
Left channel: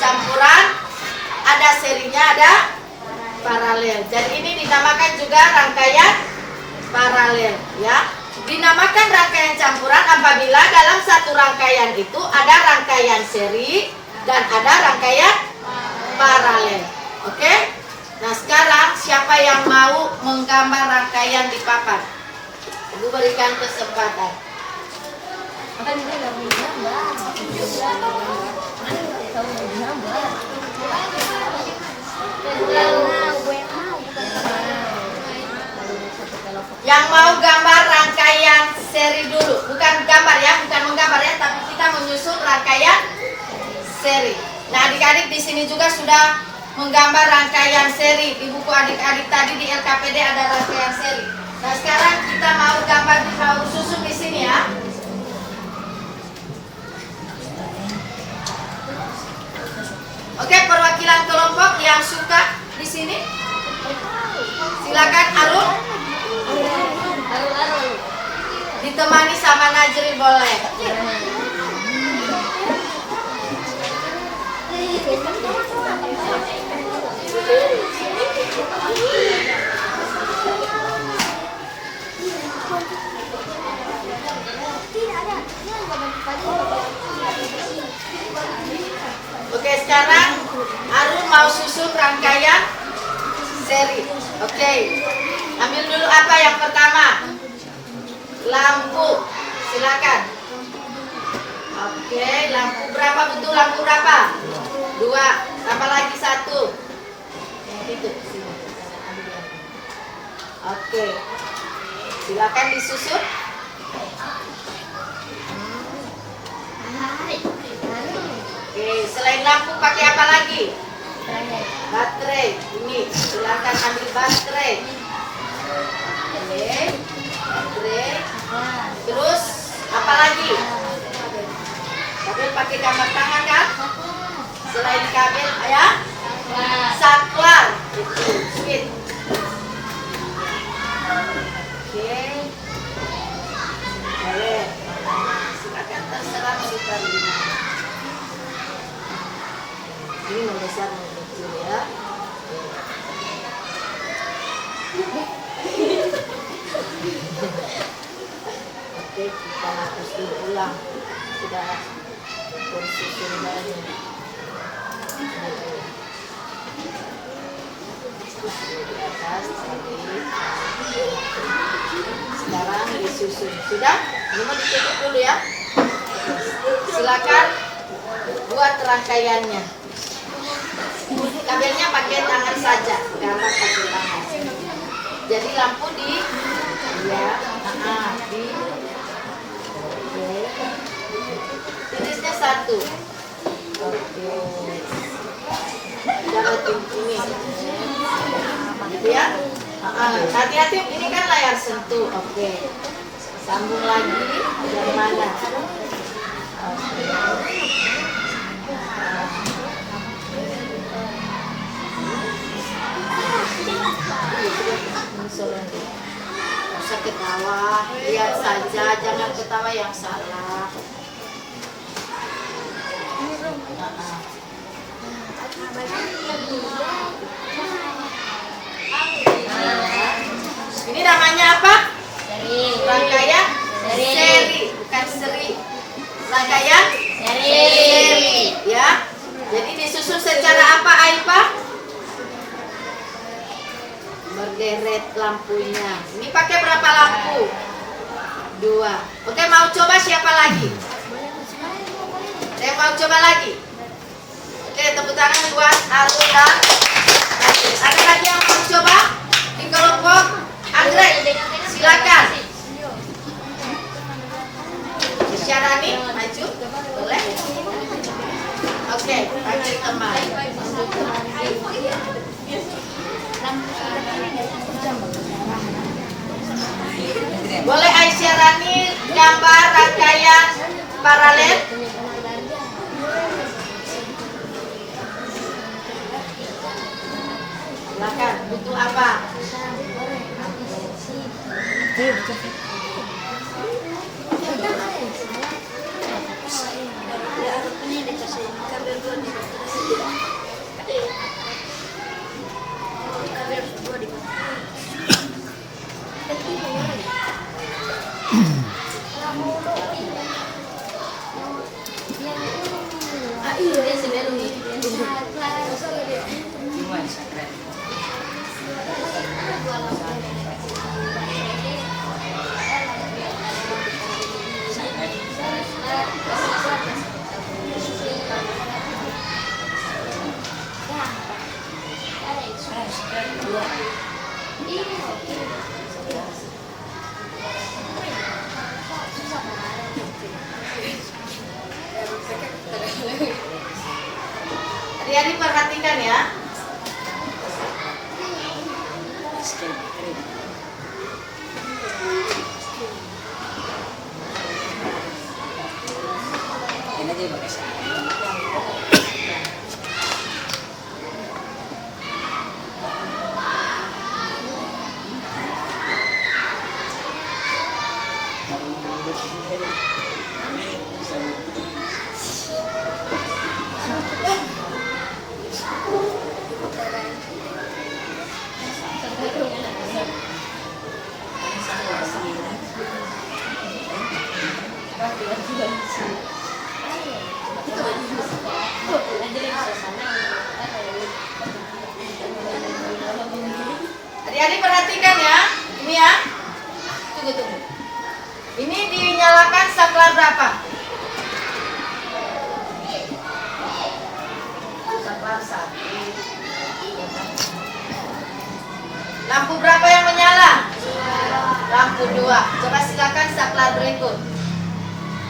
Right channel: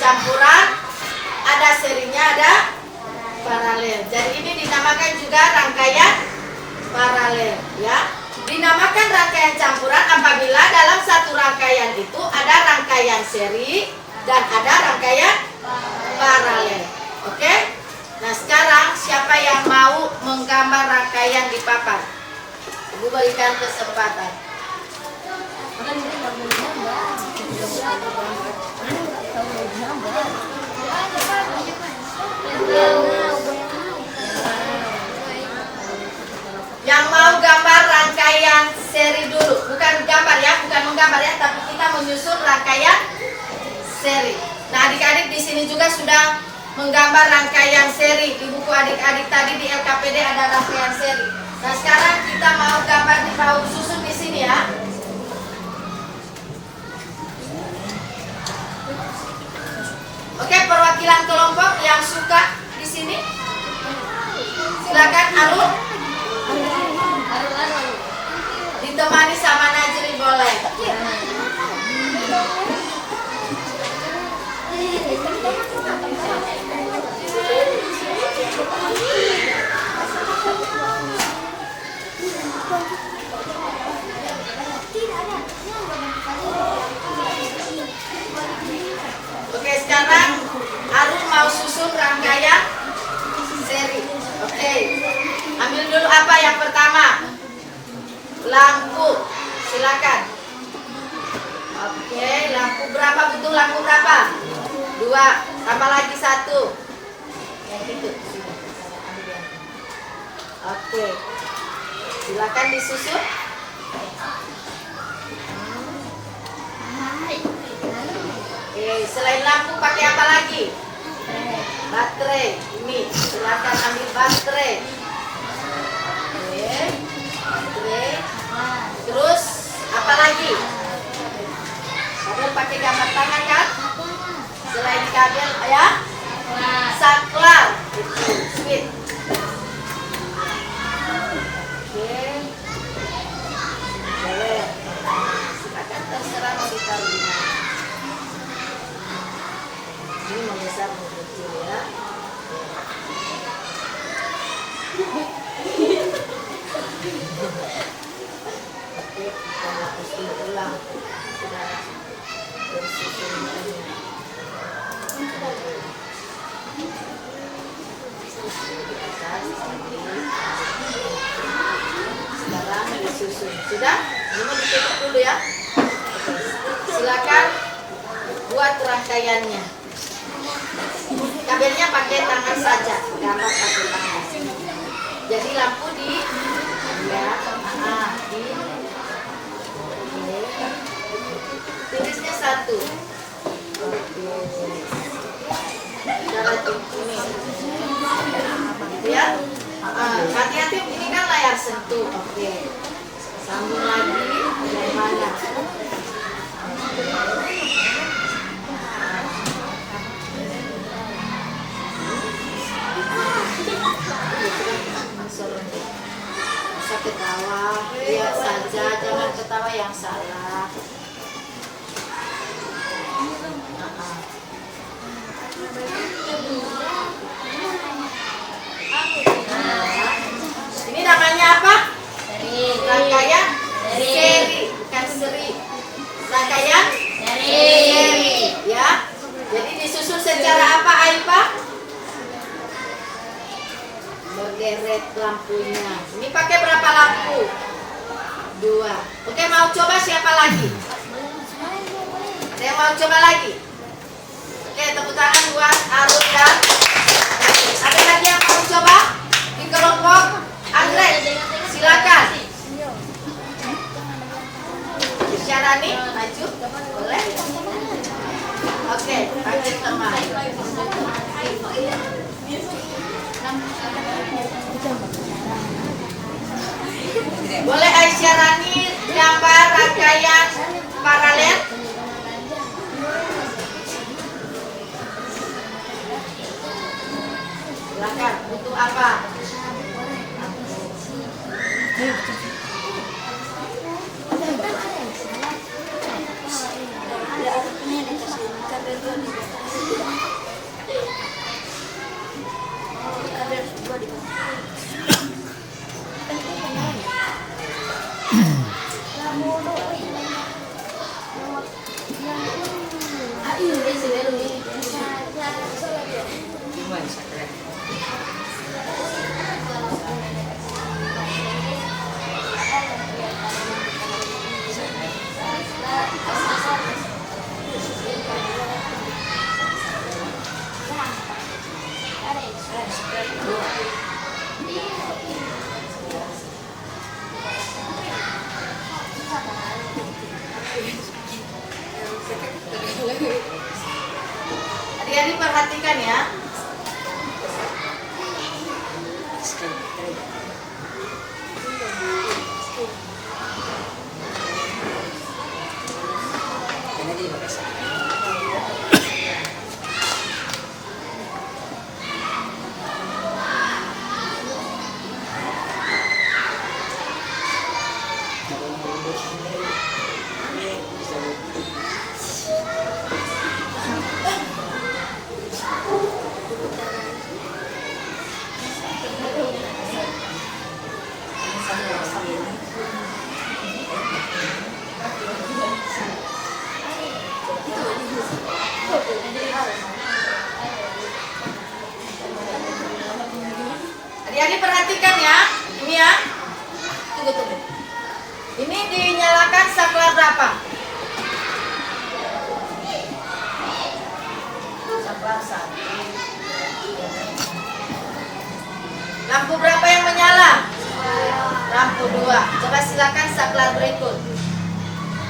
campuran, ada serinya, ada paralel. Jadi ini dinamakan juga rangkaian paralel, ya. Dinamakan rangkaian campuran apabila dalam satu rangkaian itu ada rangkaian seri dan ada rangkaian paralel. Oke? Nah, sekarang siapa yang mau menggambar rangkaian di papan? Ibu berikan kesempatan. Yang mau gambar rangkaian seri dulu, bukan gambar ya, bukan menggambar ya, tapi kita menyusun rangkaian seri. Nah, adik-adik di sini juga sudah menggambar rangkaian seri. Di buku adik-adik tadi di LKPD ada rangkaian seri. Nah, sekarang kita mau gambar, mau susun di sini ya. Oke, perwakilan kelompok yang suka di sini, silakan Arul. Ditemani sama Najri boleh. Oke, sekarang Arul mau susun rangkaian seri. Oke, ambil dulu apa yang pertama? Lampu, silakan. Oke, lampu berapa, betul lampu berapa? 2, tambah lagi 1. Yang itu. Oke, silakan disusun. Oke, selain lampu pakai apa lagi? Baterai. Ini, silakan ambil baterai. Oke, baterai. Terus apa lagi? Kabel pakai gambar tangan kan? Selain kabel, ya? Saklar. Itu, switch. Oke. Boleh. Silakan terserah mau ditaruh di mana. Ini membesar mengecil ya. Oke, kita hapus dulu ulang. Sudah bersusun lagi. Di atas tadi. Sekarang disusun. Sudah? Ini mau ditutup dulu ya. Silakan buat rangkaiannya. kabelnya pakai tangan saja, garap pakai tangan. Jadi lampu di ya, di oke. Tirisnya 1. Oke. Cara ini. Gitu ya. Hati-hati, ini kan layar sentuh. Oke. Sambung lagi dari mana? Bisa ketawa, lihat saja, jangan ketawa yang salah. Ini namanya apa? Rangkaian seri, bukan seri. Rangkaian seri, ya. Jadi disusun secara apa, Aipa? Berderet lampunya. Ini pakai berapa lampu? 2. Oke, mau coba siapa lagi? Saya mau coba lagi. Oke, tepuk tangan buat Arun dan Najib. Ada lagi yang mau coba? Di kelompok Anggrek, silakan. Syarani, maju, boleh? Oke, panggil teman. Boleh Aisyarani gambar rangkaian paralel? Silakan, butuh apa? Adik-adik perhatikan ya. Adik-adik perhatikan ya. Ini ya. Tunggu. Ini dinyalakan saklar berapa? Saklar 1. Lampu berapa yang menyala? Lampu 2. Coba silakan saklar berikut.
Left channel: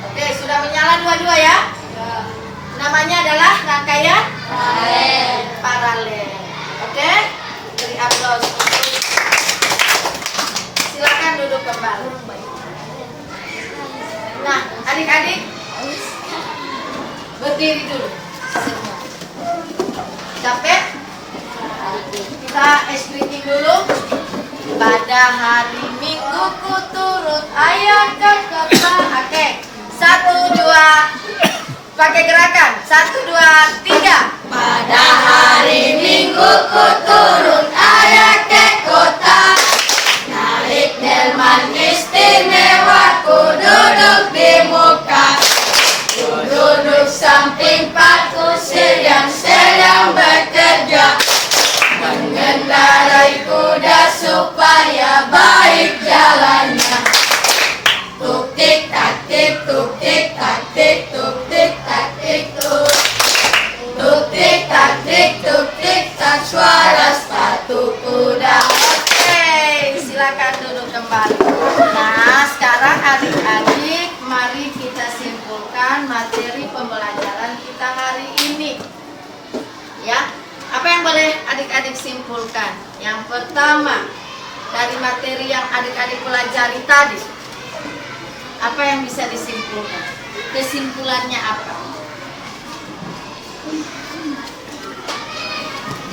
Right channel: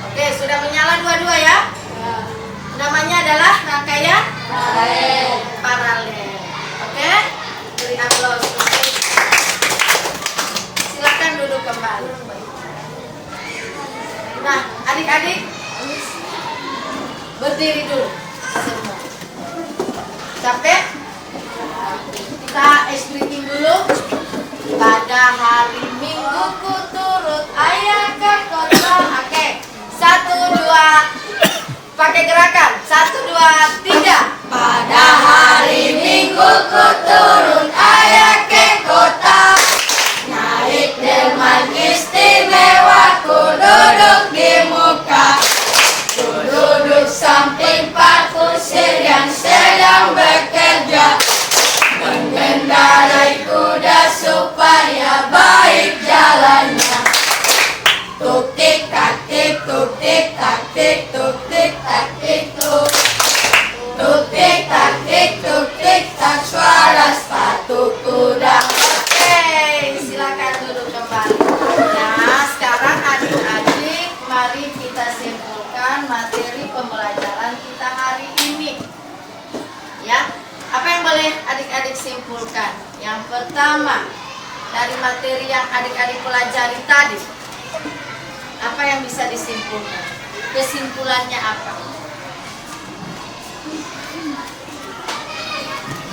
Oke, sudah menyala dua-dua ya? Namanya adalah rangkaian paralel. Oke? Beri aplaus. Silakan duduk kembali. Nah, adik-adik berdiri dulu semua. Capek? Kita ice breaking dulu. Pada hari Minggu ku turut ayah ke kota. Oke, 1, 2. Pakai gerakan. 1, 2, 3. Pada hari Minggu ku turun ayah ke kota. Naik delman istimewa, ku duduk di muka. Ku duduk samping Pak Kusir yang sedang bekerja, mengendarai kuda supaya baik jalannya. Tuk tik tak tik, tuk tik tak tik, tuk tik tak tik, tuk tik tak tik, tuk tik. mari kita simpulkan materi pembelajaran kita hari ini. Ya, apa yang boleh adik-adik simpulkan? Yang pertama, dari materi yang adik-adik pelajari tadi, apa yang bisa disimpulkan? Kesimpulannya apa?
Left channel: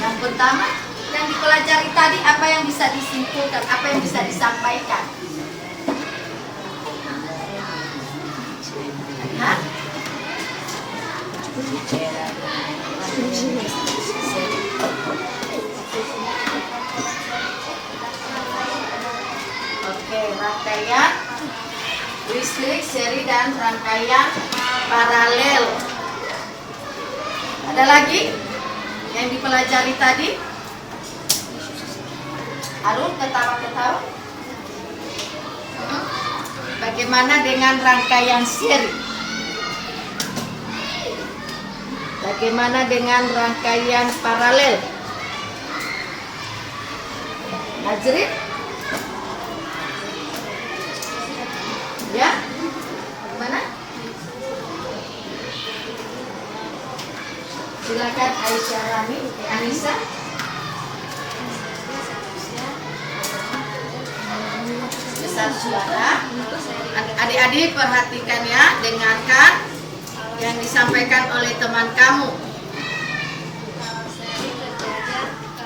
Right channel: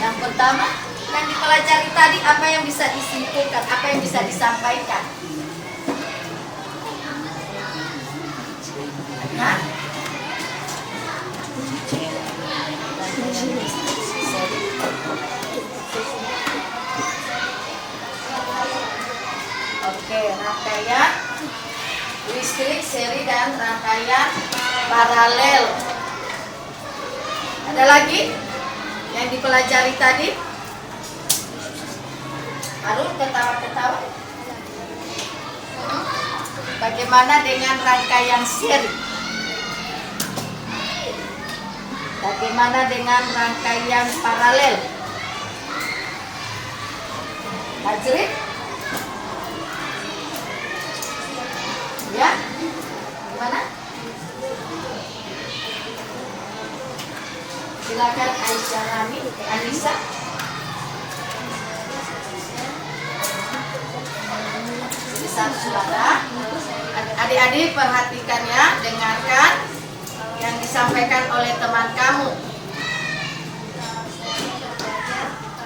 Yang pertama, yang dipelajari tadi, apa yang bisa disimpulkan? Apa yang bisa disampaikan? Hah? Oke, rangkaian listrik, seri, dan rangkaian paralel. Ada lagi yang dipelajari tadi? Harus ketawa-ketawa. Bagaimana dengan rangkaian seri? Bagaimana dengan rangkaian paralel? Najrin? Ya? Gimana? Silakan Aisyah Rani, Anissa. Besar suara. Adik-adik perhatikan ya, dengarkan yang disampaikan oleh teman kamu.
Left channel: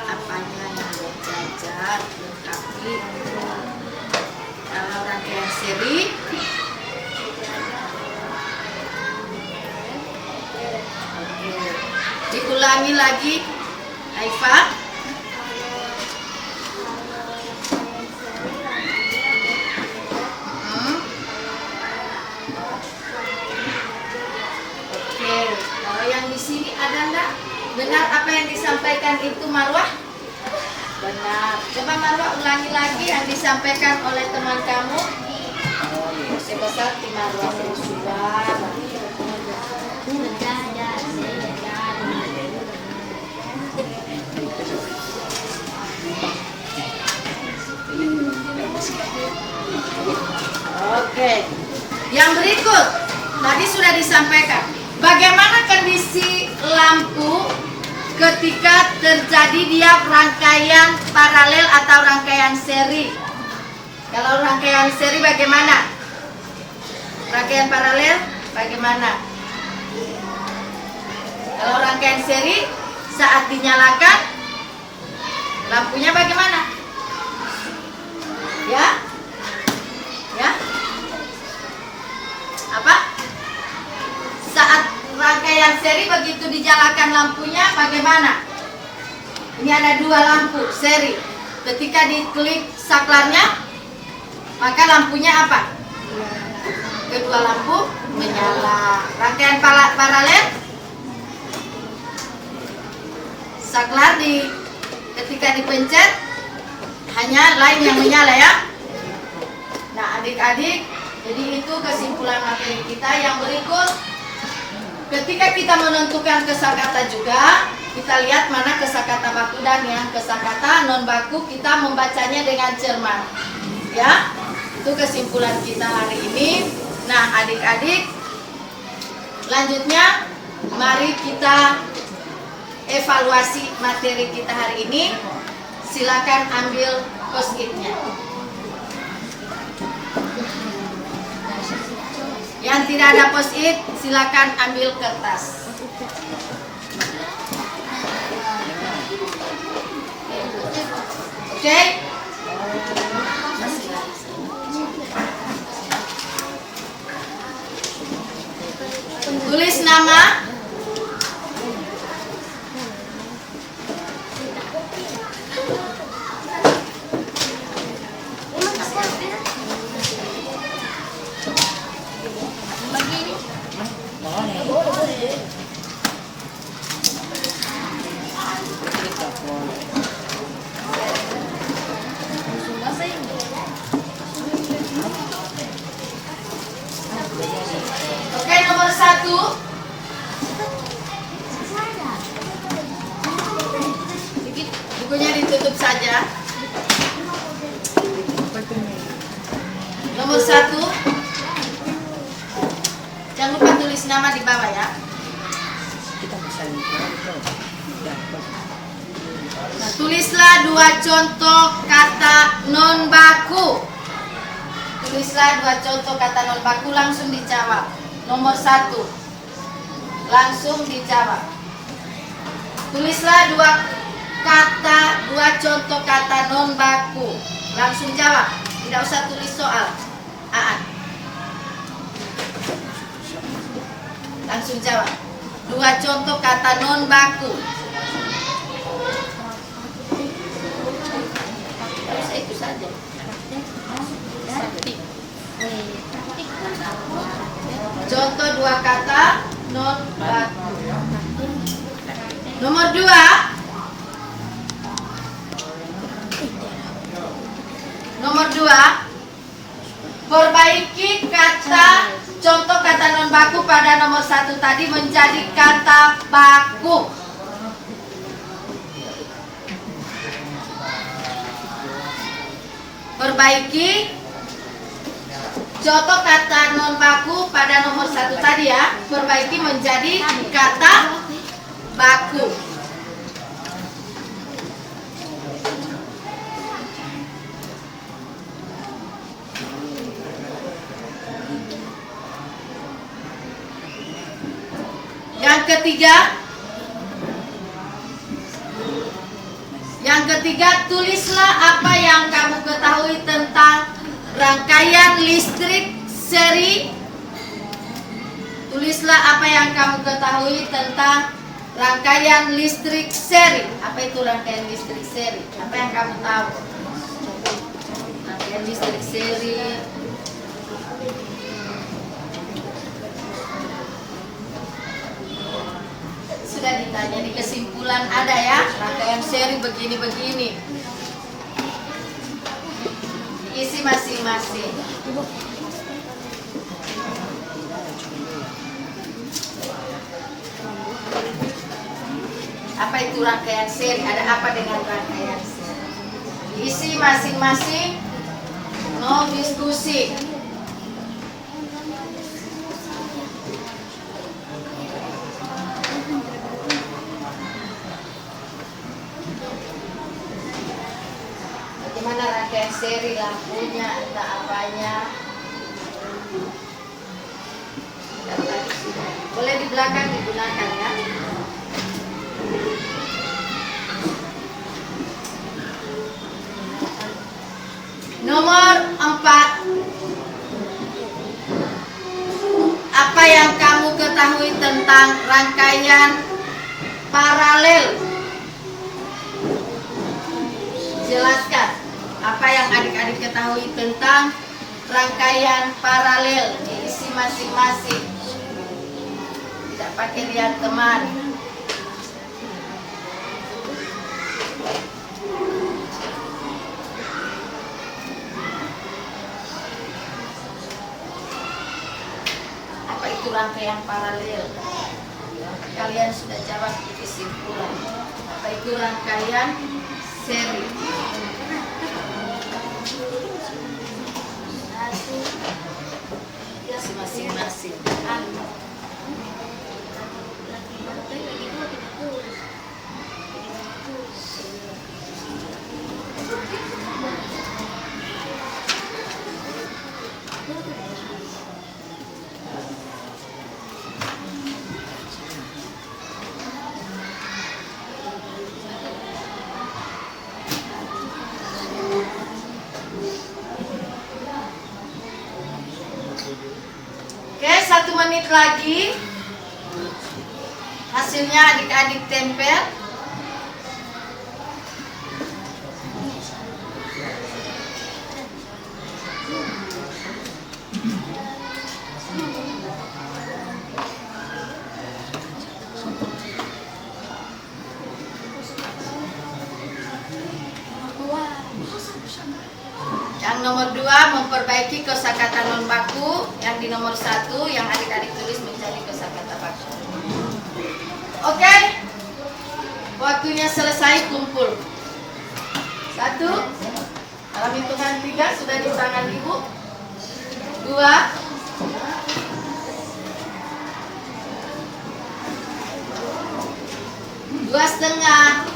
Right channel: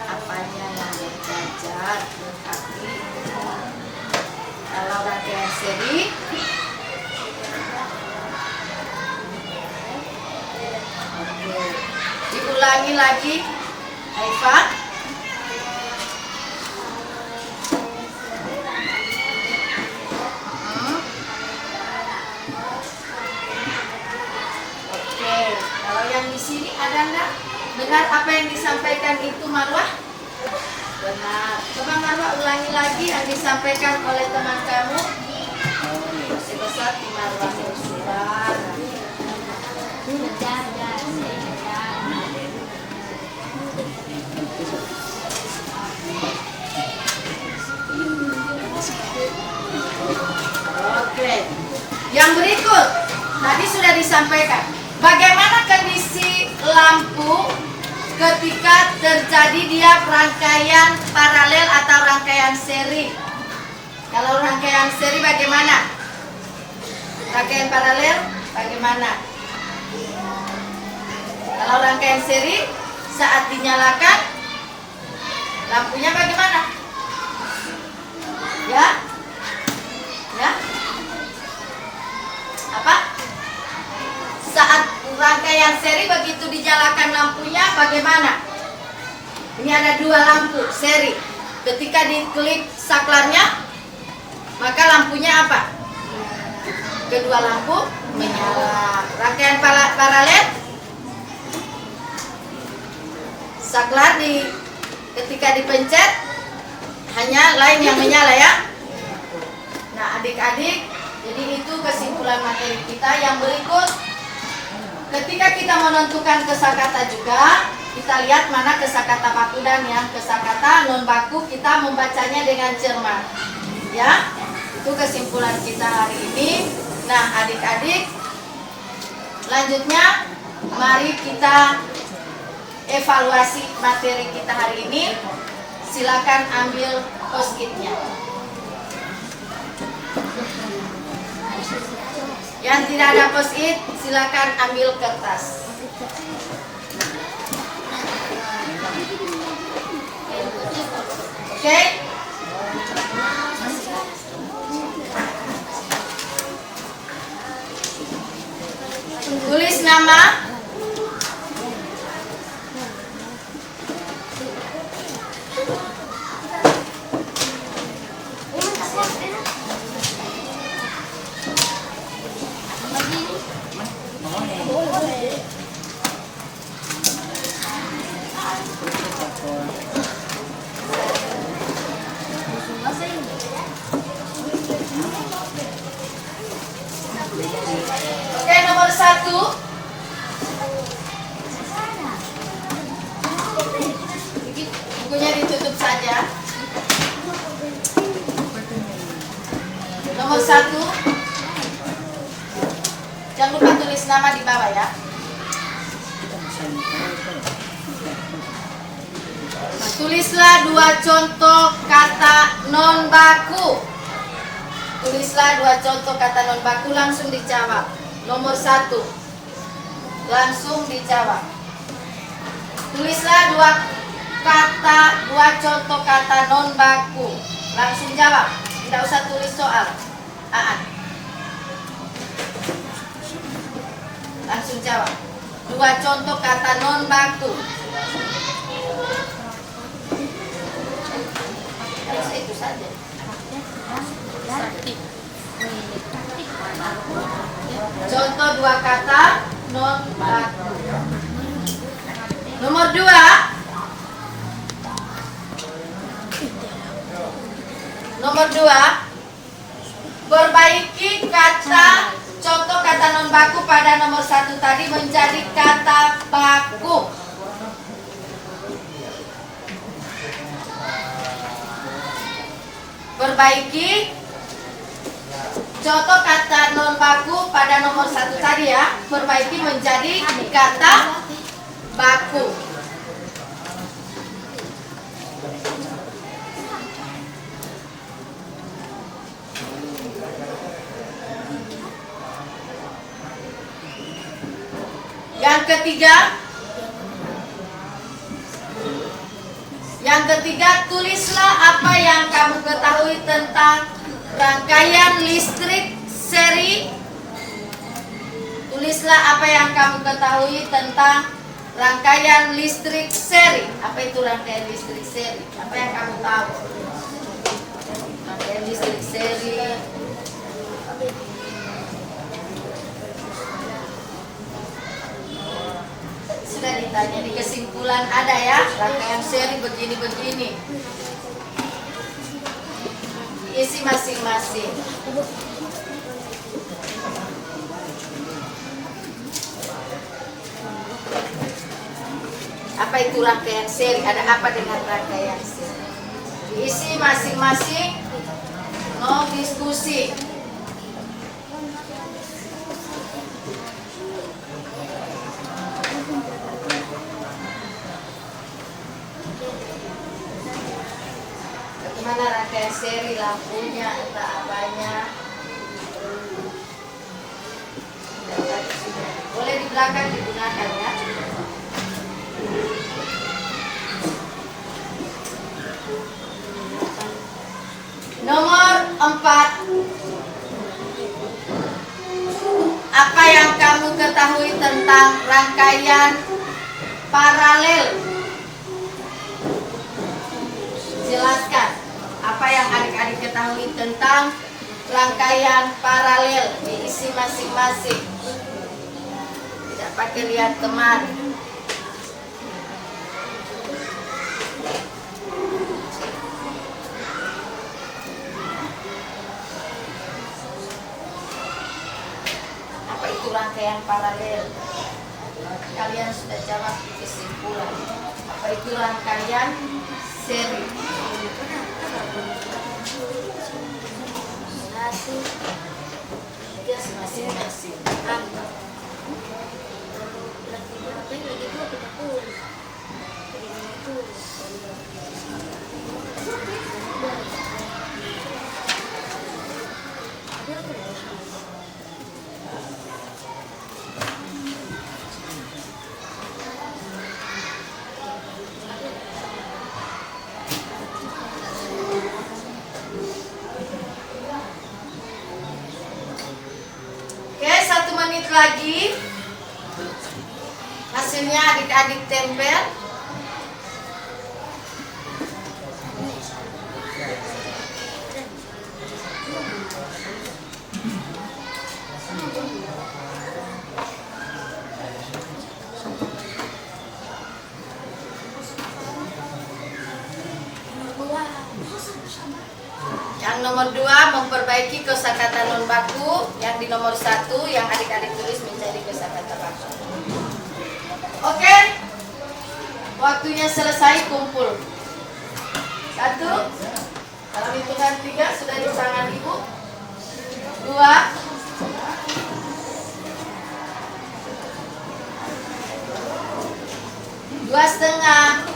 Apanya yang belajar lengkapi. Kalau rangkaian seri, oke, diulangi lagi, Aifah. Oke, kalau yang di sini ada nggak? Benar apa yang disampaikan itu, Marwah? Benar. Coba Marwah ulangi lagi yang disampaikan oleh teman kamu. Masih besar di Marwah sudah. Oke. Yang berikut tadi sudah disampaikan. Bagaimana kondisi lampu ketika terjadi dia rangkaian paralel atau rangkaian seri? Kalau rangkaian seri bagaimana? Rangkaian paralel bagaimana? Kalau rangkaian seri saat dinyalakan lampunya bagaimana? Ya? Ya? Apa? Saat rangkaian seri begitu dinyalakan lampunya bagaimana? Ini ada dua lampu seri. Ketika diklik saklarnya, maka lampunya apa? Kedua lampu menyala. Rangkaian paralel, saklar ketika dipencet hanya lain yang menyala ya. Nah adik-adik, jadi itu kesimpulan materi kita. Yang berikut, ketika kita menentukan kosakata juga, kita lihat mana kosakata baku dan yang kosakata non baku, kita membacanya dengan cermat. Ya, itu kesimpulan kita hari ini. Nah adik-adik, lanjutnya mari kita evaluasi materi kita hari ini. Silakan ambil post-it-nya. Yang tidak ada post-it, silakan ambil kertas. Oke? Tulis nama. Oke, nomor 1. Bukunya ditutup saja. Nomor 1. Jangan lupa tulis nama di bawah ya. Nah, tulislah 2 contoh kata non baku. Tulislah 2 contoh kata non baku, langsung dijawab. Nomor 1, langsung dijawab. Tulislah 2 contoh kata non baku, langsung jawab. Tidak usah tulis soal. Langsung jawab. 2 contoh kata non baku. Itu saja. Contoh 2 kata non baku. Nomor 2. Nomor 2. Perbaiki kata contoh kata non baku pada nomor 1 tadi menjadi kata baku. Perbaiki contoh kata non baku pada nomor 1 tadi ya, perbaiki menjadi kata baku. Yang ketiga, tulislah apa yang kamu ketahui tentang rangkaian listrik seri. Tulislah apa yang kamu ketahui tentang rangkaian listrik seri. Apa itu rangkaian listrik seri? Apa yang kamu tahu? Rangkaian listrik seri. Sudah ditanya di kesimpulan ada ya, rangkaian seri begini-begini. Isi masing-masing. Apa itu rangkaian seri? Ada apa dengan rangkaian seri? Isi masing-masing. No diskusi. Bagaimana rangkaian seri, lampunya, entah apanya. Boleh di belakang digunakan ya. Nomor 4. Apa yang kamu ketahui tentang rangkaian paralel? Jelaskan apa yang adik-adik ketahui tentang rangkaian paralel, diisi masing-masing. Tidak pakai lihat teman. Apa itu rangkaian paralel? Kalian sudah jawab di kesimpulan. Apa itu rangkaian seri? Masing-masing. Oke, 1 menit lagi. Hasilnya adik-adik tempel. Yang nomor 2 memperbaiki kosakata non baku. Yang di nomor 1 yang adik-adik tulis menjadi kosakata baku. Oke, waktunya selesai, kumpul. 1, dalam hitungan 3 sudah di tangan ibu. 2, 2,5.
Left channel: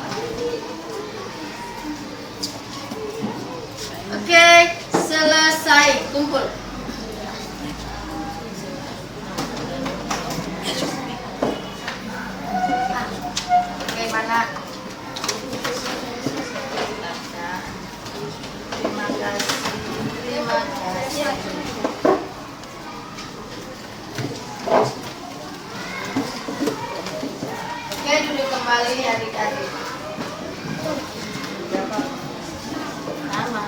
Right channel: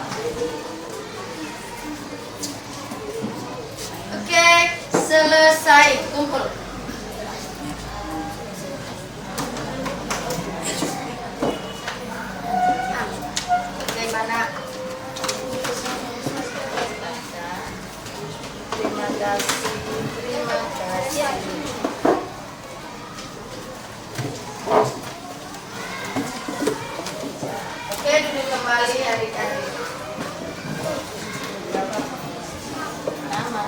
Oke, selesai. Kumpul. Bagaimana? Terima kasih. Terima kasih. Oke, duduk kembali adik-adik. Nama.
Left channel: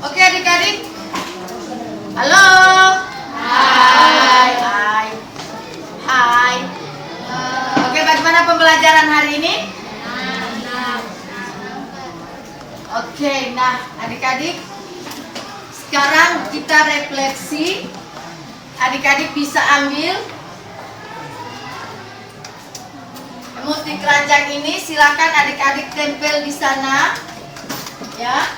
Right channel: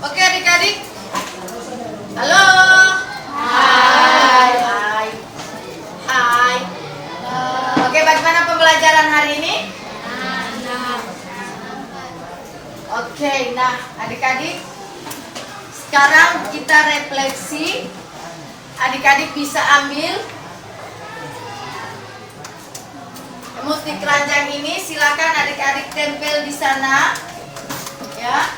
Oke adik-adik. Halo. Hai. Hai. Hai. Oke, bagaimana pembelajaran hari ini? Oke, nah adik-adik, sekarang kita refleksi. Adik-adik bisa ambil musik keranjang ini, silakan adik-adik tempel di sana, ya.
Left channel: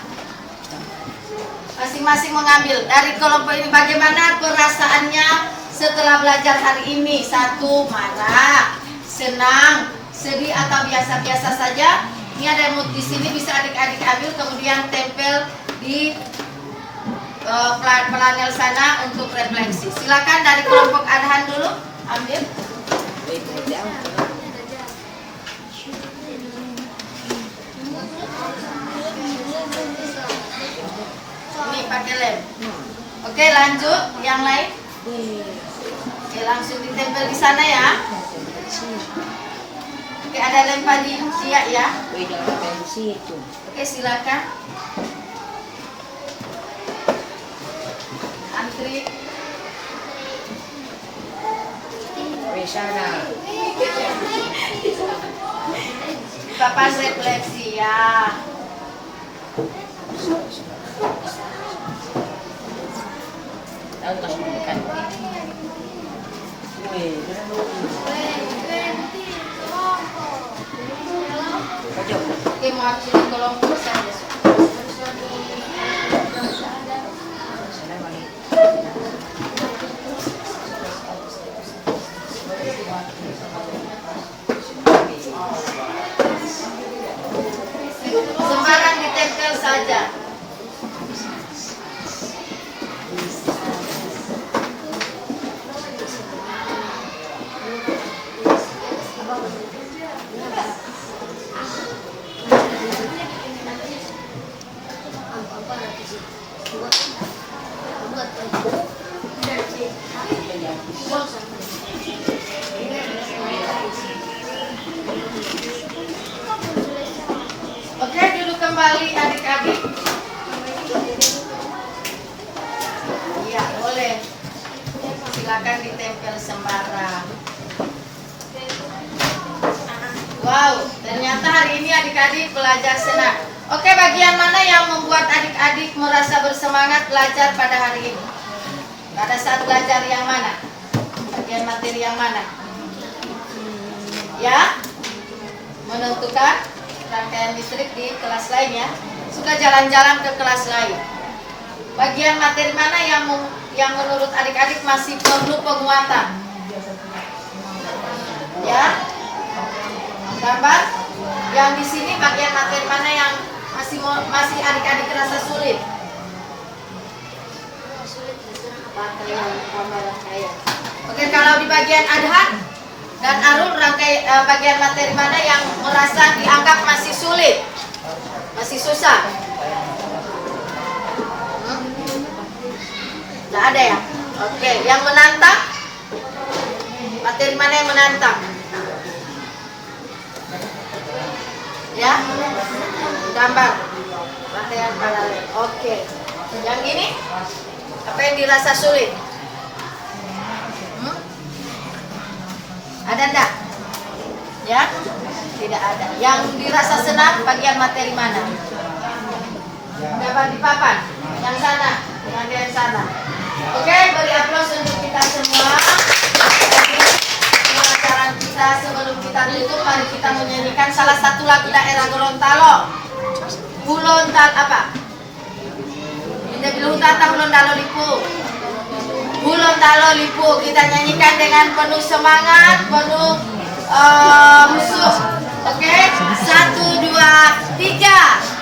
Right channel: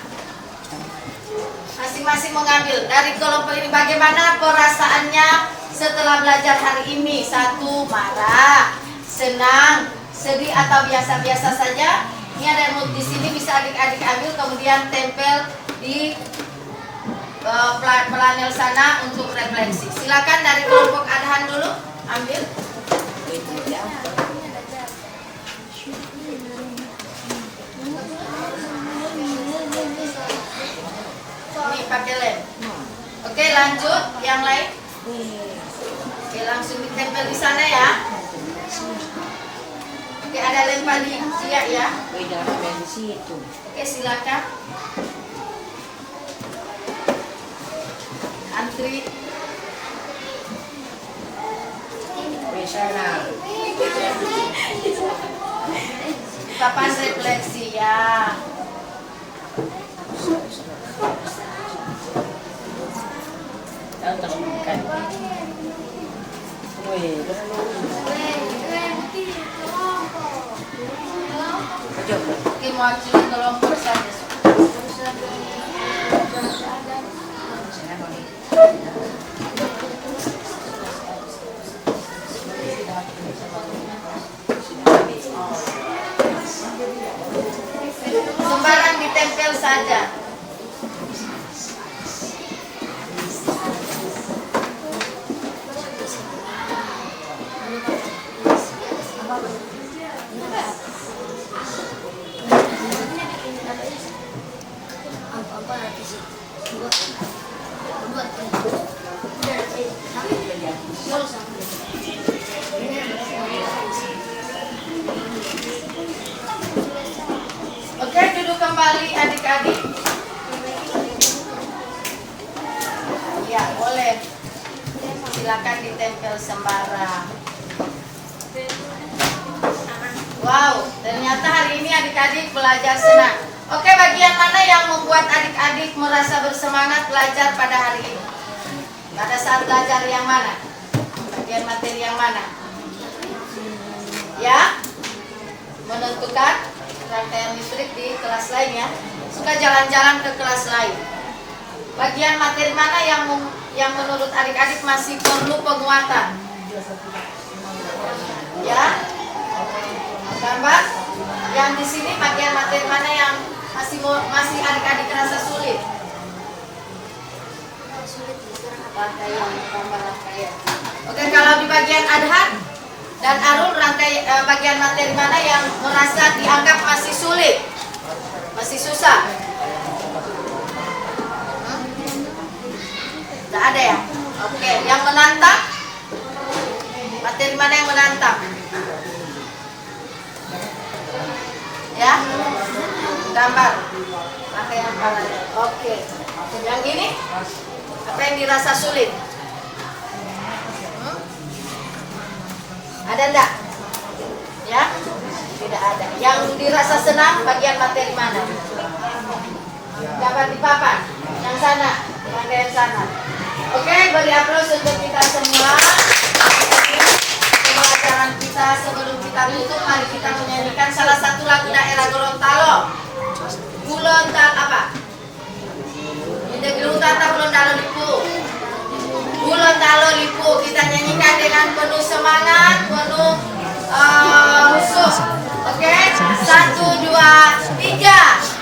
Masing-masing mengambil dari kelompok ini. Bagaimana perasaannya setelah belajar hari ini? 1, marah, senang, sedih, atau biasa-biasa saja. Ini ada mood di sini, bisa adik-adik ambil, kemudian tempel di panel sana untuk refleksi. Silakan dari kelompok Adhan dulu ambil. Ini pakai lem. Oke, lanjut yang lain. Oke, langsung ditempel di sana ya. Oke, ada lem padi siap ya. Oke, silakan. Antri. Papan refleksi ya. Oke, mewakili kelompok saja. Sembarang ditempel saja. Oke, duduk kembali adik-adik. Iya, boleh. Silakan ditempel sembarang. Wow, ternyata hari ini adik-adik belajar senang. Oke, bagian mana yang membuat adik-adik merasa bersemangat belajar pada hari ini? Pada saat belajar yang mana? Bagian materi yang mana? Ya, menentukan rangkaian listrik di kelas lain ya. Sudah jalan-jalan ke kelas lain. Bagian materi mana yang menurut adik-adik masih perlu penguatan? Ya, gambar. Yang di sini bagian materi mana yang masih adik-adik rasa sulit? Rangkaian. Oke, kalau di bagian Adhan dan Arul, bagian materi mana yang merasa dianggap masih sulit, masih susah? Tidak ada ya? Oke, yang menantang, materi mana yang menantang? Ya, gambar, rangkaian paralel. Oke, yang ini apa yang dirasa sulit? Ada enggak? Ya, tidak ada. Yang dirasa senang bagian materi mana? Dapat di papan, yang sana, yang sana. Oke, beri aplaus untuk kita semua. Pelajaran kita sebelum kita tutup, mari kita menyanyi. satu lagu daerah Gorontalo. Gorontalo apa? Kita bilang tata Gorontalo Lipu. Gorontalo Lipu, kita nyanyikan dengan penuh semangat, penuh musuh. Oke, 1, 2, 3.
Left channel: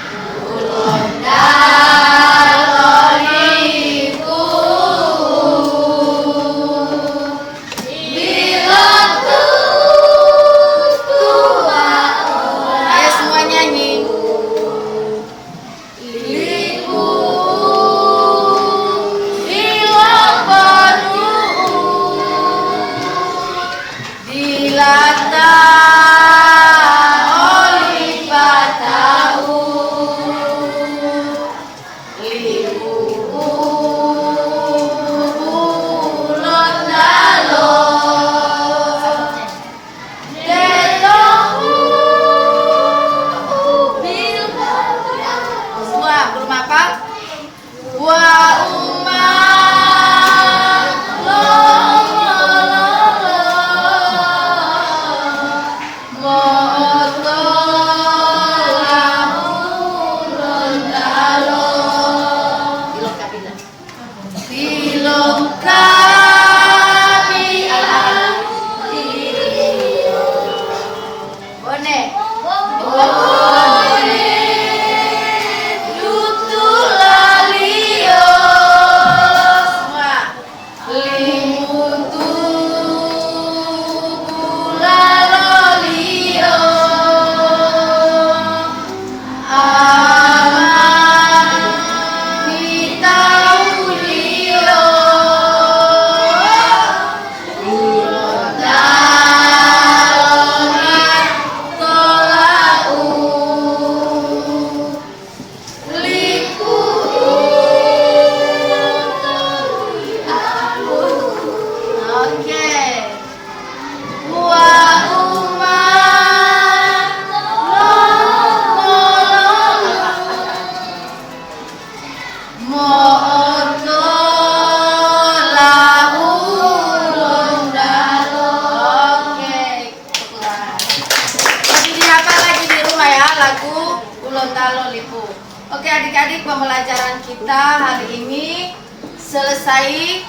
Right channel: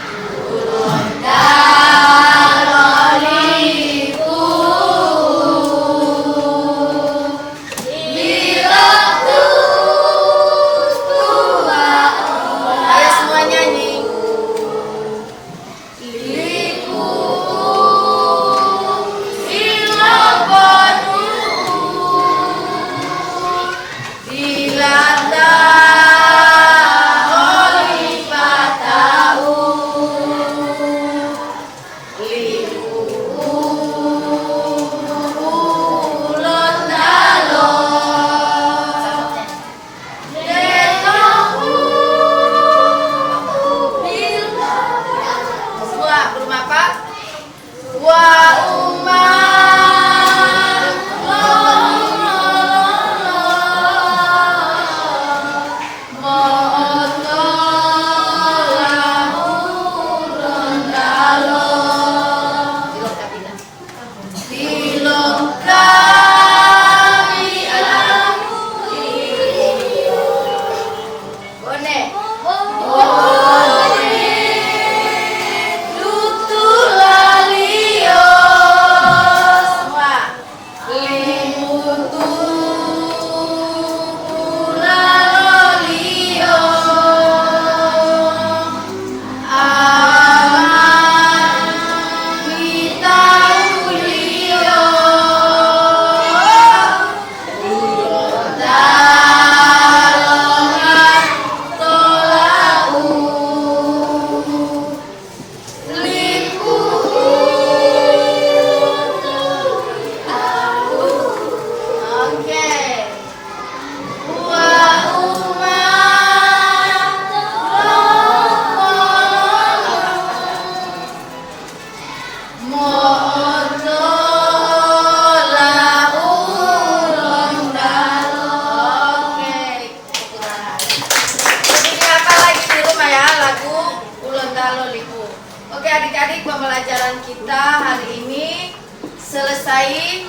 Gorontalo Lipu. Oke adik-adik, pembelajaran kita hari ini selesai.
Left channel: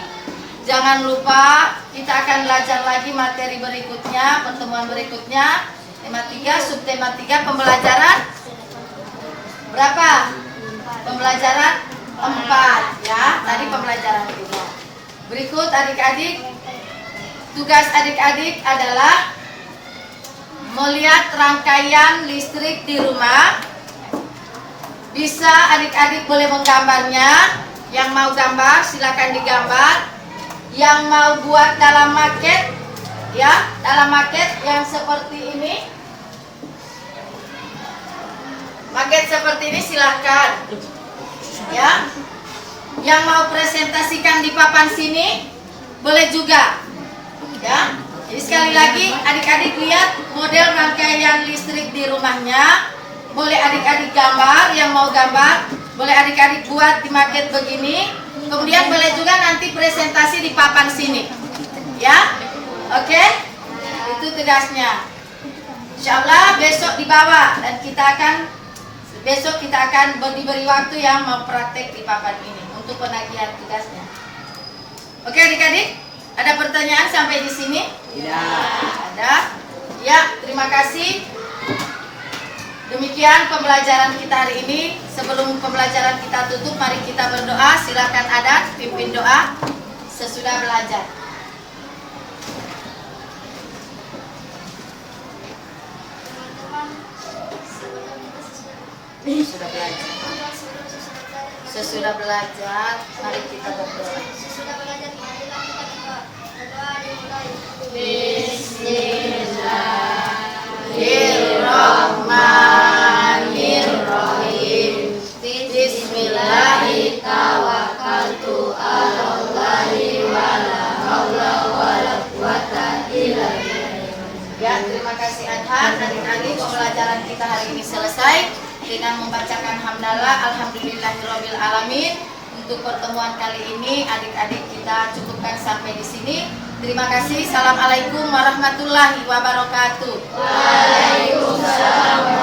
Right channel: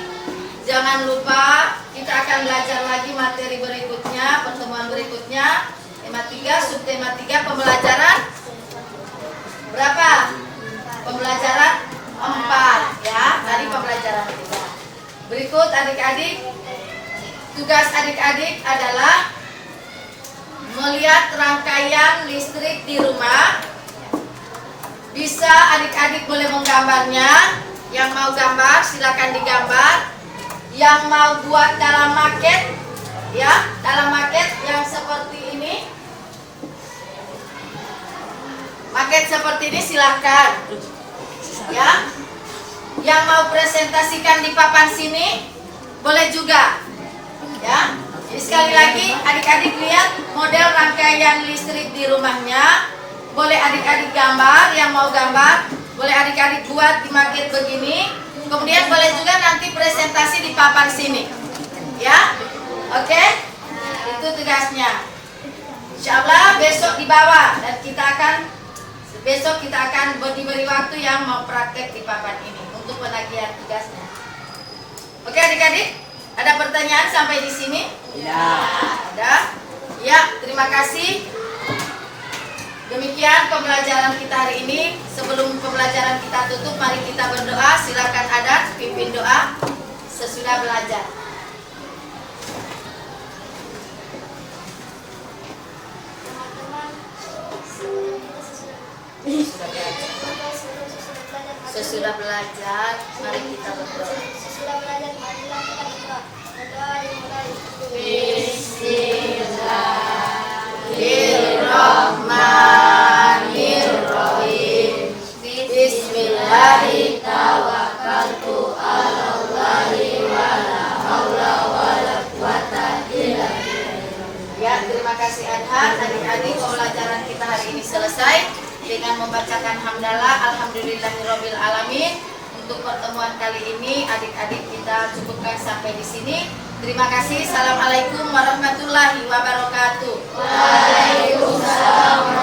Jangan lupa kita akan belajar lagi materi berikutnya, pertemuan berikutnya. Tema 3, subtema 3, pembelajaran berapa? Pembelajaran 4 ya. Tadi pembelajaran 3. Berikut adik-adik, tugas adik-adik adalah melihat rangkaian listrik di rumah. Bisa adik-adik boleh menggambarnya. Yang mau gambar silakan digambar. Yang mau buat dalam maket, ya, dalam maket yang seperti ini, maket seperti ini silahkan, ya. Yang mau presentasikan di papan sini boleh juga, ya. Jadi sekali lagi adik-adik lihat model rangkaian listrik di rumahnya. Boleh adik-adik gambar, yang mau gambar boleh adik-adik buat di maket begini. Kemudian boleh juga nanti presentasi di papan sini, ya. Oke, itu tugasnya. Insyaallah besok dibawa dan besok kita akan diberi waktu yang mau praktek di papan ini untuk penagihan tugasnya. Oke adik-adik, ada pertanyaan sampai di sini? Tidak. Ada? Ya, terima kasih. Demikian pembelajaran kita hari ini. Sebelum pembelajaran kita tutup, mari kita berdoa. Silakan Adat pimpin doa sesudah belajar. Sesudah belajar, mari kita berdoa. Bismillahirrahmanirrahim. Bismillahirrahmanirrahim. Ya, terima kasih Adhan. Adik-adik, pembelajaran kita hari ini selesai dengan membacakan hamdalah alhamdulillahirabbil alamin. Untuk pertemuan kali ini adik-adik kita cukupkan sampai di sini. Terima kasih. Assalamualaikum warahmatullahi wabarakatuh. Waalaikumsalam